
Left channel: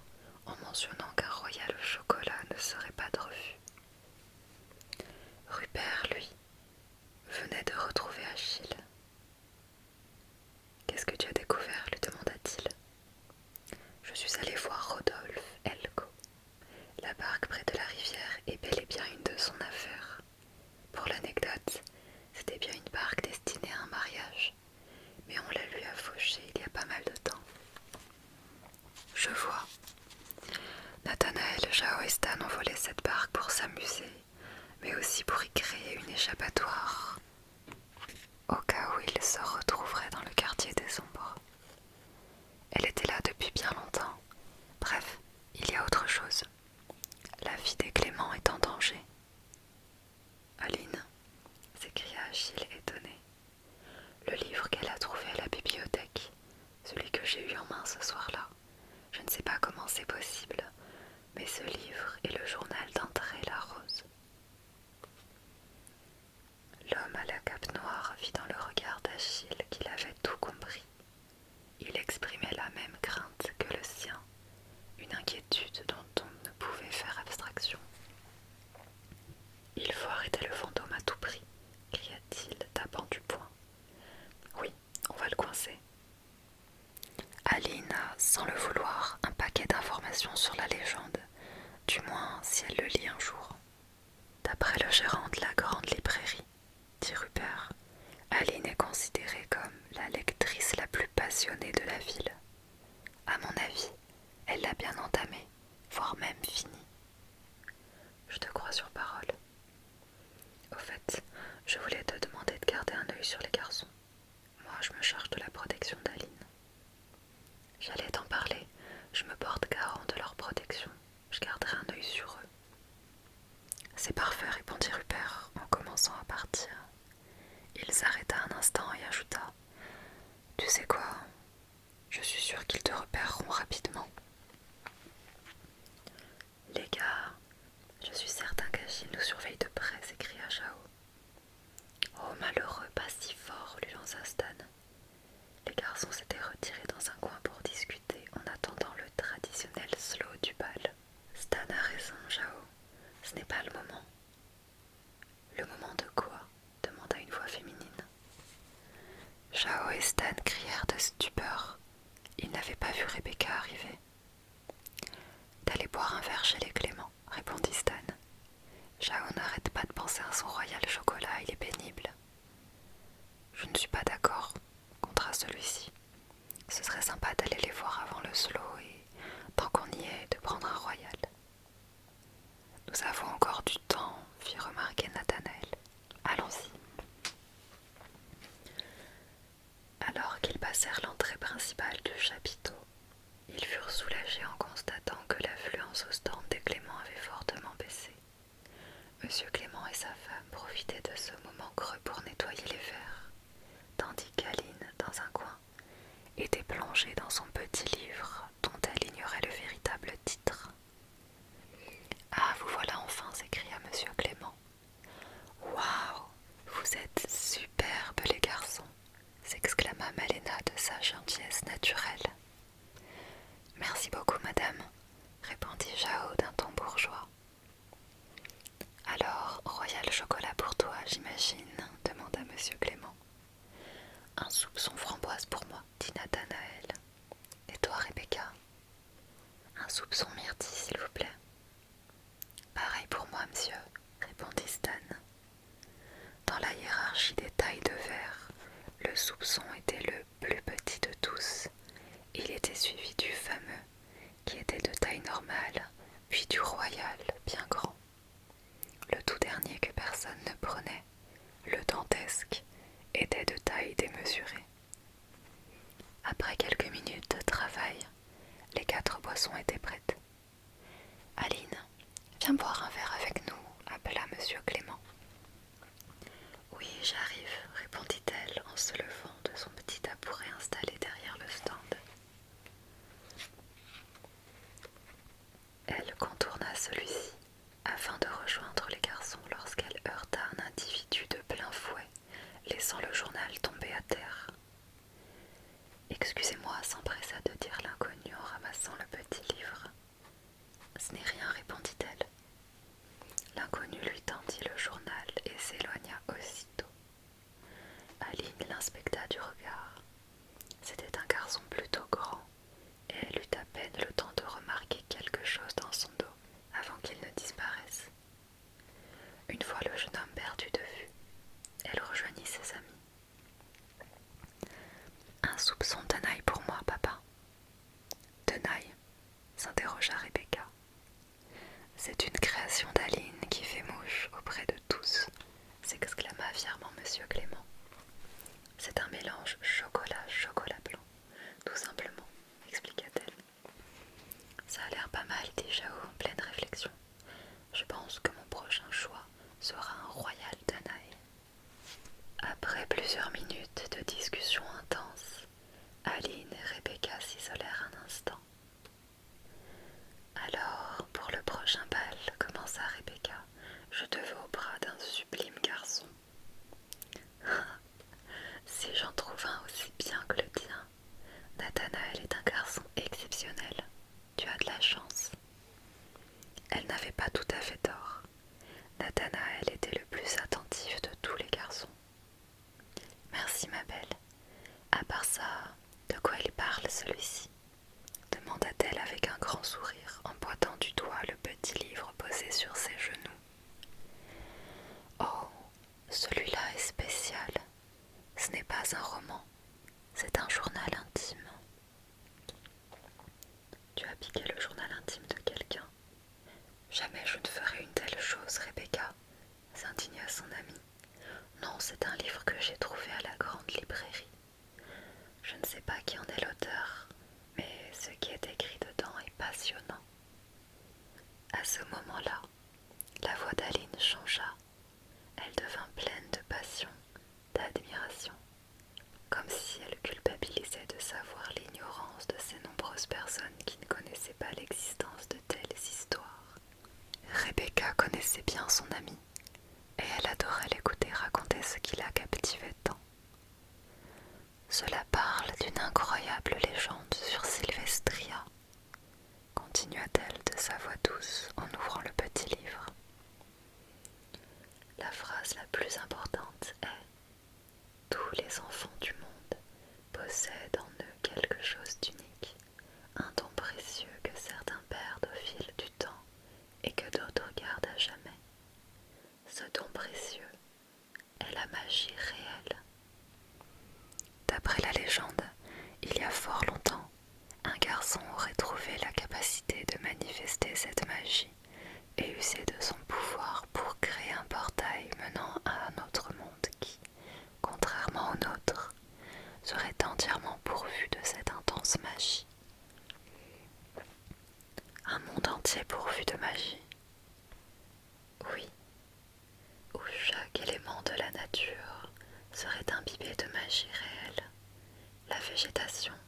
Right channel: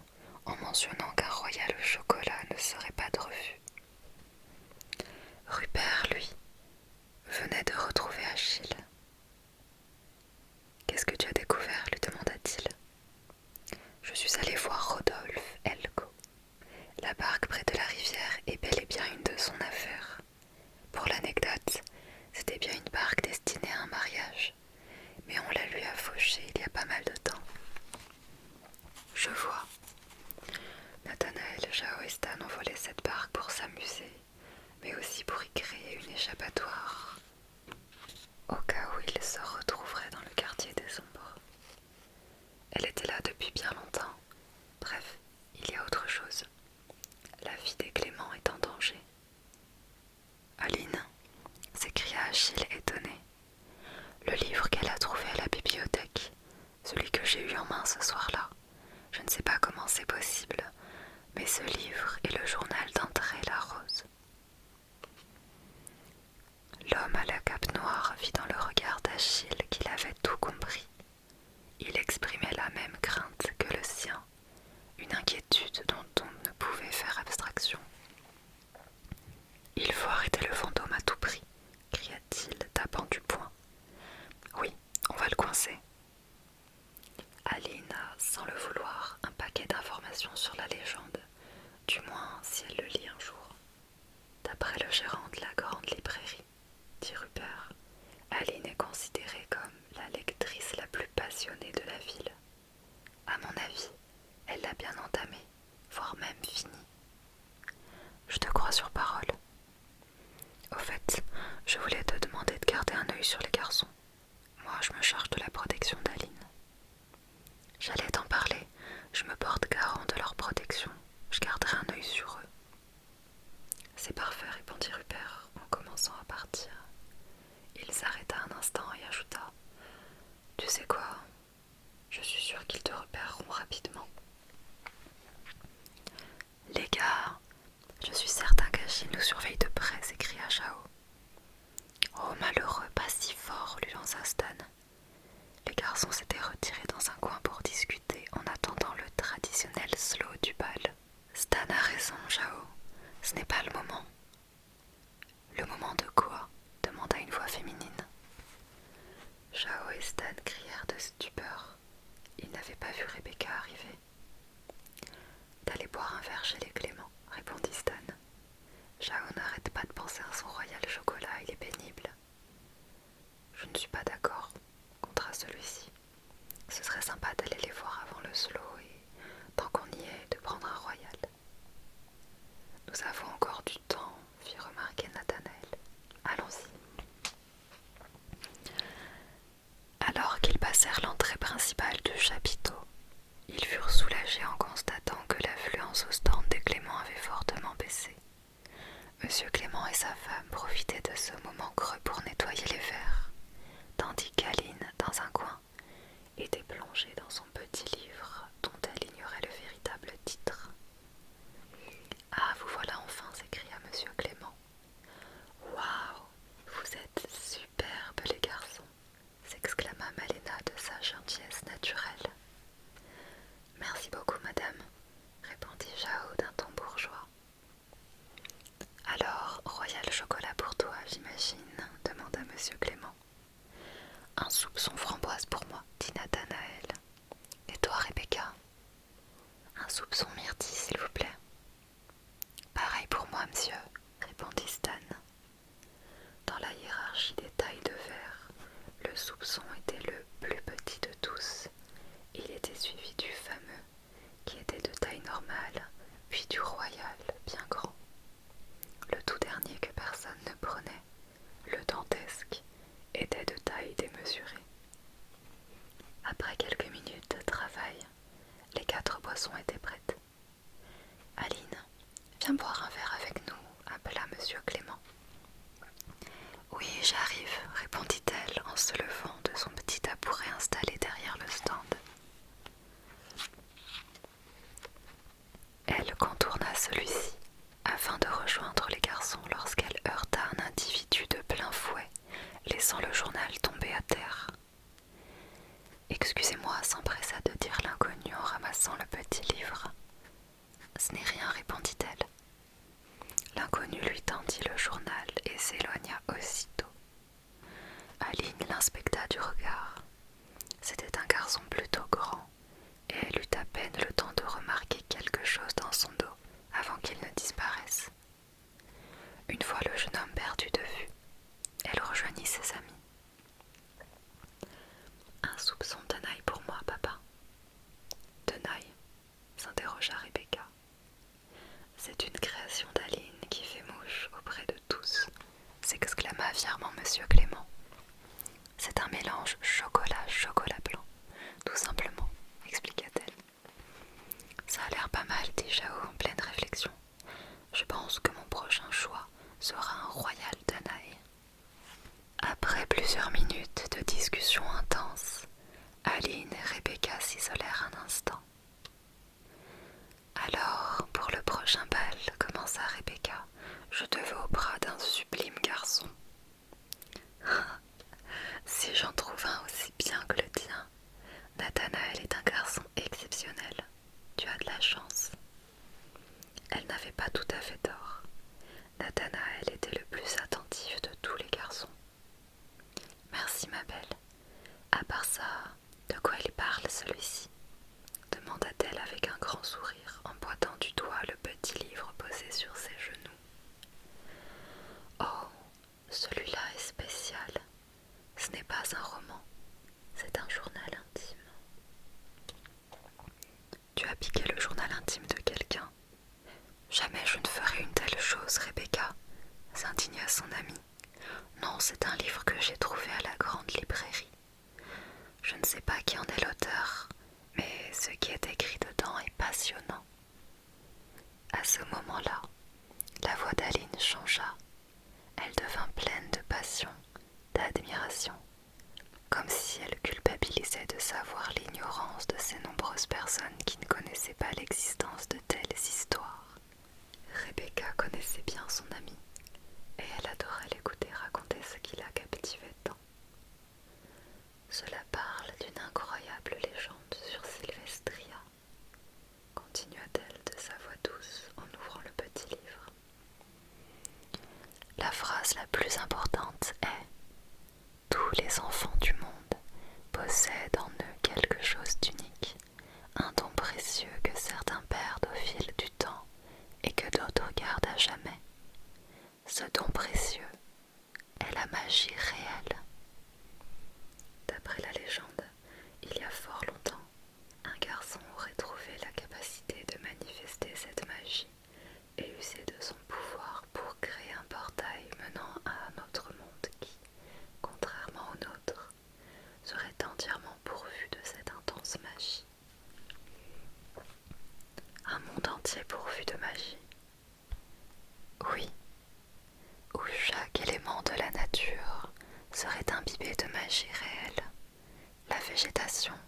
en mentionnant qu'un royal au chocolat ne serait pas de refus. Rupert, lui, venait de retrouver Achille. « Qu'est-ce que tu as découvert ?» lui demanda-t-il. « Je suis allé voir Rodolphe Elko. La barque près de la rivière est bel et bien une de son affaire. Pour l'anecdote, c'était bien une barque destinée à un mariage, mais on la lui a fauchée il y a pas mal de temps. » Je vois. Nathanaël, Jao et Stan ont volé cette barque pour s'amuser, mais aussi pour y créer une échappatoire, au cas où ils se retrouveraient dans le quartier des ombres. Elle était là depuis bien longtemps. Bref, il y a autre chose. La vie des Clément est en danger. Aline, s'écria Achille étonné. Le livre qu'elle a trouvé à la bibliothèque, celui que j'ai eu en main ce soir-là. Je ne sais pas comment c'est possible, mais ce livre est le journal d'André Larose. L'homme à la cape noire vit dans le regard d'Achille qu'il avait tout compris. Il exprimait la même crainte que le sien, une inquiétude dont on ne pouvait faire abstraction. « Il faut arrêter le fantôme à tout prix », cria-t-il, tapant du poing. « Oui, on va le coincer. » Aline a, sans le vouloir, un paquet d'informations sur la légende, du moins si elle le lit un jour. D'après le gérant de la grande librairie, dit Rupert, Aline est considérée comme la lectrice la plus passionnée de la ville. À mon avis, elle l'a bien entamée, voire même finie. Je te crois sur parole. Au fait, Je voulais te demander de garder un œil sur les garçons. Moi, je me charge de la protection d'Aline. J'allais t'en parler, je me porte garant de leur protection. Je garderai un œil sur eux. C'est parfait, répondit Rupert en commençant à partir. Il s'arrêta un instant et ajouta: Tu sais quoi? Je suis sûr qu'ils te repéreront rapidement. Les gars, je suis certain qu'Achille nous surveille de près, s'écria Chao. Oh malheureux, pas si fort, lui lança Stan. Les garçons s'étaient retirés dans un coin pour discuter en attendant le traditionnel slow du bal. Stan a raison, Chao. Ce n'est pas le moment. Le moment de quoi? Demanda une voix féminine. Chao et Stan crièrent de stupeur. Ils n'avaient pas vu Rebecca arriver. D'aller boire un verre chez les Clément, répondit Stan. Chao n'arrête pas de penser à son royal chocolat, il est pénible. Je ne suis pas d'accord, contra celui-ci. Ce serait sympa d'aller les voir avant le slow et, tant qu'on y est, de prendre un royal. Nous avons encore du temps, fit remarquer Nathanaël. Allons-y. Alors qu'ils passèrent l'entrée principale du chapiteau, ils furent soulagés en constatant que l'affluence au stand des Clément avait fortement baissé. Monsieur Clément et sa femme profitaient de ce moment creux pour nettoyer les verres, tandis qu'Aline, dans un coin, était plongée dans son petit livre dont elle ignorait le véritable titre. « Ah, vous voilà enfin !» s'écria Monsieur Clément. « Waouh, vous êtes superbes les garçons !» s'exclama Malena de sa gentillesse naturelle. « Merci beaucoup, madame !» répondit Jao d'un ton bourgeois. « Alors, royal chocolat pour toi, j'imagine ?» demanda Monsieur Clément. « Un soupçon framboise pour moi, » dit Nathanaël. « Et toi, Rebecca ?»« Un soupçon myrtille, s'il vous plaît. »« Pareil pour moi, monsieur, » répondit Stan. Dans la hiérarchie des tailles de verre, le soupçon était le plus petit de tous. Il était suivi du fameux, qui était de taille normale, puis du royal, bien grand. Le tout dernier que personne ne prenait, le dantesque, était de taille démesurée. Après quelques minutes de travail, les 4 boissons étaient prêtes. « Aline, viens boire un verre avec nous » appela Monsieur Clément. « Oui, j'arrive » répondit-elle en se levant de son petit tabouret installé derrière le stand. Elle contourna celui-ci afin de rejoindre les garçons lorsqu'elle heurta un individu de plein fouet, laissant le journal tomber à terre. « Excusez-moi » s'empressa de dire l'inconnu en ramassant le petit livre. « Ce n'est rien » répondit-elle. L'inconnu lui tendit le journal et s'éloigna aussitôt. Aline l'inspecta du regard. C'était un garçon plutôt grand, et elle eut à peine le temps de remarquer quelque chose dans son dos avant qu'il ne disparaisse. Une fois le jeune homme perdu de vue, elle rejoignit ses amis. « Un soupçon de tenaille pour moi, papa. »« Tenaille ?» s'interrogea Rebecca. « C'est une création d'Aline qui fait mouche auprès de tous » s'exclama fièrement Monsieur Clément. « C'est un mélange chocolat blanc, tout simplement, » expliqua-t-elle. « Ça a l'air pas mal, dit Jao en pleine réflexion. Je pense que mon prochain choix sera un royal tenaille. » Après plusieurs minutes de discussion intense, Aline et Rebecca s'isolèrent un instant. « Alors, pour le prochain bal, commença Rebecca, je te veux au bras d'un sublime garçon. » Si j'en trouve un aussi bien que le tien, Nathanaël est un garçon exceptionnel. Tu as de la chance. Elle n'avait pas tout à fait tort. Nathanaël était le plus attentif de tous les garçons. Merci ma belle. À part ça, de quoi il Non, c'est un livre que j'ai trouvé à la grande librairie. Je ne sais pas qui en est l'auteur, mais ce qui est écrit dedans est passionnant. À ce moment-là, la voix d'Aline changea. Elle devint pleine de passion, d'admiration, comme si elle culpabilisait de savoir l'ignorance de ces nombreuses personnes qui ne connaissaient pas l'existence de telles histoires. Rebecca connaissait bien son amie, et elle adorait l'écouter raconter ce qui la captivait tant. Cela parle d'une incroyable légende sur Sylvestria, continua-t-elle de sa voix douce en ouvrant le petit livre. La phrase la plus importante est « Tous les enfants du monde possèdent en eux quelque chose d'unique, un don précieux que certains perdent au fil du temps et que d'autres gardent à jamais. Ce don précieux est la magie réelle. » D'après la légende, il y a fort longtemps, un garçon aurait trouvé la capacité de manifester cette magie et user de son pouvoir pour créer un portail menant à un autre monde qui, contrairement au nôtre, serait entièrement pourvu de cette intense magie. Un monde entier pourvu de magie. Oui, où chaque élément de la nature serait imbibé de magie réelle. La végétation,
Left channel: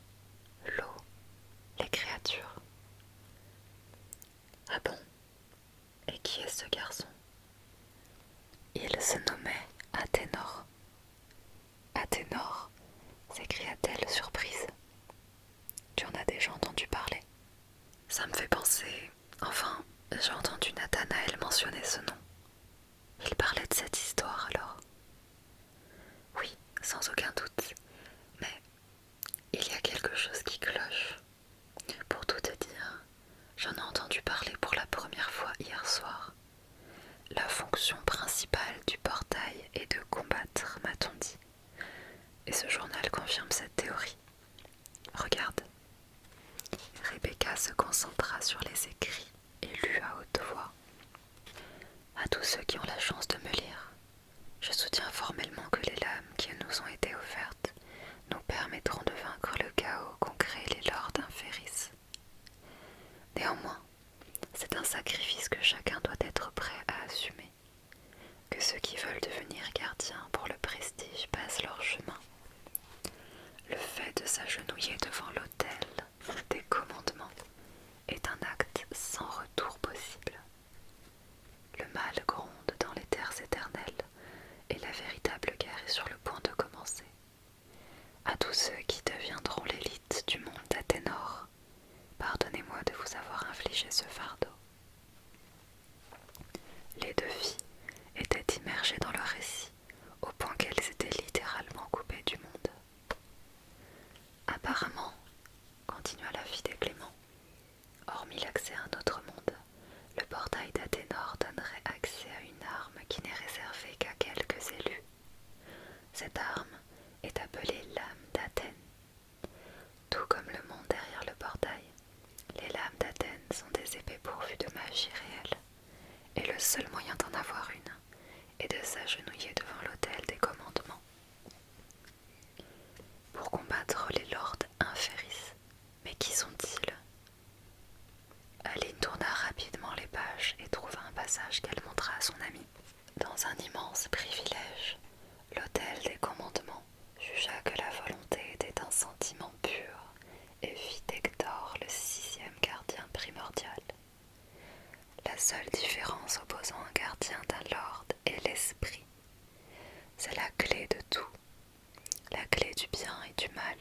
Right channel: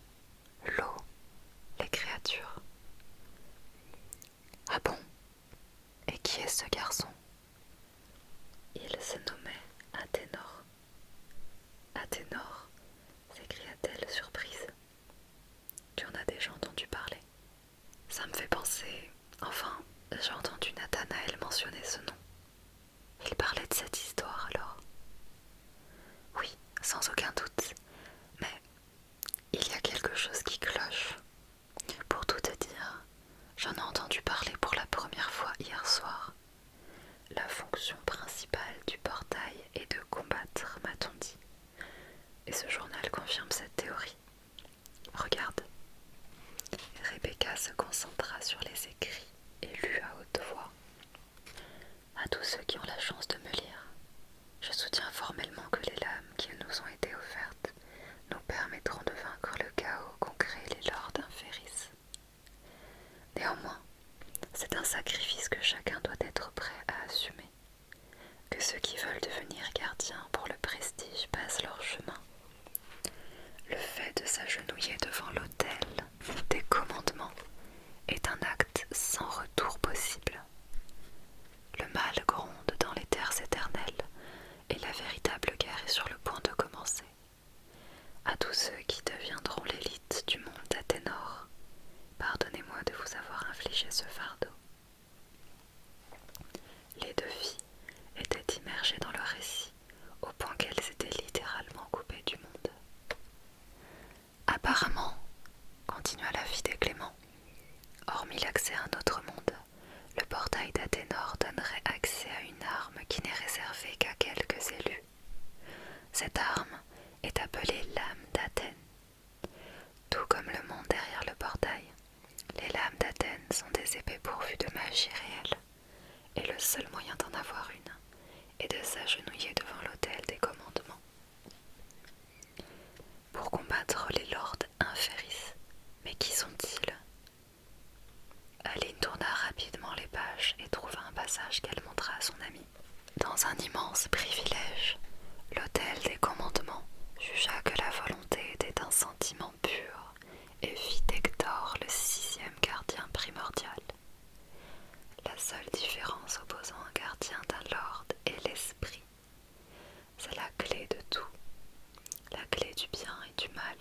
l'eau, les créatures. Ah bon? Et qui est ce garçon? Il se nommait Athénor. Athénor, s'écria-t-elle surprise. Tu en as déjà entendu parler? Ça me fait penser... Enfin, j'ai entendu Nathanaël mentionner ce nom. Il parlait de cette histoire alors? Oui, sans aucun doute. Mais il y a quelque chose qui cloche. Pour tout te dire, j'en ai entendu parler pour la première fois hier soir. La fonction principale du portail est de combattre, m'a-t-on dit. Et ce journal confirme cette théorie. Regarde. Rebecca se concentra sur les écrits et lut à haute voix. À tous ceux qui ont la chance de me lire, je soutiens formellement que les lames qui nous ont été offertes nous permettront de vaincre le chaos qu'ont créé les lords inféris. Néanmoins, c'est un sacrifice que chacun doit être prêt à assumer. Que ceux qui veulent devenir gardiens pour le prestige passent leur chemin. Le fait de s'agenouiller devant l'autel des commandements est un acte sans retour possible. Le mal gronde dans les terres éternelles et la véritable guerre est sur le point de commencer. À tous ceux qui deviendront l'élite du monde d'Athénor, pardonnez-moi de vous avoir infligé ce fardeau. Les deux filles étaient immergées dans leur récit, au point qu'elles étaient littéralement coupées du monde. Apparemment, continua la fille de Clément, hormis l'accès à un autre monde, le portail d'Athénor donnerait accès à une arme qui n'est réservée qu'à quelques élus. Cette arme est appelée lame d'Athènes. Tout comme le monde derrière le portail, les lames d'Athènes sont des épées pourvues de magie réelle, et le seul moyen d'en avoir une est de s'agenouiller devant l'autel des commandements. Pour combattre les lords inféris. Mais qui sont-ils? Aline tourna rapidement les pages et trouva un passage qu'elle montra à son amie. Dans un immense privilège, l'autel des commandements jugea que la volonté était un sentiment pur et fit d'Hector le 6e gardien primordial. La seule différence opposant un gardien d'un lord est l'esprit. C'est la clé de tout, la clé du bien et du mal.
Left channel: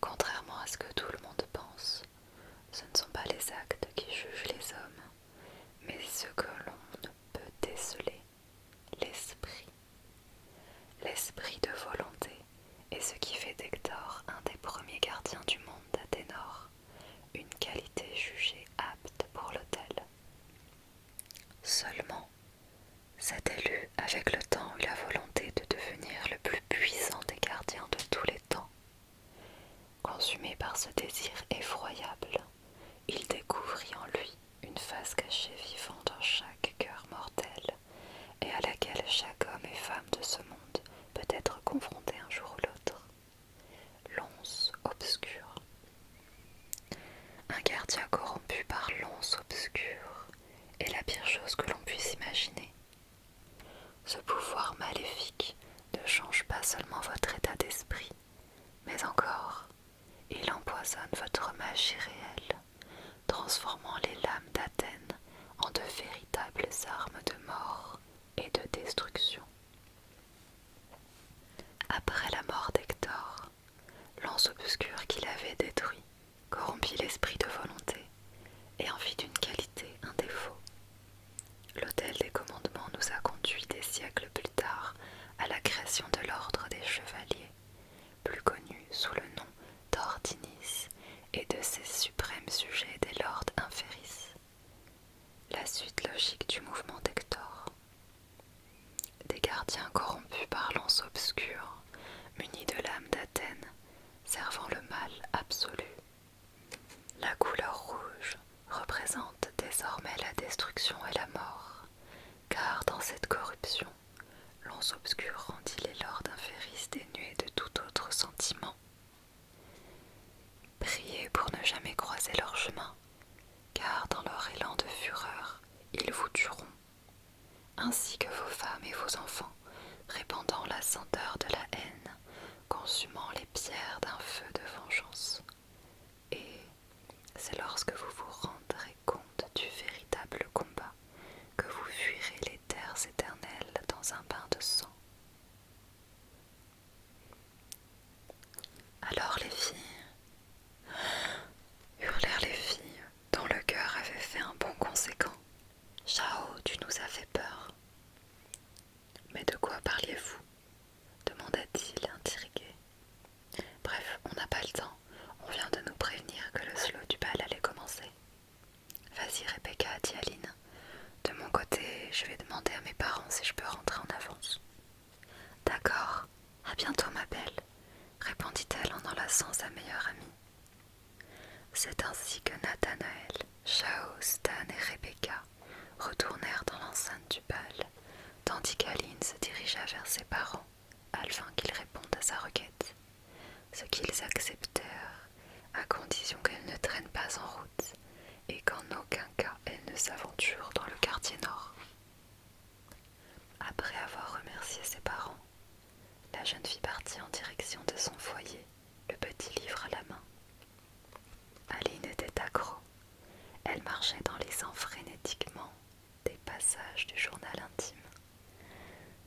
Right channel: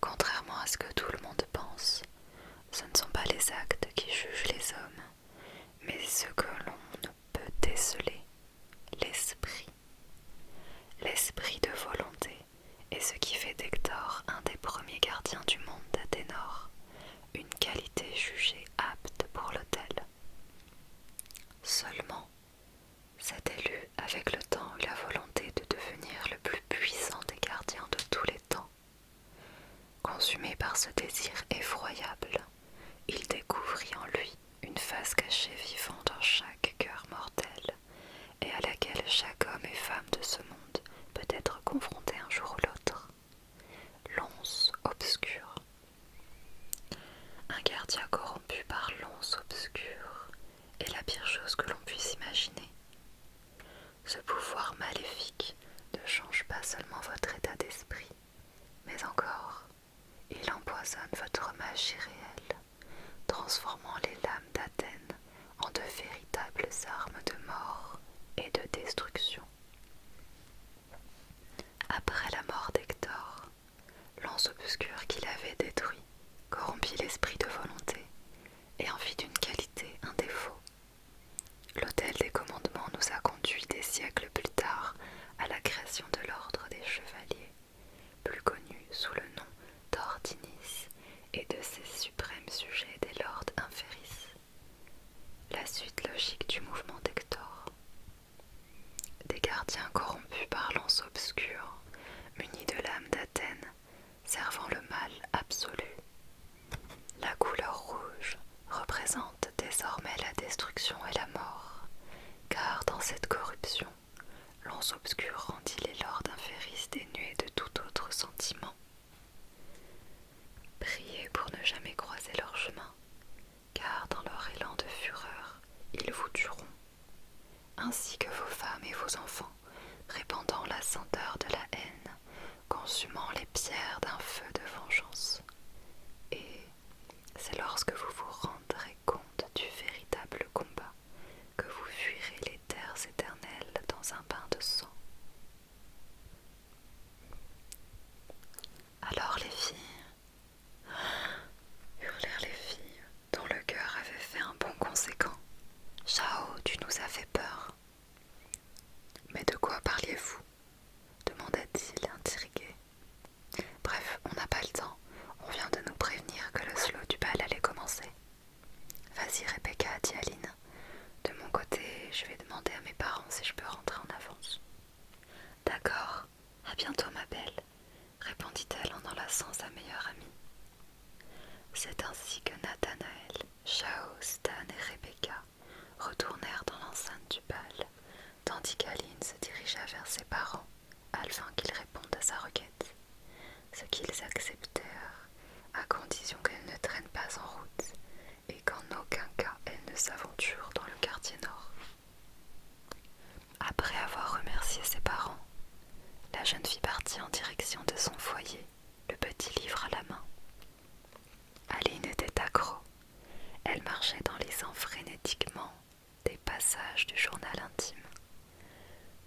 Contrairement à ce que tout le monde pense, ce ne sont pas les actes qui jugent les hommes, mais ce que l'on ne peut déceler, l'esprit. L'esprit de volonté est ce qui fait d'Hector un des premiers gardiens du monde d'Athénor, une qualité jugée apte pour l'autel. Seulement, cet élu, avec le temps, eut la volonté de devenir le plus puissant des gardiens de tous les temps. Consumé par ce désir effroyable, femme de ce monde peut être confrontée un jour ou l'autre. L'once obscure. Un gardien corrompu par l'once obscure est la pire chose que l'on puisse imaginer. Ce pouvoir maléfique ne change pas seulement votre état d'esprit, mais encore, il empoisonne votre magie réelle, transformant les lames d'Athènes en de véritables armes de mort et de destruction. Après la mort d'Hector, l'anse obscure qu'il avait détruit corrompit l'esprit de volonté et en fit d'une qualité un défaut. L'autel des commandements nous a conduits des siècles plus tard à la création de l'ordre des chevaliers, plus connu sous le nom d'Ordinis et de ses suprêmes sujets des lords inféris. La suite logique du mouvement d'Hector. Des gardiens corrompus par l'anse obscure, munis de l'âme d'Athènes, servant le mal absolu. La couleur rouge représente désormais la destruction et la mort, car dans cette corruption, l'once obscure rendit les lords inféris dénués de tout autre sentiment. Priez pour ne jamais croiser leur chemin, car dans leur élan de fureur, ils vous tueront, ainsi que vos femmes et vos enfants, répandant la senteur de la haine, consumant les pierres d'un feu de vengeance. Et c'est lorsque vous vous rendrez compte du véritable combat que vous fuirez les terres éternelles dans un bain de sang. Alors les filles, hurlèrent les filles, dont le cœur avait fait un bond conséquent. Chao, tu nous as fait peur. Mais de quoi parliez-vous? Demanda-t-il intrigué. Bref, on n'a pas le temps. On vient de nous prévenir que le slow du bal allait commencer. Vas-y Rebecca, dit Aline. De mon côté, je vais demander à mes parents si je peux rentrer en avance. D'accord, à bientôt ma belle, répondit-elle en enlaçant sa meilleure amie. C'est ainsi que Nathanaël, Chao, Stan et Rebecca retournèrent dans l'enceinte du bal, tandis qu'Aline se dirigea vers ses parents afin qu'ils répondent à sa requête, ce qu'ils acceptèrent à condition qu'elle ne traîne pas en route et qu'en aucun cas elle ne s'aventure dans le quartier nord. Après avoir remercié ses parents, la jeune fille partit en direction de son foyer, le petit livre à la main. Aline était accro. Elle marchait en lisant frénétiquement des passages du journal intime.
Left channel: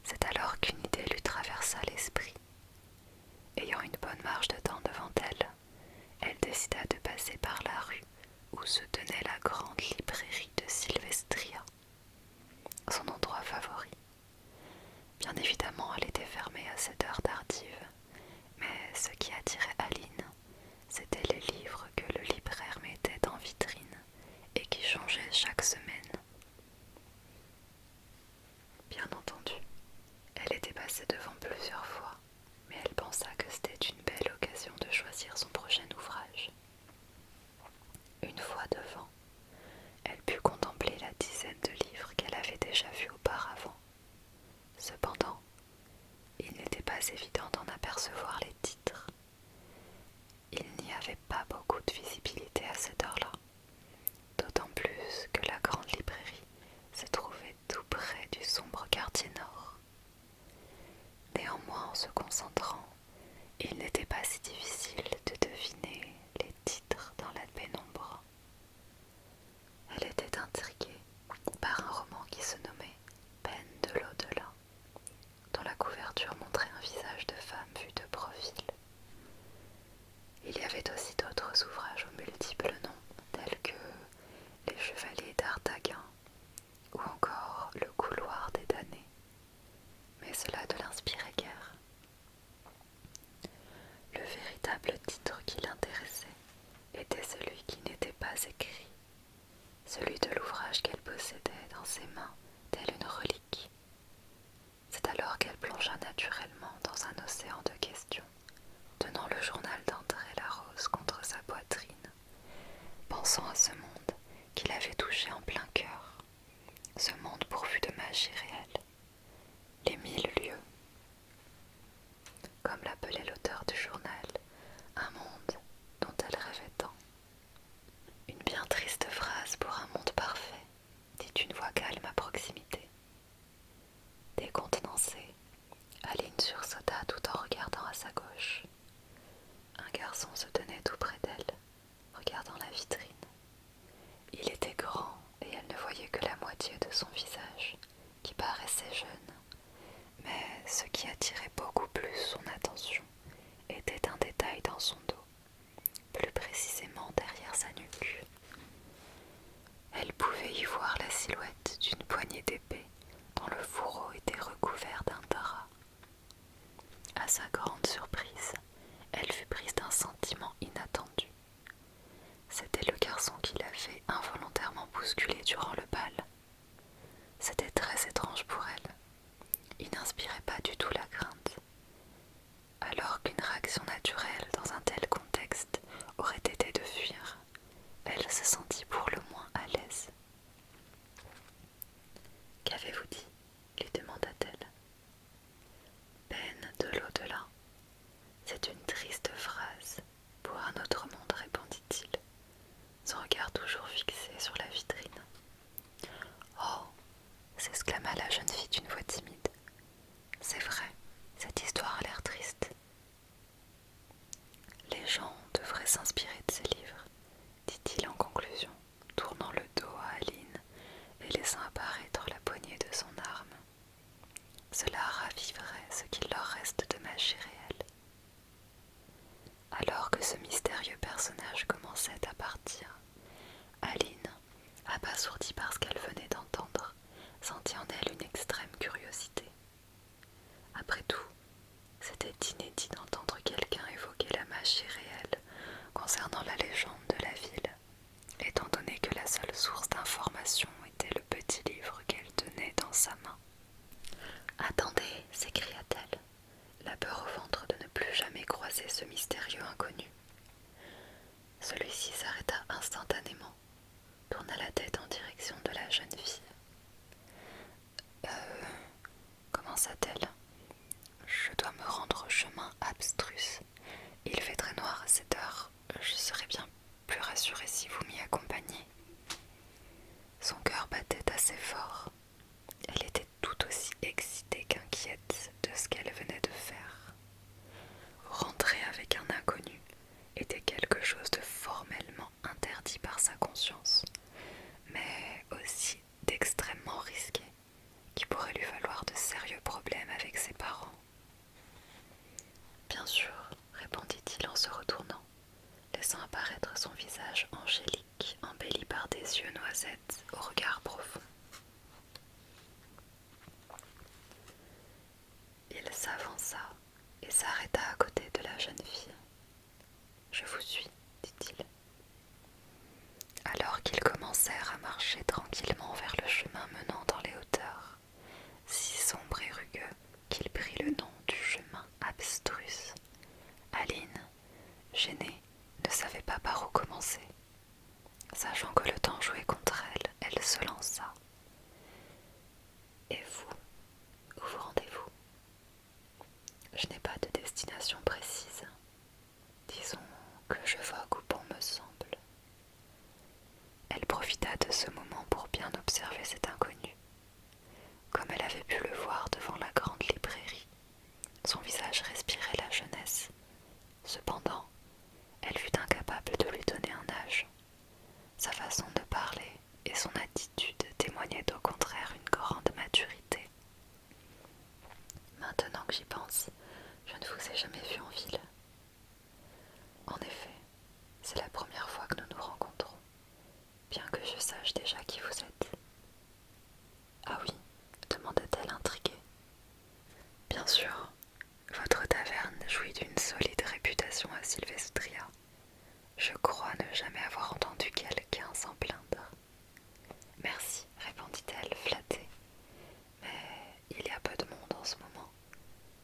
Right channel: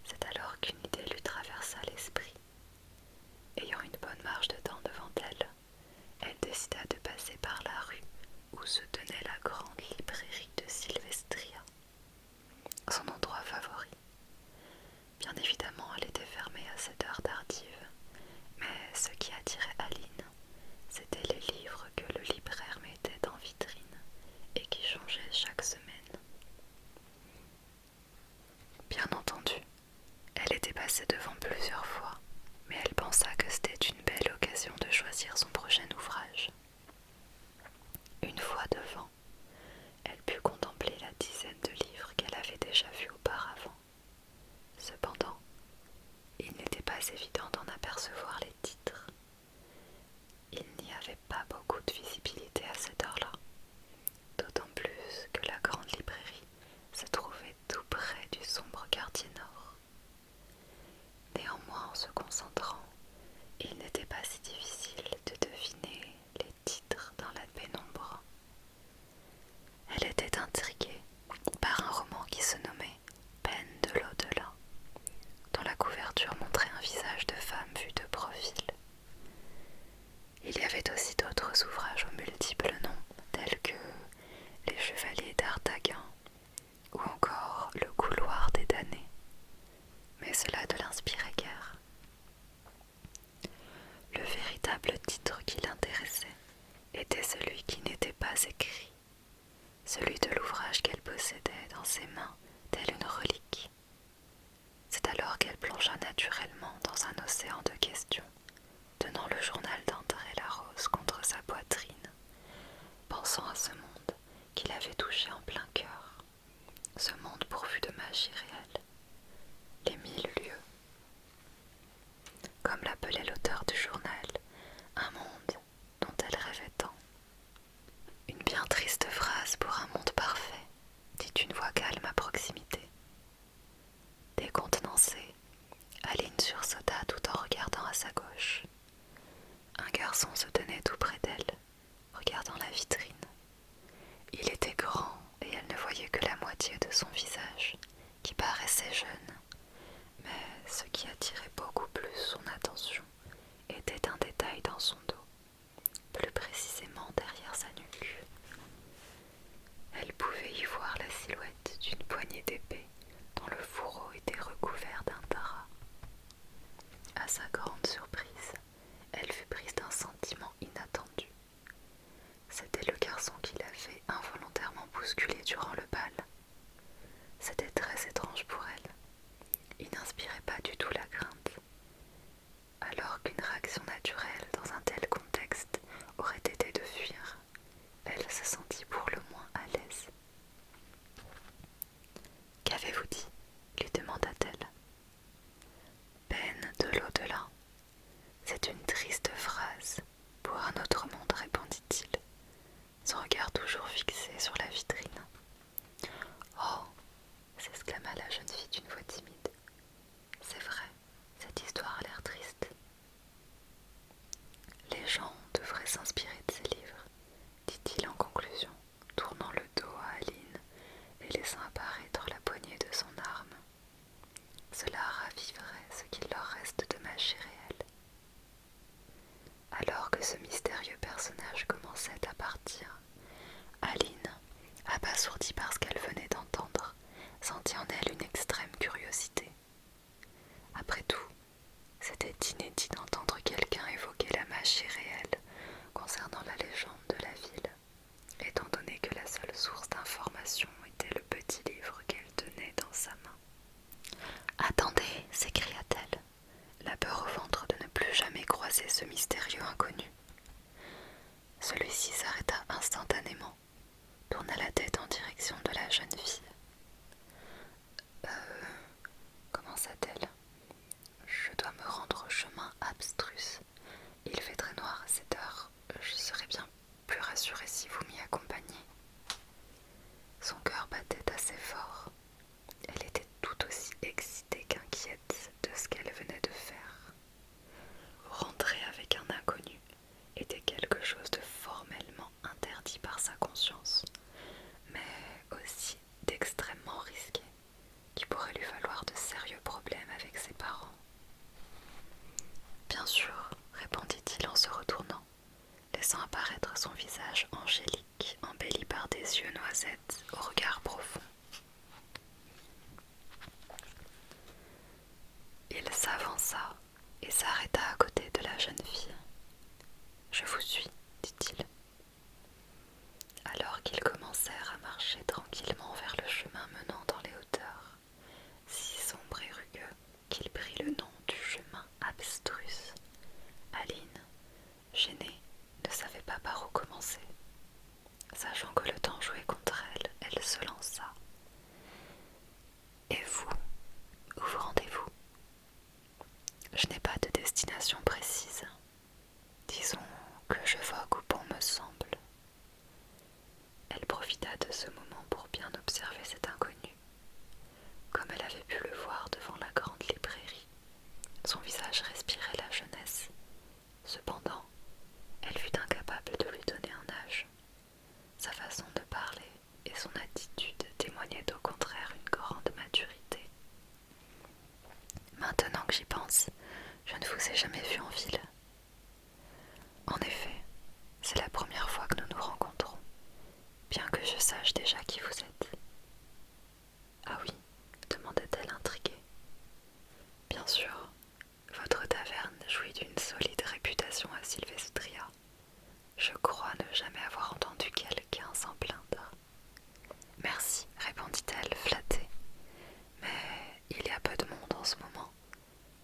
C'est alors qu'une idée lui traversa l'esprit. Ayant une bonne marge de temps devant elle, elle décida de passer par la rue où se tenait la grande librairie de Sylvestria, son endroit favori. Bien évidemment, elle était fermée à cette heure tardive, mais ce qui attirait Aline, c'étaient les livres que le libraire mettait en vitrine et qui changeaient chaque semaine. Bien entendu, elle était passée devant plusieurs fois, mais elle pensa que c'était une belle occasion de choisir son prochain ouvrage. Une fois devant, elle put contempler la dizaine de livres qu'elle avait déjà vus auparavant. Cependant, il n'était pas évident d'en apercevoir les titres. Il n'y avait pas beaucoup de visibilité à cette heure-là, d'autant plus que la grande librairie se trouvait tout près du sombre quartier nord. Néanmoins, en se concentrant, il n'était pas si difficile de deviner les titres dans la pénombre. Elle était intriguée par un roman qui se nommait Peine de l'au-delà, dont la couverture montrait un visage de femme vu de profil. Il y avait aussi d'autres ouvrages aux multiples noms, tels que Les Chevaliers d'Artagnan ou encore Le Couloir des damnés. Mais cela ne l'inspirait guère. Le véritable titre qui l'intéressait était celui qui n'était pas écrit, celui de l'ouvrage qu'elle possédait dans ses mains telle une relique. C'est alors qu'elle plongea naturellement dans un océan de questions, tenant le journal d'André Larose contre sa poitrine, pensant à ce monde qu'il avait touché en plein cœur, ce monde pourvu de magie réelle, les 1000 lieux sa grande surprise, elle fut prise d'un sentiment inattendu. C'était le garçon qui l'avait involontairement bousculée durant le bal. C'était très étrange pour elle. Il n'inspirait pas du tout la crainte. Alors qu'une réaction naturelle dans un tel contexte aurait été de fuir, elle se sentit pour le moins à l'aise. « Qu'avez-vous dit ?» lui demanda-t-elle. « Peine de l'au-delà. C'est une triste phrase pour un autre monde, répondit-il, son regard toujours fixé sur la vitrine. « Oh !» s'exclama la jeune fille d'une voix timide. « C'est vrai, cette histoire a l'air triste. » « Les gens devraient s'inspirer de ces livres, dit-il en conclusion, tournant le dos à Aline et laissant apparaître la poignée de son arme. Cela raviverait ce qu'il leur reste de magie réelle. Alors que ce mystérieux personnage commençait à partir, Aline, abasourdie par ce qu'elle venait d'entendre, sentit en elle une extrême curiosité. Après tout, c'était inédit d'entendre quelqu'un évoquer la magie réelle concernant la légende de la ville, étant donné que la seule source d'information était le petit livre qu'elle tenait dans sa main. « Attendez !» s'écria-t-elle, la peur au ventre de ne plus jamais croiser ce mystérieux inconnu. Celui-ci s'arrêta instantanément, tourna la tête en direction de la jeune fille. Commença-t-elle. Je dois me rendre au chemin abstrus. Il fait très noir à cette heure. Je serais bien plus rassurée si vous m'y accompagniez. Son cœur battait assez fort. Elle était tout aussi excitée qu'inquiète de ce qu'elle venait de faire. Rentrer avec un inconnu était quelque chose de formellement interdit par sa conscience, mais aussi d'extrêmement risqué, qui pourrait lui valoir de sérieux problèmes avec ses parents. « Bien sûr, » répondit-il en se retournant, laissant apparaître son visage angélique, embelli par des yeux noisettes au regard profond. Il s'avança et s'arrêta à côté de la jeune fille. « Je vous suis, » dit-il. Alors qu'ils commencèrent à marcher tranquillement vers le chemin menant dans les hauteurs, si sombre et rugueux qu'il prit le nom du chemin abstrus, Aline, gênée, ne savait pas par où commencer. Sachant que le temps jouait contre elle, elle se lança. « Et vous, où vous rendez-vous ? » ?»« Je n'ai pas de destination précise. Disons que je vogue où bon me semble. » Elle profita de ce moment pour bien observer cet inconnu. Comme elle avait pu le voir devant la grande librairie, son visage respirait la jeunesse. Cependant, elle fut incapable de lui donner un âge. Sa façon de parler et son attitude témoignaient au contraire une grande maturité. « Maintenant que j'y pense, je ne vous ai jamais vu en ville. » »« En effet, c'est la première fois que nous nous rencontrons, bien que je sache déjà qui vous êtes. »« Ah oui ?» demanda-t-elle intriguée. « Bien sûr, votre taverne jouit d'une solide réputation à Sylvestria. Je crois ne jamais avoir entendu quelqu'un s'en plaindre. »« Merci, » répondit-elle, flattée. « Mais il y a peu de monde en ce moment,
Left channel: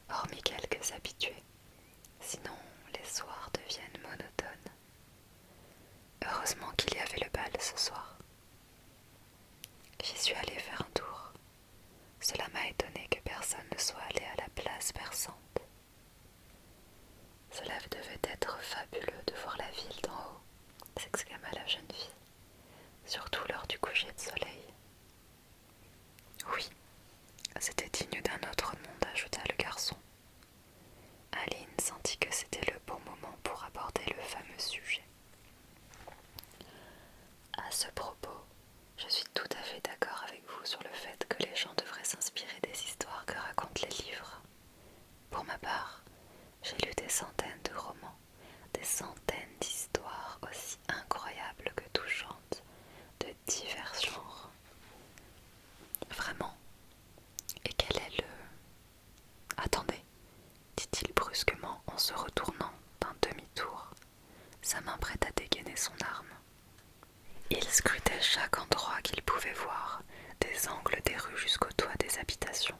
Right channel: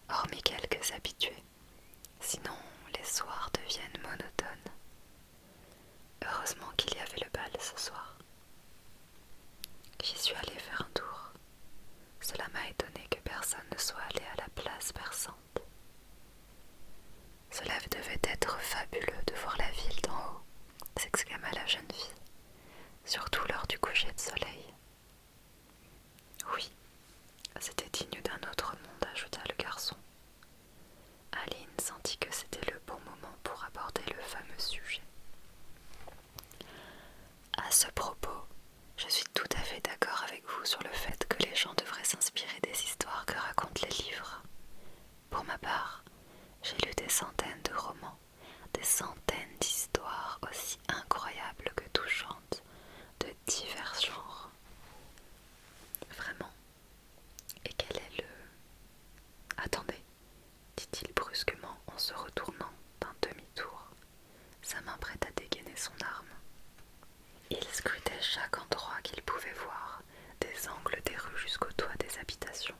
hormis quelques habitués. Sinon, les soirs deviennent monotones. Heureusement qu'il y avait le bal ce soir. J'y suis allée faire un tour. Cela m'a étonnée que personne ne soit allé à la place perçante. Cela devait être fabuleux de voir la ville d'en haut, s'exclama la jeune fille, surtout lors du coucher de soleil. Oui, c'était digne d'un autre monde, ajouta le garçon. Aline sentit que c'était le bon moment pour aborder le fameux sujet. À ce propos, je suis tout à fait d'accord avec vous sur le fait que les gens devraient s'inspirer des histoires que racontent les livres. Pour ma part, j'ai lu des centaines de romans, des centaines d'histoires aussi incroyables que touchantes, de divers genres. Vraiment. Et quel est se retournant d'un demi-tour, sa main prête à dégainer son arme. Il scrutait chaque endroit qu'il pouvait voir, des angles des rues jusqu'au toit des habitations.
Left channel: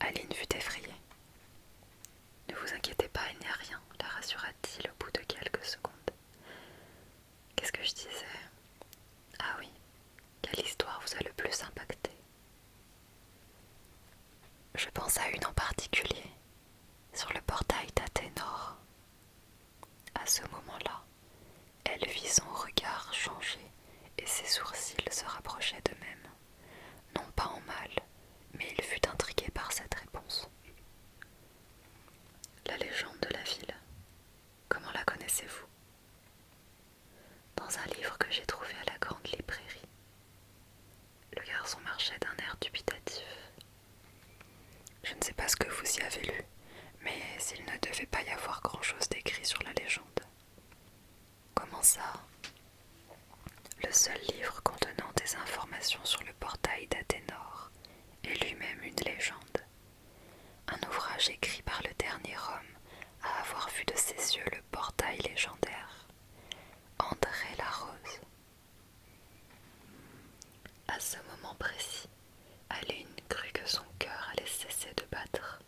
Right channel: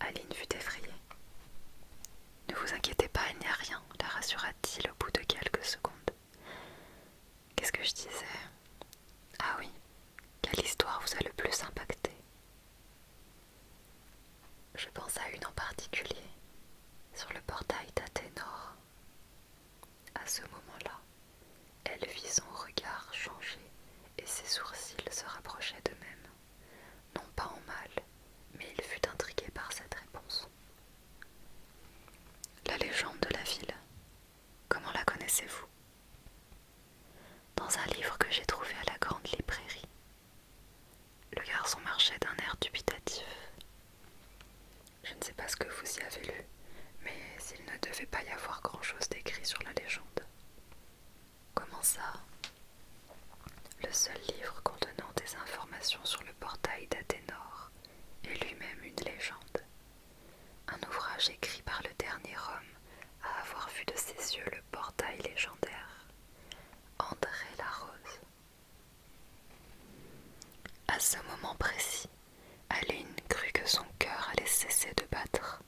Aline fut effrayée. « Ne vous inquiétez pas, il n'y a rien, » la rassura-t-il au bout de quelques secondes. « Qu'est-ce que je disais ? Ah oui, quelle histoire vous a le plus impacté ? » Je pense à une en particulier, sur le portail d'Athénor. À ce moment-là, elle vit son regard changer et ses sourcils se rapprochaient d'eux-mêmes. Non pas en mal, mais il fut intrigué par cette réponse. La légende de la ville, comment la connaissez-vous ? Dans un livre que j'ai trouvé à la grande librairie. Le garçon marchait d'un air dubitatif. Je ne sais pas ce que vous y avez lu, mais s'il ne devait pas y avoir grand-chose d'écrit sur la légende. Comment ça ? Le seul livre contenant des informations sur le portail d'Athénor est lui-même une légende. Un ouvrage écrit par le dernier homme à avoir vu de ses yeux le portail légendaire, André Larose. À ce moment précis, Aline crut que son cœur allait cesser de battre.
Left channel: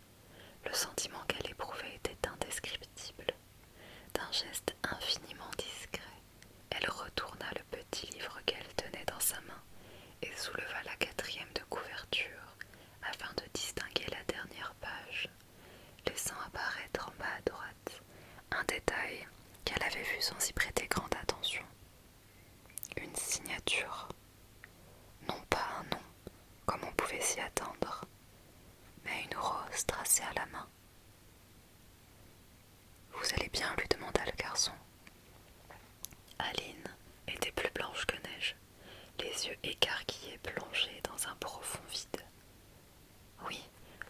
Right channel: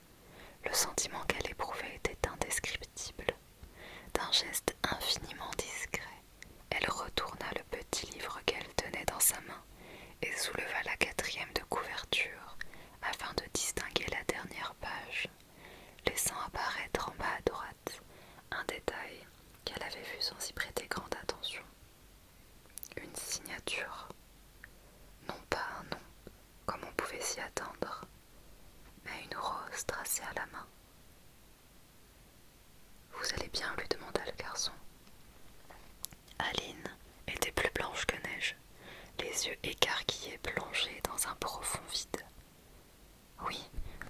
Le sentiment qu'elle éprouvait était indescriptible. D'un geste infiniment discret, elle retourna le petit livre qu'elle tenait dans sa main et souleva la 4e de couverture afin de distinguer la dernière page, laissant apparaître en bas à droite un détail qu'elle avait vu sans y prêter grande attention. Une signature. Non pas un nom, comme on pouvait s'y attendre, mais une rose tracée à la main. « Vous allez bien ?» lui demanda le garçon. Aline était plus blanche que neige, les yeux écarquillés plongés dans un profond vide. « Oui, »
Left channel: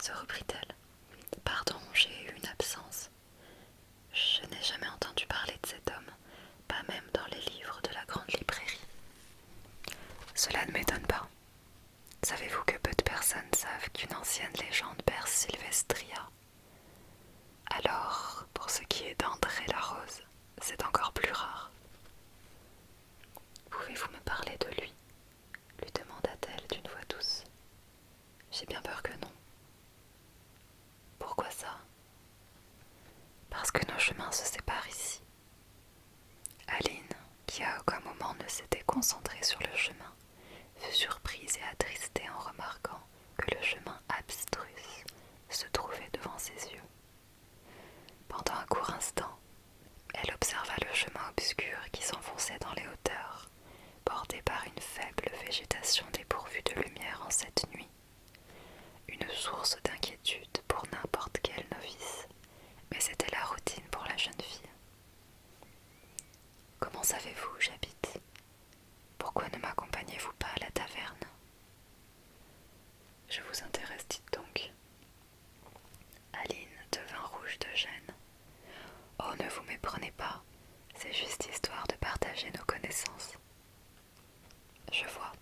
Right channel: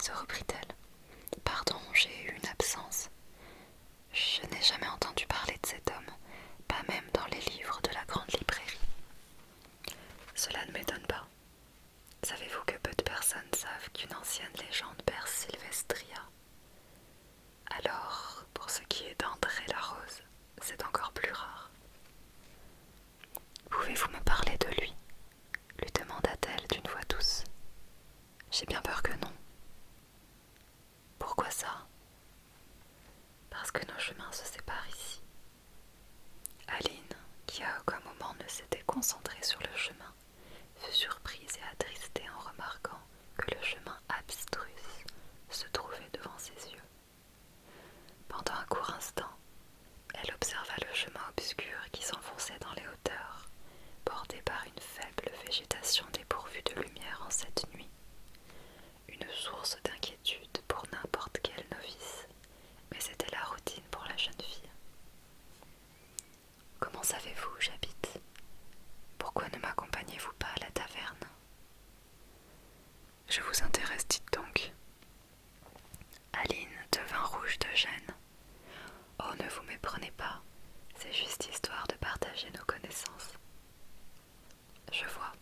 se reprit-elle. « Pardon, j'ai eu une absence. Je n'ai jamais entendu parler de cet homme, pas même dans les livres de la grande librairie. » Cela ne m'étonne pas. Savez-vous que peu de personnes savent qu'une ancienne légende berce Sylvestria ? Alors, pour ce qui est d'André Larose, c'est encore plus rare. « Pouvez-vous me parler de lui ?» lui demanda-t-elle d'une voix douce. « J'ai bien peur que non. » »« Pourquoi ça ? » ?»« Parce que nos chemins se séparent ici. » Aline, qui à aucun moment ne s'était concentrée sur le chemin, fut surprise et attristée en remarquant que le chemin abstrus se trouvait devant ses yeux. Pendant un court instant, elle observa le chemin obscur qui s'enfonçait dans les hauteurs, bordé par une faible végétation dépourvue de lumière en cette nuit. Une source d'inquiétude pour n'importe quel novice, mais c'était la routine pour la jeune fille. « Comment savez-vous où j'habite ? Pourquoi ne m'accompagnez-vous pas à la taverne ? » ?»« Je vous intéresse, dites donc. » Aline devint rouge de gêne. « Oh, ne vous méprenez pas, c'est juste histoire de partager nos connaissances. » »« Je vois.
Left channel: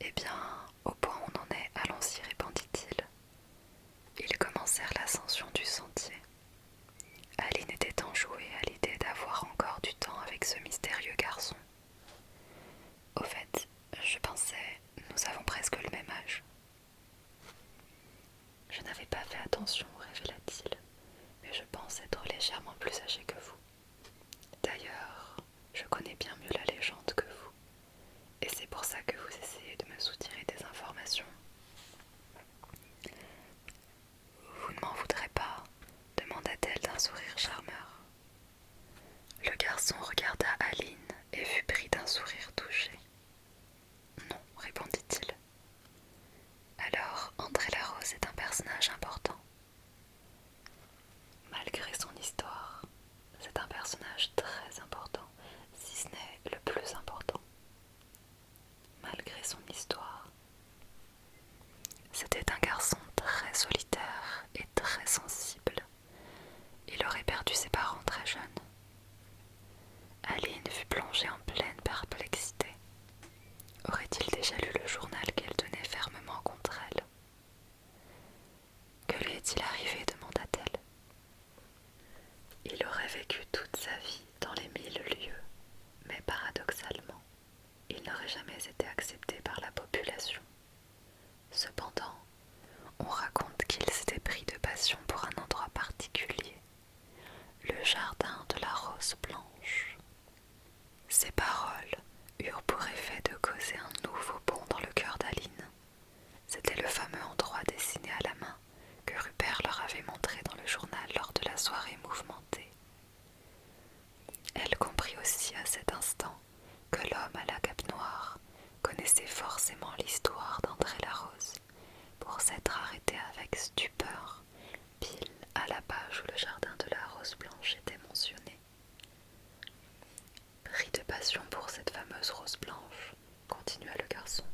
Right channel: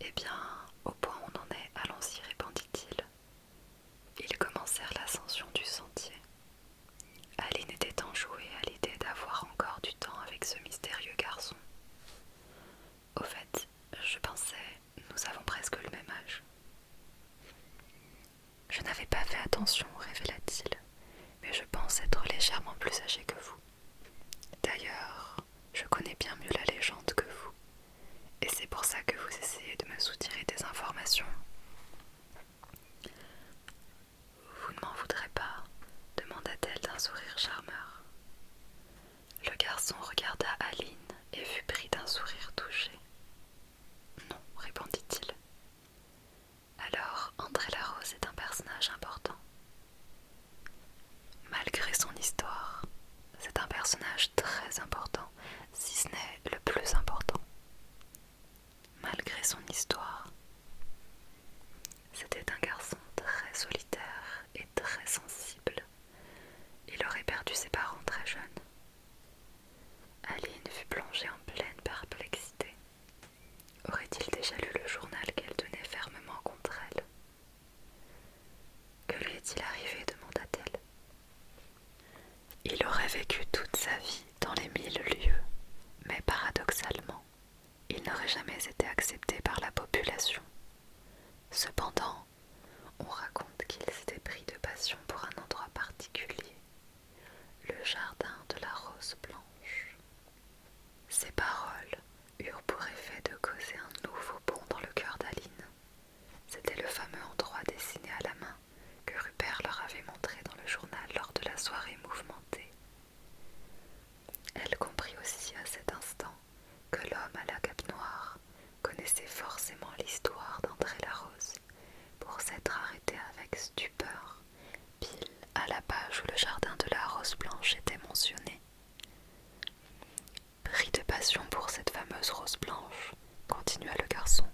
Eh bien, au point où on en est, allons-y, répondit-il. Ils commencèrent l'ascension du sentier. Aline était enjouée à l'idée d'avoir encore du temps avec ce mystérieux garçon. « Au fait, je pensais, nous avons presque le même âge. » « Je n'avais pas fait attention, révéla-t-il, mais je pense être légèrement plus âgé que vous. D'ailleurs, je connais bien mieux la légende que vous, et c'est pour ça que vous essayez de me soutirer des informations. » « Vous ne m'en voudrez pas ? » demanda-t-elle d'un sourire charmeur. Le garçon regarda Aline et fut pris d'un sourire touché. « Non, répondit-il. Alors, André Larose est un personnage important. Malgré son histoire, c'est un personnage très important, si ce n'est le plus important. Malgré son histoire, c'était un garçon très solitaire et très sensible. Il aurait perdu ses parents très jeunes. Aline fut plongée en pleine perplexité. Aurait-il déjà lu le journal qu'elle tenait fermement contre elle ? Que lui est-il arrivé ? demanda-t-elle. sa vie dans les 1000 lieues, mais paradoxalement, il n'aurait jamais été accepté par la population. Cependant, on raconte qu'il s'était pris de passion pour un endroit particulier, le jardin de la rose blanche. Ces paroles eurent pour effet de causer un nouveau bond dans le cœur d'Aline. C'était le fameux endroit dessiné à la main que Rupert leur avait montré dans le journal lors de la soirée mouvementée. Elle comprit aussi à cet instant que l'homme à la cape noire connaissait forcément l'histoire d'André Larose pour s'être arrêté avec stupeur pile à la page où le jardin de la rose blanche était mentionné. Pris de passion pour cette fameuse rose blanche, continua le garçon,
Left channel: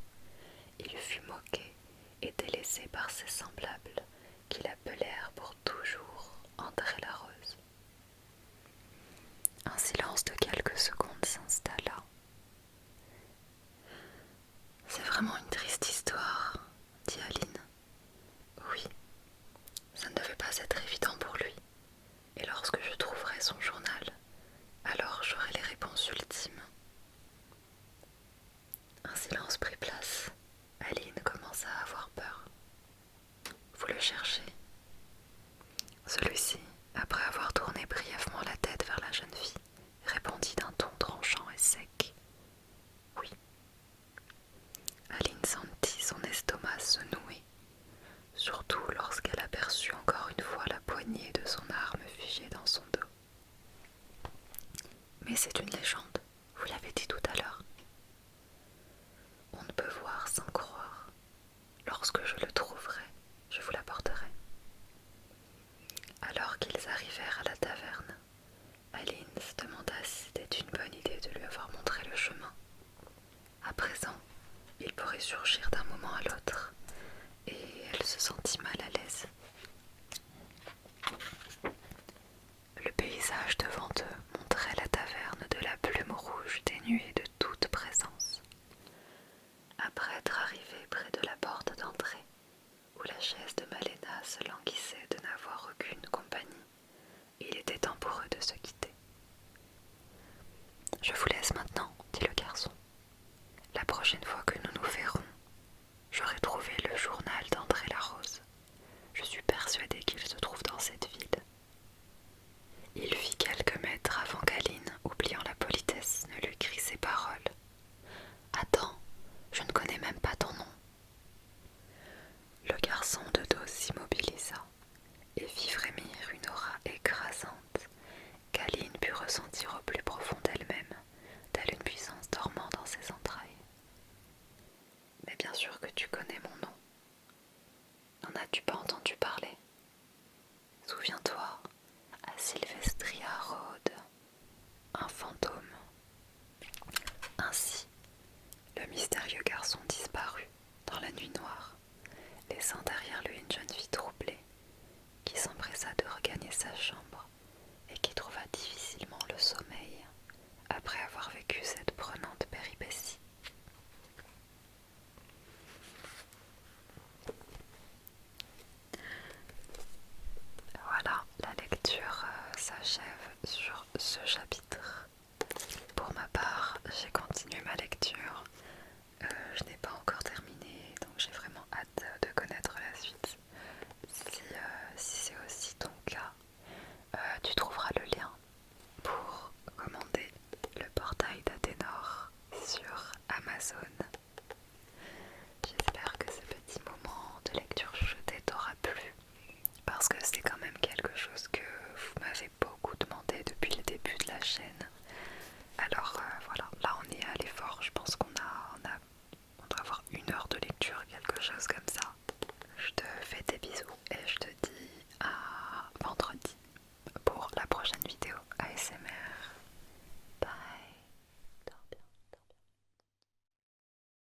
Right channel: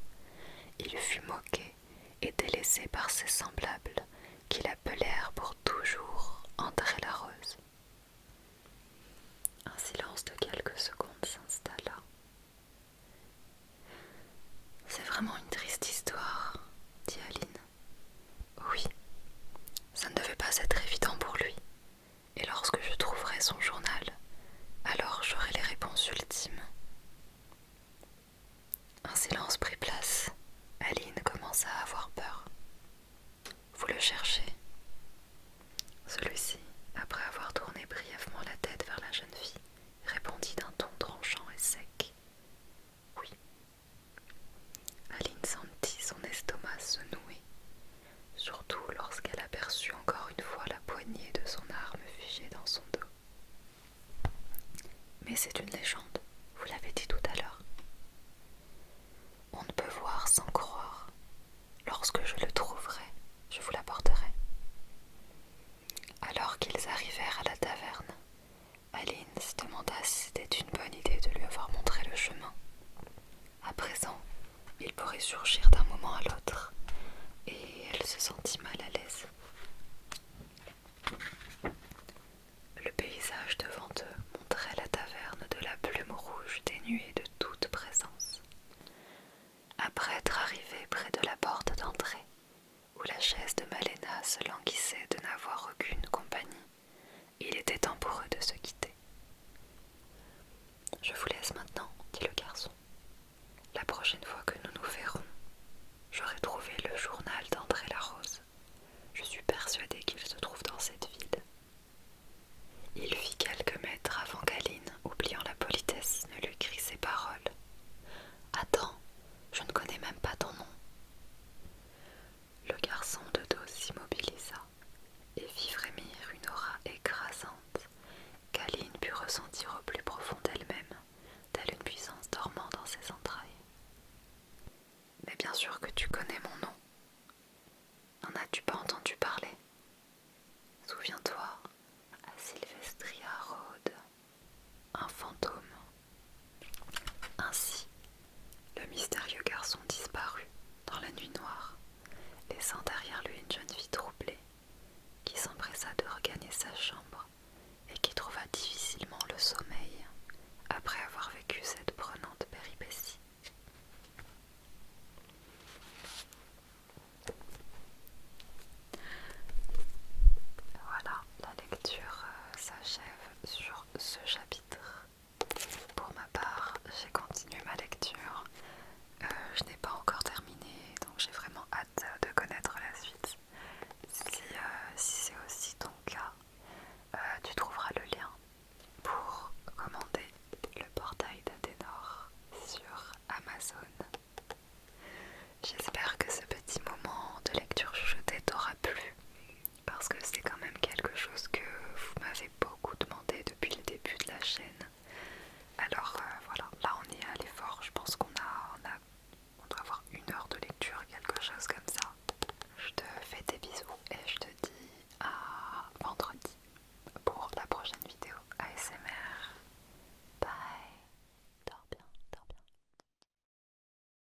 il fut moqué et délaissé par ses semblables qui l'appelèrent pour toujours André Larose. Un silence de quelques secondes s'installa. C'est vraiment une triste histoire, dit Aline. Oui, ça ne devait pas être évident pour lui. Et lorsque je trouverai son journal, alors j'aurai les réponses ultimes. Un silence prit place. Aline commença à avoir peur. Vous le cherchez? Celui-ci, après avoir tourné brièvement la tête vers la jeune fille, répondit d'un ton tranchant et sec. Oui. Aline sentit son estomac se nouer, surtout lorsqu'elle aperçut encore une fois la poignée de son arme figée dans son dos. Mais c'est une légende, vous l'avez dit tout à l'heure. On ne peut voir sans croire. Lorsque je le trouverai, je vous l'apporterai. Alors qu'ils arrivèrent à la taverne, Aline se demanda si c'était une bonne idée de lui avoir montré le chemin. À présent, il pourrait surgir d'un moment à l'autre, et elle se sentit mal à l'aise. Le paysage devant eux montrait la taverne de la Plume Rouge dénuée de toute présence. Après être arrivé près de la porte d'entrée, où la chaise de Malena se languissait de n'avoir aucune compagnie, il était temps pour eux de se quitter. « Je vous laisse maintenant, dit le garçon. La prochaine fois que nous nous verrons, j'aurai trouvé le journal d'André Larose. Je suis persuadée qu'il se trouve dans cette ville. » Il fit quelques mètres avant qu'Aline, oubliant la politesse, ne lui crie ces paroles. « Attends, je ne connais même pas ton nom. » Le garçon de dos s'immobilisa et fit frémir une aura écrasante qu'Aline put ressentir au plus profond d'elle-même, telle une puissance dormant dans ses entrailles. « Mais bien sûr que tu connais mon nom. N'en as-tu pas entendu parler? Souviens-toi, à Sylvestria rôde un fantôme. » Ainsi, le mystérieux garçon disparut dans la nuit noire, laissant derrière lui une jeune fille troublée, qui s'empressa de regagner sa chambre et qui trouva difficilement le sommeil après avoir vécu cette